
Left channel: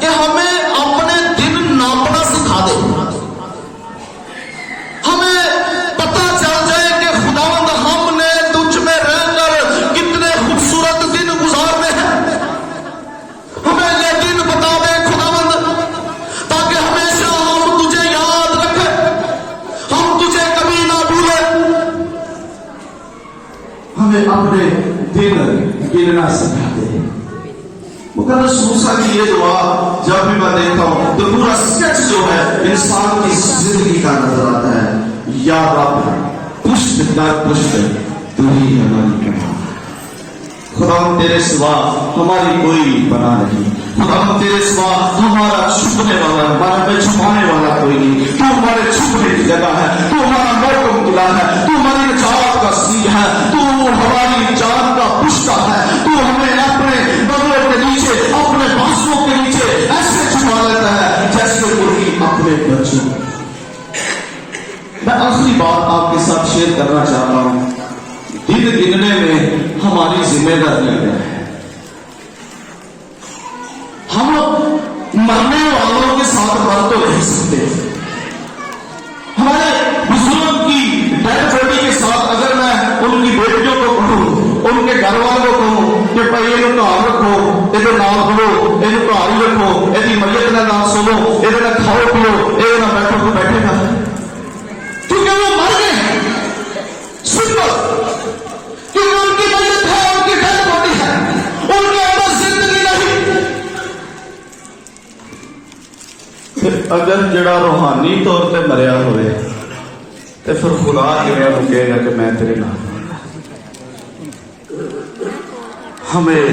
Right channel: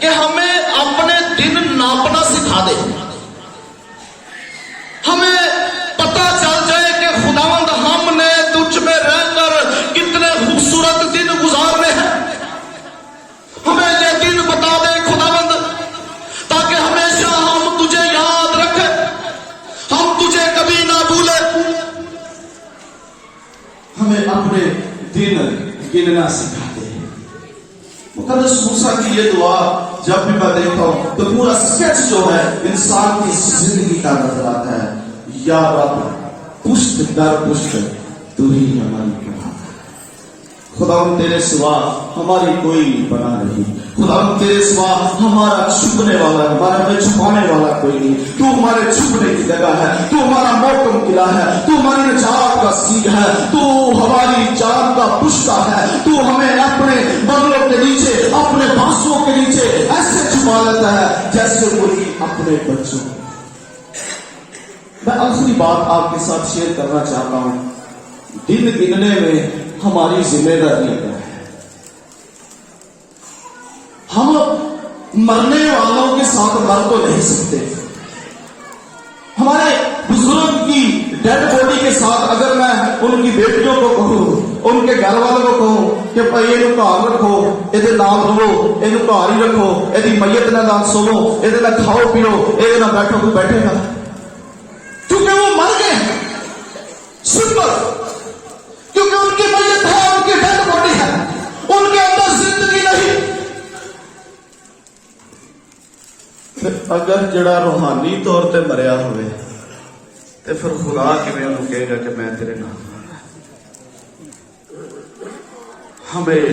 کہ ہمیں اپنے دن ناپنا سکھا دے. ہمیں پتا چل جائے کہ خداوند ہم نے تجھ میں رہ کر کتنے خوبصورت دن گزارے ہیں. ہمیں یہ دن بتا دے خداوند, تاکہ ہمیشہ ہم تجھے یاد رکھیں, ہم تجھے کبھی نہ بھولیں. ہمیں اپنے دن گننا سکھا دے. مقدس موسیٰ کی یہ دعا جب بھی میں دیکھتا ہوں تو پورا سکیچ جو ہے انسان کی زندگی کا نظر آتا ہے. یا رب پشت در پشت تو ہی ہماری پناہ. خدا تیرے سوا ہماری کوئی پناہ نہیں. خدا تیرے سوا ہمارا چھپنے والا, ہمارا میں چھپانے والا کوئی نہیں. تو ہمارے چھپنے کی جگہ ہے, تو ہمارا موکم قلعہ ہے, تو ہماری نجات کا سیگ ہے, تو ہماری جان کا پشتا ہے. تو ہمیں اپنے بغلوں کے نیچے, اپنے بانسوں کے نیچے ایسے چھپا لیتا ہے جیسے کوئی اپنے بچوں. میں آخری بات آپ کے ساتھ شیئر کرنا چاہتا ہوں. دن گننے میں ہماری ذمہ داری ہے. ہم مرنے والوں کے ساتھ مر تو نہیں سکتے. ہمارے بزرگ کی ڈیڈ باڈی کے ساتھ اگر میں ان کی بیٹیوں کو کہوں, ان کے گھر والوں کو کہوں کہ بھائی یہ گھر رکھو, یہ نام رہو, یہ گھر ہی رکھو, یہ میت کا نام سنو, یہ کھاؤ پیو, یہ بیٹھو تو بیٹھے گا, کیونکہ وہ مر گئے. سمپل, کیونکہ ان کی میت ہے, ان کی ڈیڈ باڈی ہے, ان کے اندر زندگی نہیں. ਫਿਰ ਅਗਰ ਜਿਹੜਾ ਰੂਹਾਨੀ ਤੌਰ ਤੇ ਮਰਿਆ ਹੋਵੇ ਤੇ ਫਿਰ ਖੁਦਾ ਕਿਵੇਂ ਉਹਨੂੰ ਕਹੇਗਾ ਕਿ ਮੈਂ ਤੇਰੇ ਨਾਲ हमें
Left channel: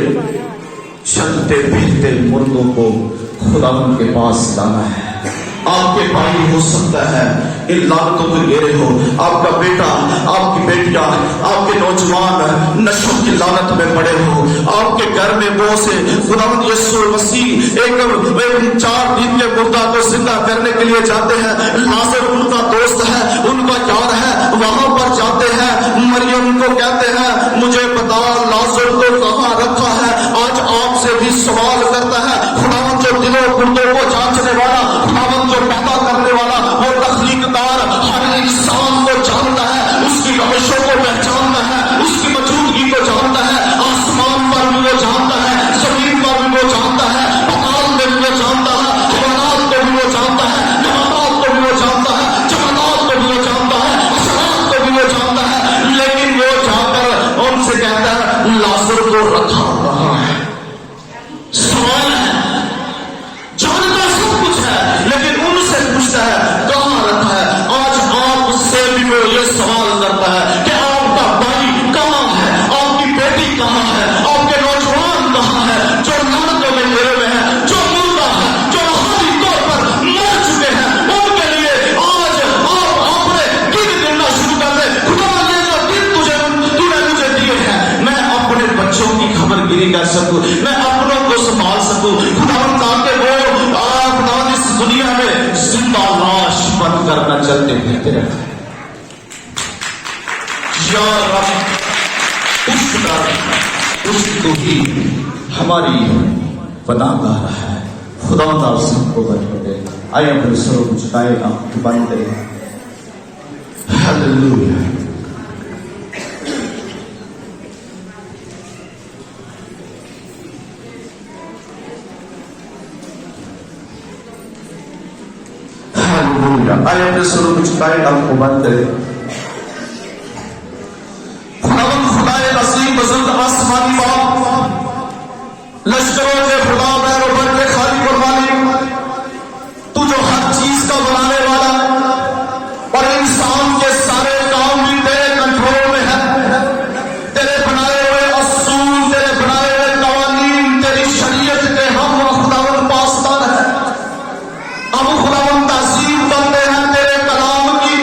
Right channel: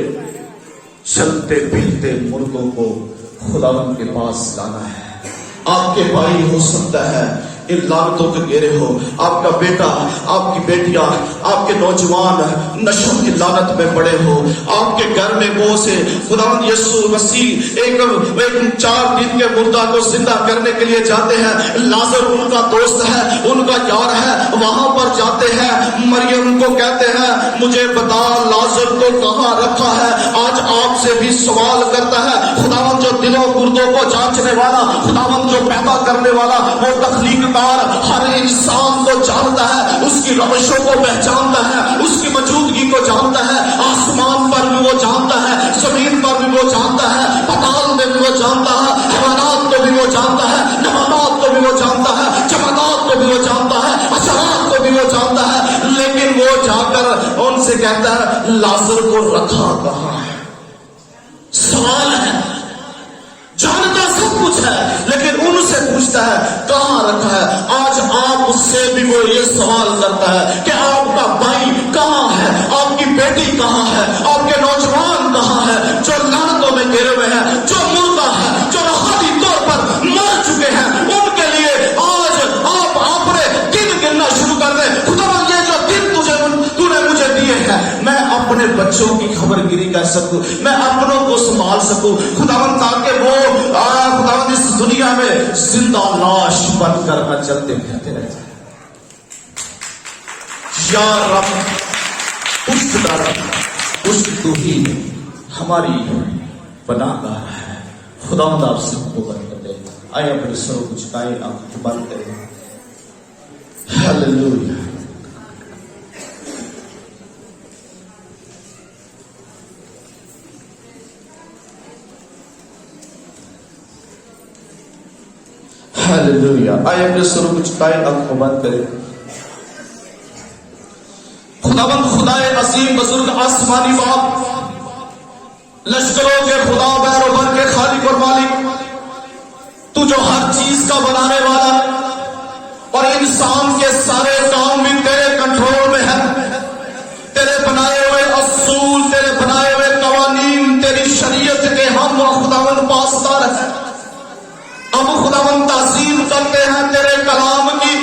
चलते फिरते मुर्दों को खुदावन के पास लाना है। आपके भाई हो सकता है इन लानतों के घेरे हो, आपका बेटा, आपकी बेटियां, आपके नौजवान नशों की लानत में पड़े हो, आपके घर में बहुत से खुदावन यीशु मसीह एक 4 दिन के मुर्दा को जिंदा करने के लिए जाते हैं। लाजर उनका दोस्त है, उनका यार है, वहां पर जाते हैं। मरियम को कहते हैं मुझे बता लाजर को कहां रखा है। आज आपसे भी सवाल करता है खुदावन जो दिलों मुर्दों को जांचने वाला, खुदावन जो पैदा करने वाला, वो तख्लीकदार हर इंसान को जानता है, उसकी रविशों को पहचानता है, उसकी मौजूदगी को जानता है। आसमान पर भी वो जानता है, जमीन पर भी वो जानता है, पाताल में भी वो जानता है, हवानात को भी वो जानता है, नबातात को भी वो जानता है, जमानात को भी वो जानता है, असरात को भी वो जानता है। लेकिन वो जाकर उनसे कहता है लाजर को रखा कहां है। सवाल है, जानता सब कुछ है, लेकिन उनसे पूछता है कहां रखा है। आज आपसे भी वो ये सवाल करता है कि आपका भाई कहां है, आपकी बेटी कहां है, आपके नौजवान कहां है, जो लानतों में गिरे हुए हैं, जो मुर्दा है, जो रूहानी तौर पर मर चुके हैं। उनके लिए आज आप अपने दिन गिनना शुरू कर दे। खुदा ये जो दिन तूने मुझे दिए हैं, मैं अपने बच्चों की खबरगिरी कर सकूं, मैं अपनों को संभाल सकूं। खुदावन ताकि वो खुदावन इस दुनिया में जिंदा लाश बनकर न चलते फिरते रहे। या रब उस तो ही हमारी पनाहगाह है। खुदावंद आप सबको बरकत दे। आइए अपने स्वरों को झुकाएं, आंखें बंद करें। हालेलुया। हालेलुया। आइए अपने स्वरों को झुकाएं, आंखें बंद करें। खुदावंद खुदाए असीम बुजुर्ग आसमानी बाप, लश्करों के खुदादार और बन के खालिक और मालिक, तू जो हर चीज का बनाने वाला और इंसान के सारे काम भी तेरे कंट्रोल में है। तेरे बनाए हुए असूल, तेरे बनाए हुए कवानीन, तेरी शरीयत के हम खुदावंद पासदार है। हम खुदावंद ताज़ीम करते हैं तेरे कलाम की,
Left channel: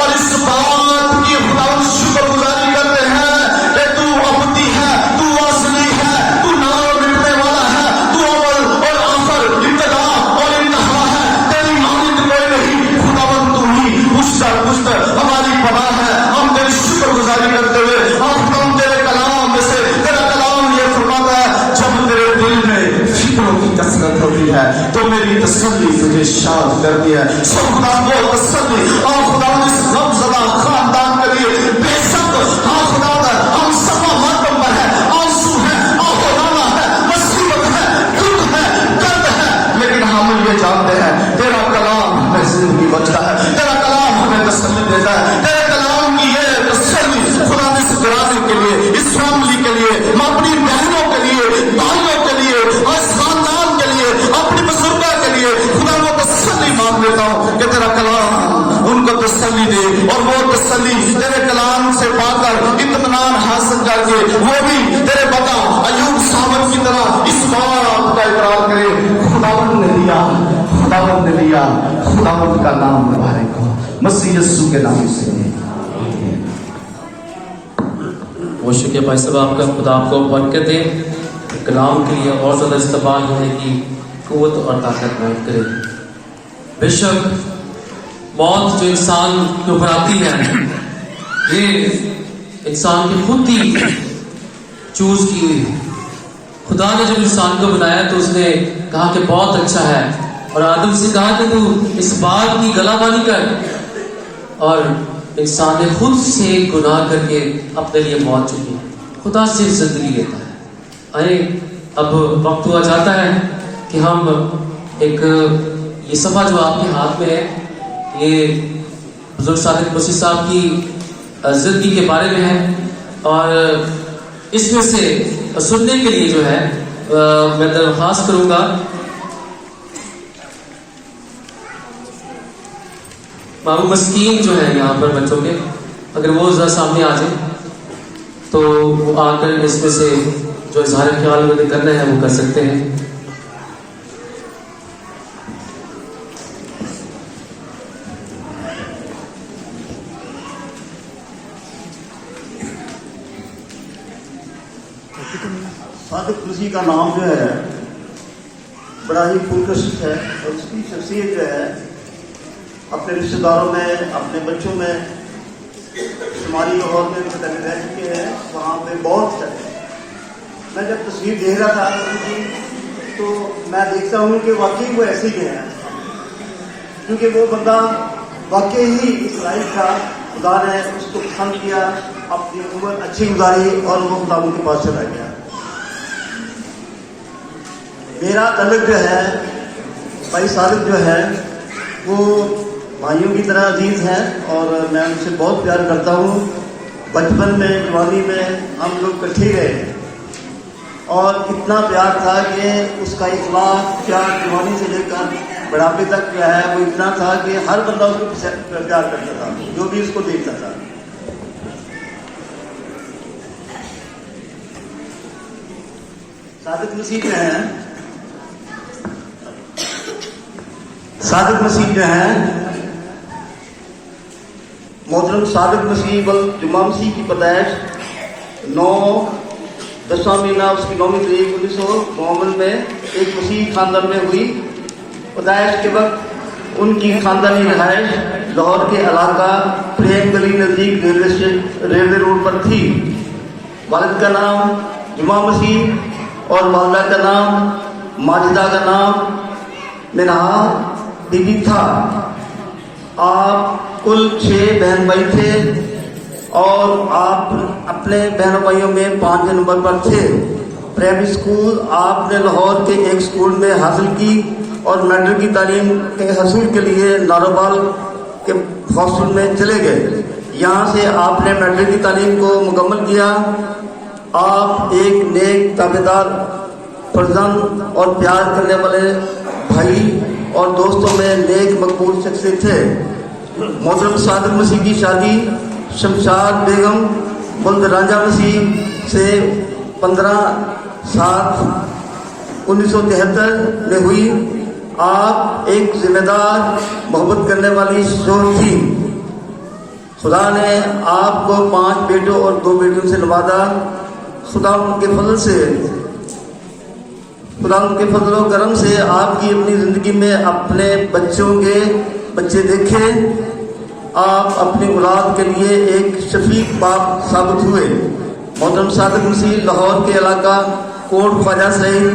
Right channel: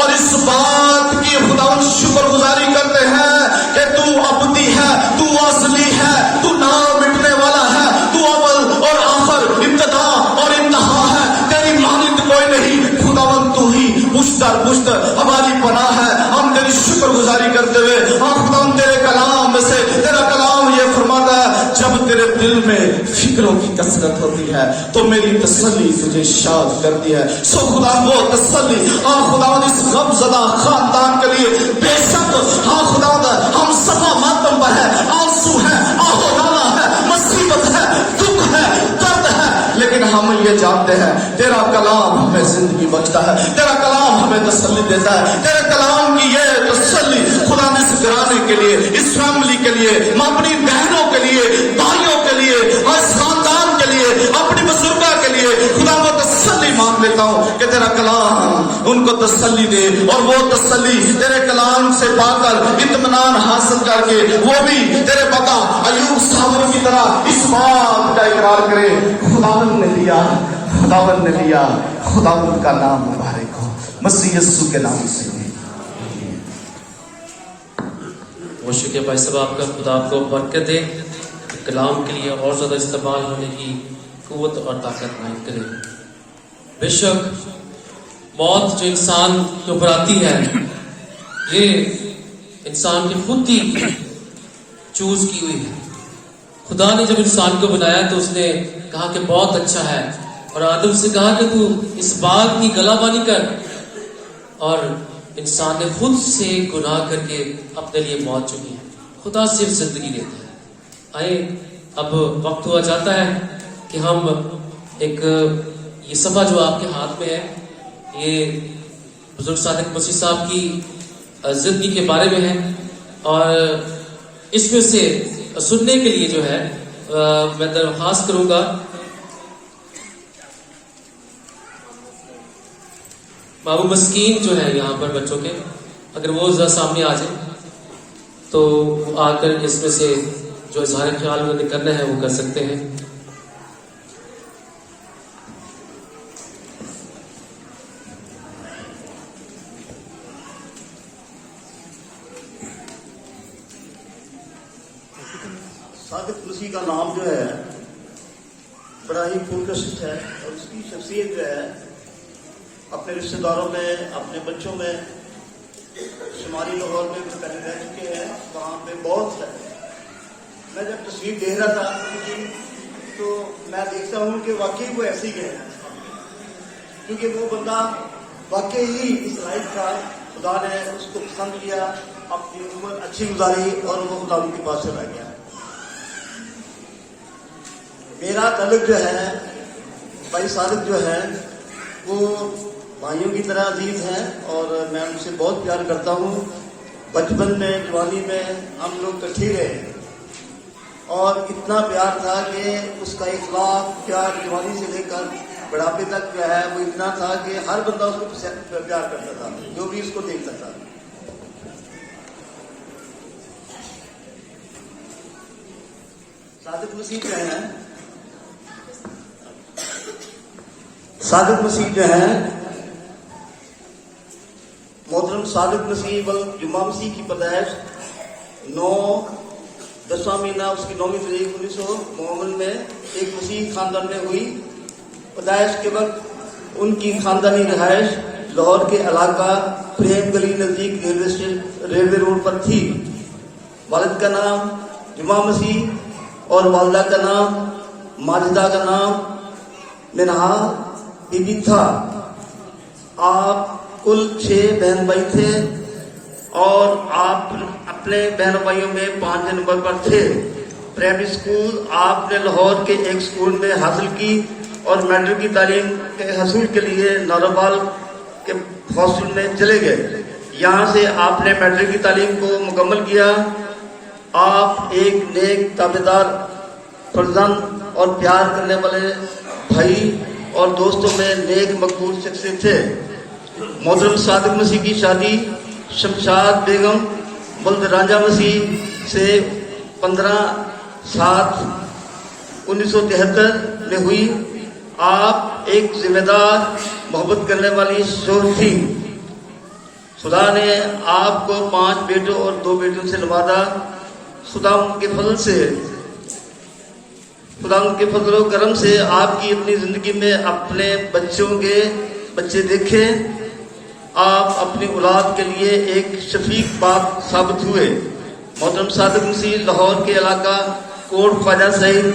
और इस बात की खुदावंद शुक्रगुजारी करते हैं कि तू अबदी है, तू असली है, तू ना मिटने वाला है, तू अव्वल और आखिर, इब्तिदा और इंतहा है। तेरी मानिंद कोई नहीं। खुदावंद तू ही पुश्तर हमारी पनाह है। हम तेरी शुक्रगुजारी करते हुए हम तेरे कलाम में से, तेरा कलाम ये फरमाता है जब तेरे दिल में फिक्रों की कसरत होती है तो मेरी तसल्ली तुझे शाद करती है। सब खुदा को तसल्ली और खुदा इस गमज़दा खानदान के लिए बेशक हाँ खुदा हम सफा मातम पर है, आंसू है, आहोराना है, मुसीबत है, दुख है, दर्द है, लेकिन हम ये जानते हैं तेरा कलाम हमें जिंदगी बख्शता है, तेरा कलाम हमें तसल्ली देता है। तेरे कलाम की ये तसल्ली खुदा इस घराने के लिए, इस फैमिली के लिए, अपनी बहनों के लिए, भाइयों के लिए, और खानदान के लिए, अपनी बुजुर्गा के लिए खुदा को तसल्ली मांग लेता हूँ कि तेरा कलाम उनको तसल्ली दे, और वो तसल्ली तेरे कलाम से पाकर इत्मीनान हासिल करके वो भी तेरे पता अय्यूब साहब की तरह इस बात का इकरार करे खुदावंद ने दिया, खुदावंद ने दिया, खुदावंद का नाम मुबारक हो, मसीह यीशु के नाम से। वो शुक्रिया भाई साहब आपका, खुदा आपको बरकत दे, कलाम के लिए और ज़्यादा इस्तेमाल होने की क़ुव्वत और ताकत नायब करे। बेशक मौत जो इंसान के ऊपर आती है ये इंसान की खुद की चूज की हुई है। खुदा ने जब इंसान को बनाया तो उसने कहा कि बहुत अच्छा है, और आदम से कहा कि तू इस बात की गलाबानी कर, और इंसान ने खुद से गुनाह करके अपने लिए मौत चुकी। खुदा सिर्फ जिंदगी लेता है। आए अब वक्त हुआ जाता है कि हम एक ये सफ़ा जो आपके हाथ में है, ये बुजुर्ग सादिक मसीह साहब की जिंदगी के बारे में है, और इसमें से सुनने के लिए जो है मैं दरख्वास्त करूंगा बाबू मस्कीन जो है यहाँ पर बच्चों के, अगर वो जरा सामने आ जाए तो वो आकर इसमें से जो इजहार ख्याल उन्हें करना है वो कर सकते हैं। सादिक मसीह का नाम जो है बड़ा ही पुरकशिश है और उसकी शख्सियत जो है अपने रिश्तेदारों में, अपने बच्चों में, शुमारी लाहौर में भी कभी रह चुके हैं, वहाँ पे बहुत है। मैं जब तस्वीर देख रहा था उनकी तो मैं देखता हूँ कि वाकई वो ऐसे ही है, क्योंकि वो बंदा वाकई ही इस लाइफ का खुदा ने उसको पसंद किया, अपनी उम्र अच्छी गुजारी और वो खुदा उनके पास चला गया। मेरा तल्लुक जो है भाई सादिक जो है वो भाइयों की तरह अजीज है और मैं उनसे बहुत प्यार करता हूँ। बचपन में, जवानी में हम लोग इकट्ठे रहे और इतना प्यार था कि उसका इखलाक क्या जवानी से लेकर बुढ़ापे तक क्या है वो इतना था कि हर बंदा उसको प्यार करता था जो भी उसको देखता था। सादिक मसीह जो है मोहतरम सादिक मसीह बल जुमा मसीह की पैदाइश 9/10 महीना उसकी 9वीं तारीख 1952 में एक मसीह खानदान में हुई। पैदाइश के वक्त उनकी खानदानी रिहाइश लाहौर के इलाका प्रेम गली नजदीक रेलवे रोड पर थी। वालिद का नाम जुमा मसीह और वालदा का नाम माजिदा का नाम मिनहा बीबी था। आप कुल 6 बहन भाई थे और आप अपने बहन भाइयों में 5वें नंबर पर थे। प्राइमरी स्कूल आपने लाहौर के एक स्कूल में हासिल की और मैट्रिक की तालीम के हसूल के लिए नारोबाल के हॉस्टल में चले गए। यहाँ से आपने मैट्रिक की तालीम को मुकम्मल किया। आप एक नेक ताबेदार, फर्जंद और प्यार करने वाले भाई और दोस्तों में नेक मकबूल शख्सियत थे। मोहतरम सादिक मसीह की शादी शमशाद बेगम बुल्द रांझा मसीह से 15/7/1973 में हुई। आप एक जिम्मेदार, मोहब्बत करने वाली शोहर थी। खुदा ने आपको 5 बेटों और 2 बेटियों से नवाजा। खुदा के फजल व करम से आपकी अपनी जिंदगी में अपने बच्चों के बच्चे देखे। आप अपनी औलाद के लिए एक शफीक बाप साबित हुए। मोहतरम सादिक मसीह लाहौर के इलाका कोट ख्वाजा सहित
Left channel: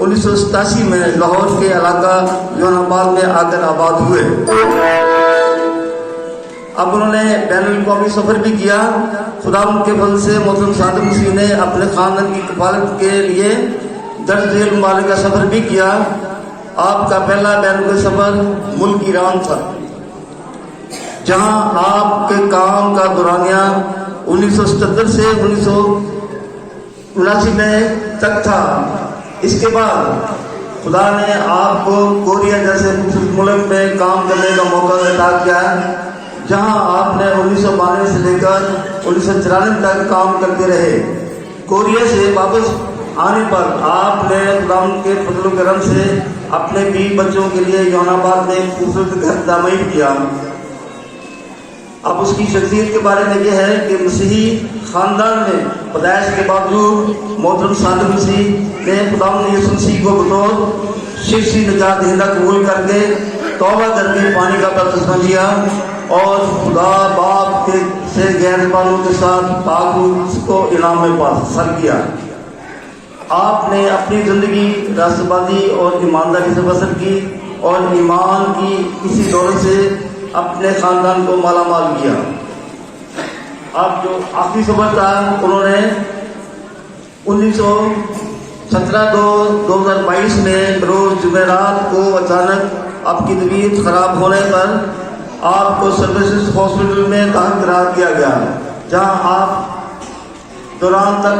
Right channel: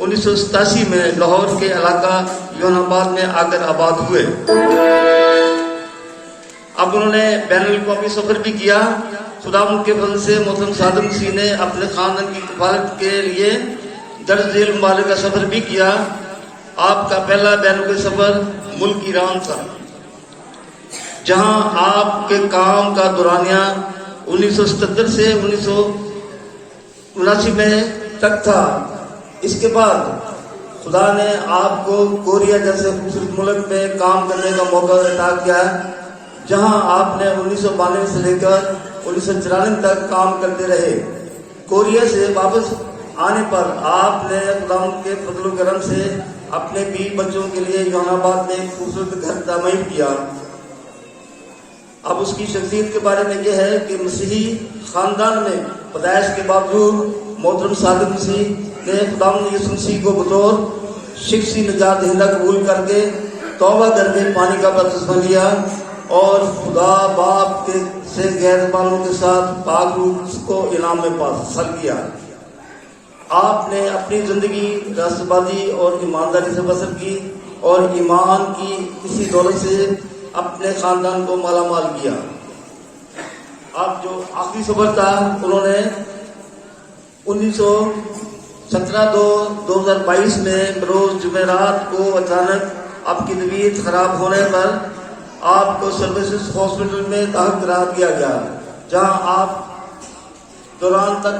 1987 में लाहौर के इलाका योनाबाद में आकर आबाद हुए। अब उन्होंने बैनुल अक़वामी सफर भी किया। खुदा के फजल से मोहतरम सादिक मसीह ने अपने खानदान की कफालत के लिए 10 रेल ममालिक का सफर भी किया। आपका पहला बैनुल सफर मुल्क ईरान था, जहां आपके काम का दौरानिया 1977 से 1979 तक था। इसके बाद खुदा ने आपको कोरिया जैसे मुल्क में काम करने का मौका अता किया, जहां आपने 1992 से लेकर 1994 तक काम करते रहे। कोरिया से वापस आने पर आपने खुदा के फजल करम से अपने 20 बच्चों के लिए योनाबाद में खूबसूरत घर तामीर किया। अब उसकी शख्सियत के बारे में यह है कि मसीही खानदान में पैदाइश के बावजूद मोहतरम सादिक मसीह ने खुदा यीशु मसीह को बतौर शख्सी निजात दहिंदा कबूल करके तौबा करके पानी का बपतिस्मा लिया और खुदा बाप के से गैर वालों के साथ ताल्लुक को इनाम में हासिल किया। आपने अपनी जिंदगी रास्तबाजी और ईमानदारी से बसर की और ईमान की इसी दौलत से अपने खानदान को माला माल किया। आप जो आखिरी सफर था उन्होंने 19/17/2022 में रोज जुमेरात को अचानक आपकी तबीयत खराब होने पर आपको सर्विसेज हॉस्पिटल में दाखिल करार दिया गया, जहां आप दौरान तक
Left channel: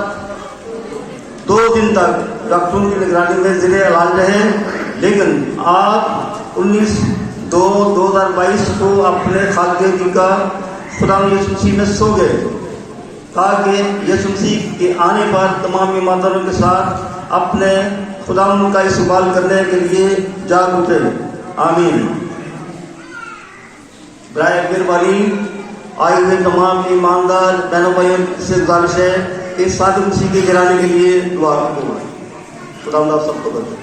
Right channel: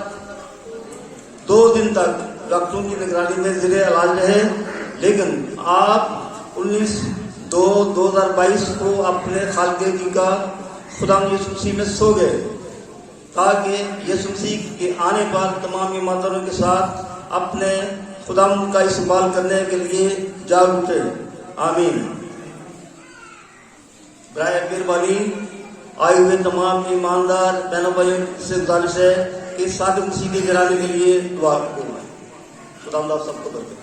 2 दिन तक डॉक्टरों की निगरानी में ज़ेरे इलाज रहे। लेकिन आप 19 2/2022 को अपने खालके का खुदा यीशु मसीह में सो गए। कहा कि यीशु मसीह के आने पर तमाम ईमानदारों के साथ अपने खुदा का इस्तेमाल करने के लिए जाग उठे। आमीन। ब्रायर वाली आए हुए तमाम ईमानदार बहनों भाइयों से गुजारिश है कि सादिक मसीह के गिराने के लिए दुआ करो। खुदा आप सबको बचे।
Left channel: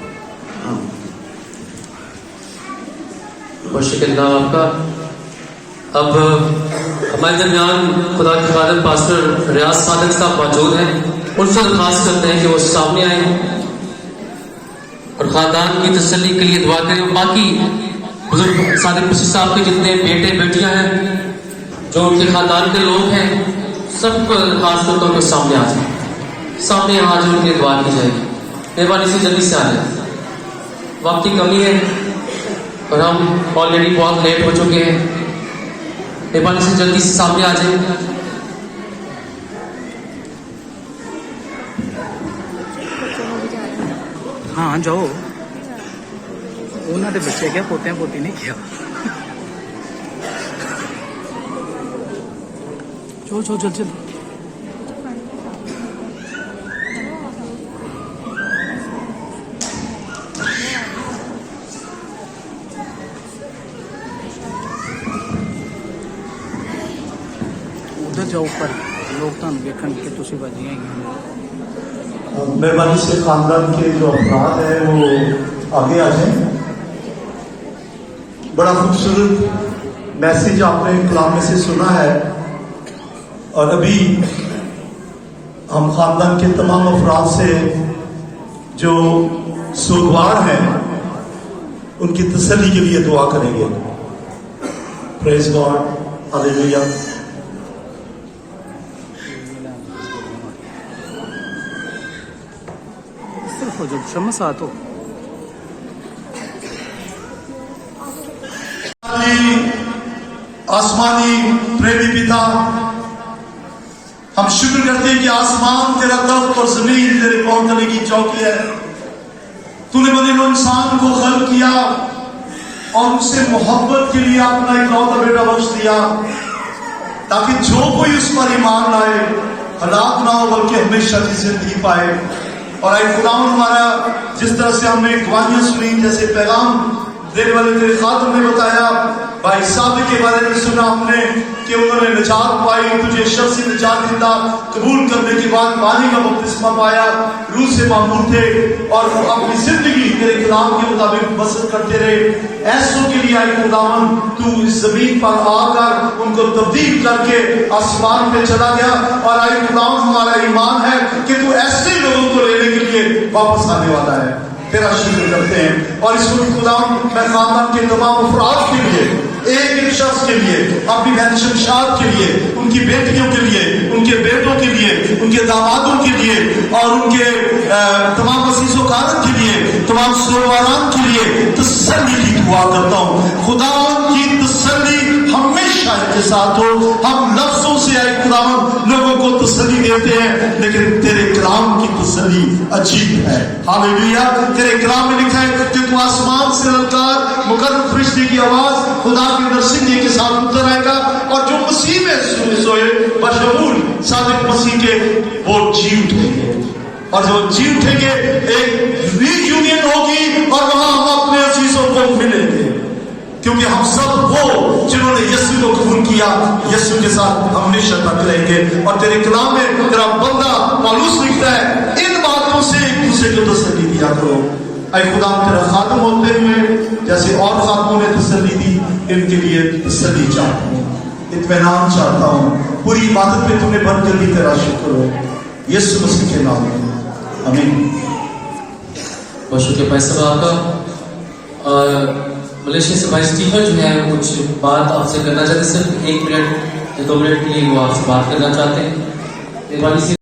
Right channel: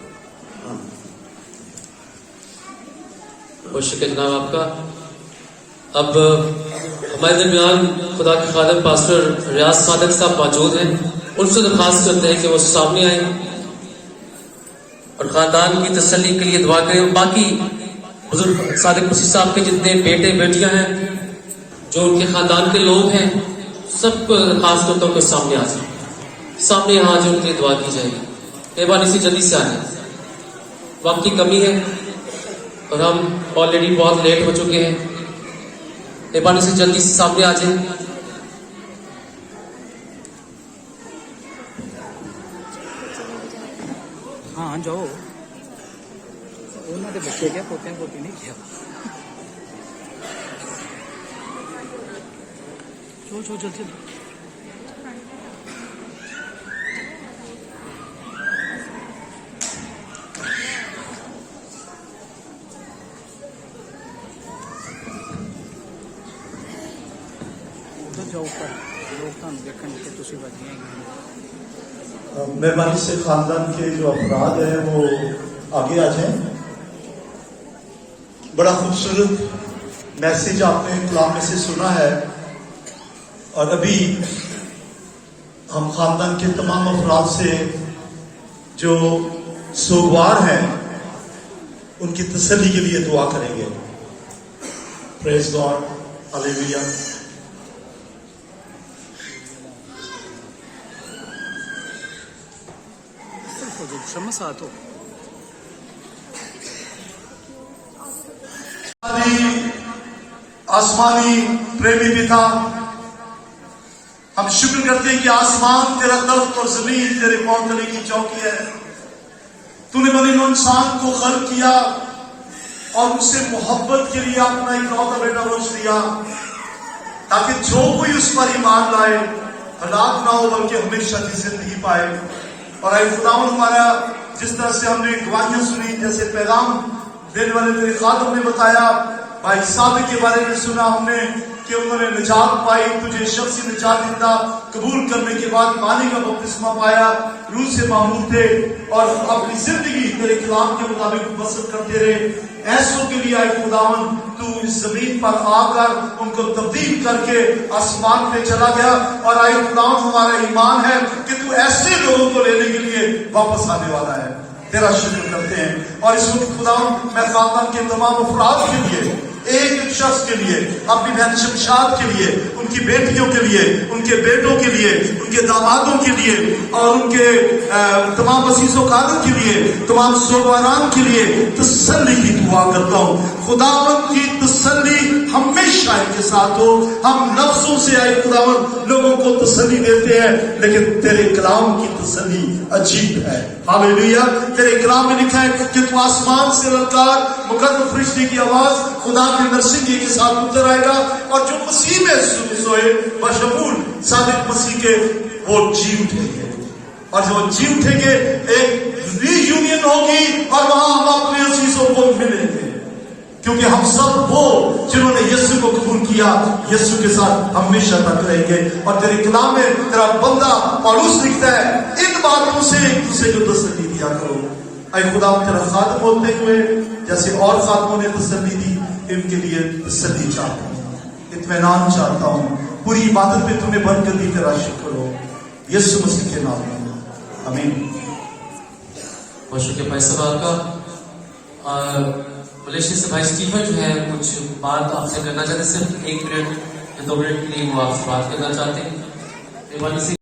बहुत शुक्रिया जनाब आपका। अब हमारे दरमियान खुदा के खादिम पास्टर रियाज सादिक साहब मौजूद हैं। उनसे दरख्वास्त करते हैं कि वो सामने आए और खानदान की तसल्ली के लिए दुआ करें। बाकी बुजुर्ग सादिक मसीह साहब के जितने बेटे बेटियां हैं, जो उनके खानदान के लोग हैं, सबको दरख्वास्त करता हूँ कि सामने आ जाए, सामने यहाँ जो उनकी दुआ की जाएगी। मेहरबानी से जल्दी से आ जाए, वक्त की कमी है और हम ऑलरेडी बहुत लेट हो चुके हैं। मेहरबानी से जल्दी से सामने आ जाए। हाँ जाओ, उन्होंने बच्चे क्या पोते पोती नहीं किया। चलो चलो चल चल। उधर जाओ ऊपर, लोग तो देखने के तुम बजिया ही। मेहरबानी से खानदान के जो अफराद हैं वो आगे आ जाएं। बड़ा खूबसूरत मैसेज आपने कलाम में से सुना है और अभी हम खानदान के तमाम अफराद से जो सोगवार हैं उनकी तसल्ली के लिए दुआ करेंगे। Praise God, hallelujah. जो शम्स आतो आसमानी प्रेमी पिता, हम शुक्र करते हैं कि आसमान तेरा तख्त और जमीन तेरे कौम तले की चौकी है। तूने बने इंसान को खल्क किया और उससे मोहब्बत के लिए अपना इकलौता बेटा बख्श दिया, ताकि जो कोई उस पर ईमान लाए हलाक ना हो बल्कि हमेशा की जिंदगी पाए। और आई खुदावन हमारा, जिस तरह से हमने गवाहियां सुनी, जैसे पैगाम देने वाले तेरे खादिम ने बताया, भाई साबिक के बारे में सुना हमने कि उन्होंने निजात पाई, तुझे शख्सी निजात दिया, कबूल करने के बाद पानी का बपतिस्मा पाया, रूह से मामूर थे और अपनी जिंदगी तेरे कलाम के मुताबिक बसर करते रहे। ऐसों के लिए आई खुदावन तू इस जमीन पर आकर उनको तब्दील करके आसमान पे चला गया। और आई खुदावन हमारा ईमान है कि तू ऐसे लोगों को लेने के लिए वापस आने वाला है। तेरा शुक्र करते हैं। और इस वक्त खुदावन मैं खानदान के तमाम अफराद के लिए, एक एक शख्स के लिए, अपनी बहन शमशाद के लिए, उनकी बेटियों के लिए, उनके बेटों के लिए, उनके दामादों के लिए और उनके तमाम अजीज़ो कारन के लिए, तमाम सोवारान के लिए तसल्ली की दुआ करता हूँ। खुदावन की तसल्ली हमेशा इनके साथ हो। हम लफ्जों से आई खुदावन लोगों को तसल्ली देते हैं, लेकिन तेरे कलाम की तसल्ली अजीब है। हालेलुया। तेरे कलाम में लिखा है कि तू आसमान से ललकार मुकर्रम फरिश्ते की आवाज खुदा के नरसिंगे के साथ उतर आएगा और जो मसीह में सोए बशमूल सादिक मसीह के वो जी उठेंगे। और जो जी उठेंगे एक रीयूनियन होगी और वहां हम अपने अजीजों को मिलेंगे, क्योंकि हम सब वो जिन्होंने यीशु को कबूल किया यीशु के साथ हमेशा तक रहेंगे। और तेरे कलाम में तेरा बंदा पौलुस लिखता है, इन बातों से एक दूसरे को तसल्ली दिया करो। ऐ खुदा तेरा खात्म होते हुए जैसे और खात्मों ने तसल्ली दी, इनके लिए तसल्ली चाहता हूँ, इत्मीनान चाहता हूँ। पूरी इबादत पे तुम्हें बंद कर दी, तेरा शुक्र हो यीशु मसीह के नाम में, आमीन। बहुत शुक्रिया भाई साहब आपका। मलेशिया से भाई स्टीफन जो है कुछ बात आपसे करना चाहते हैं, सिर्फ 1 मिनट या 2 मिनट के लिए वो आपसे बात करना चाहते हैं।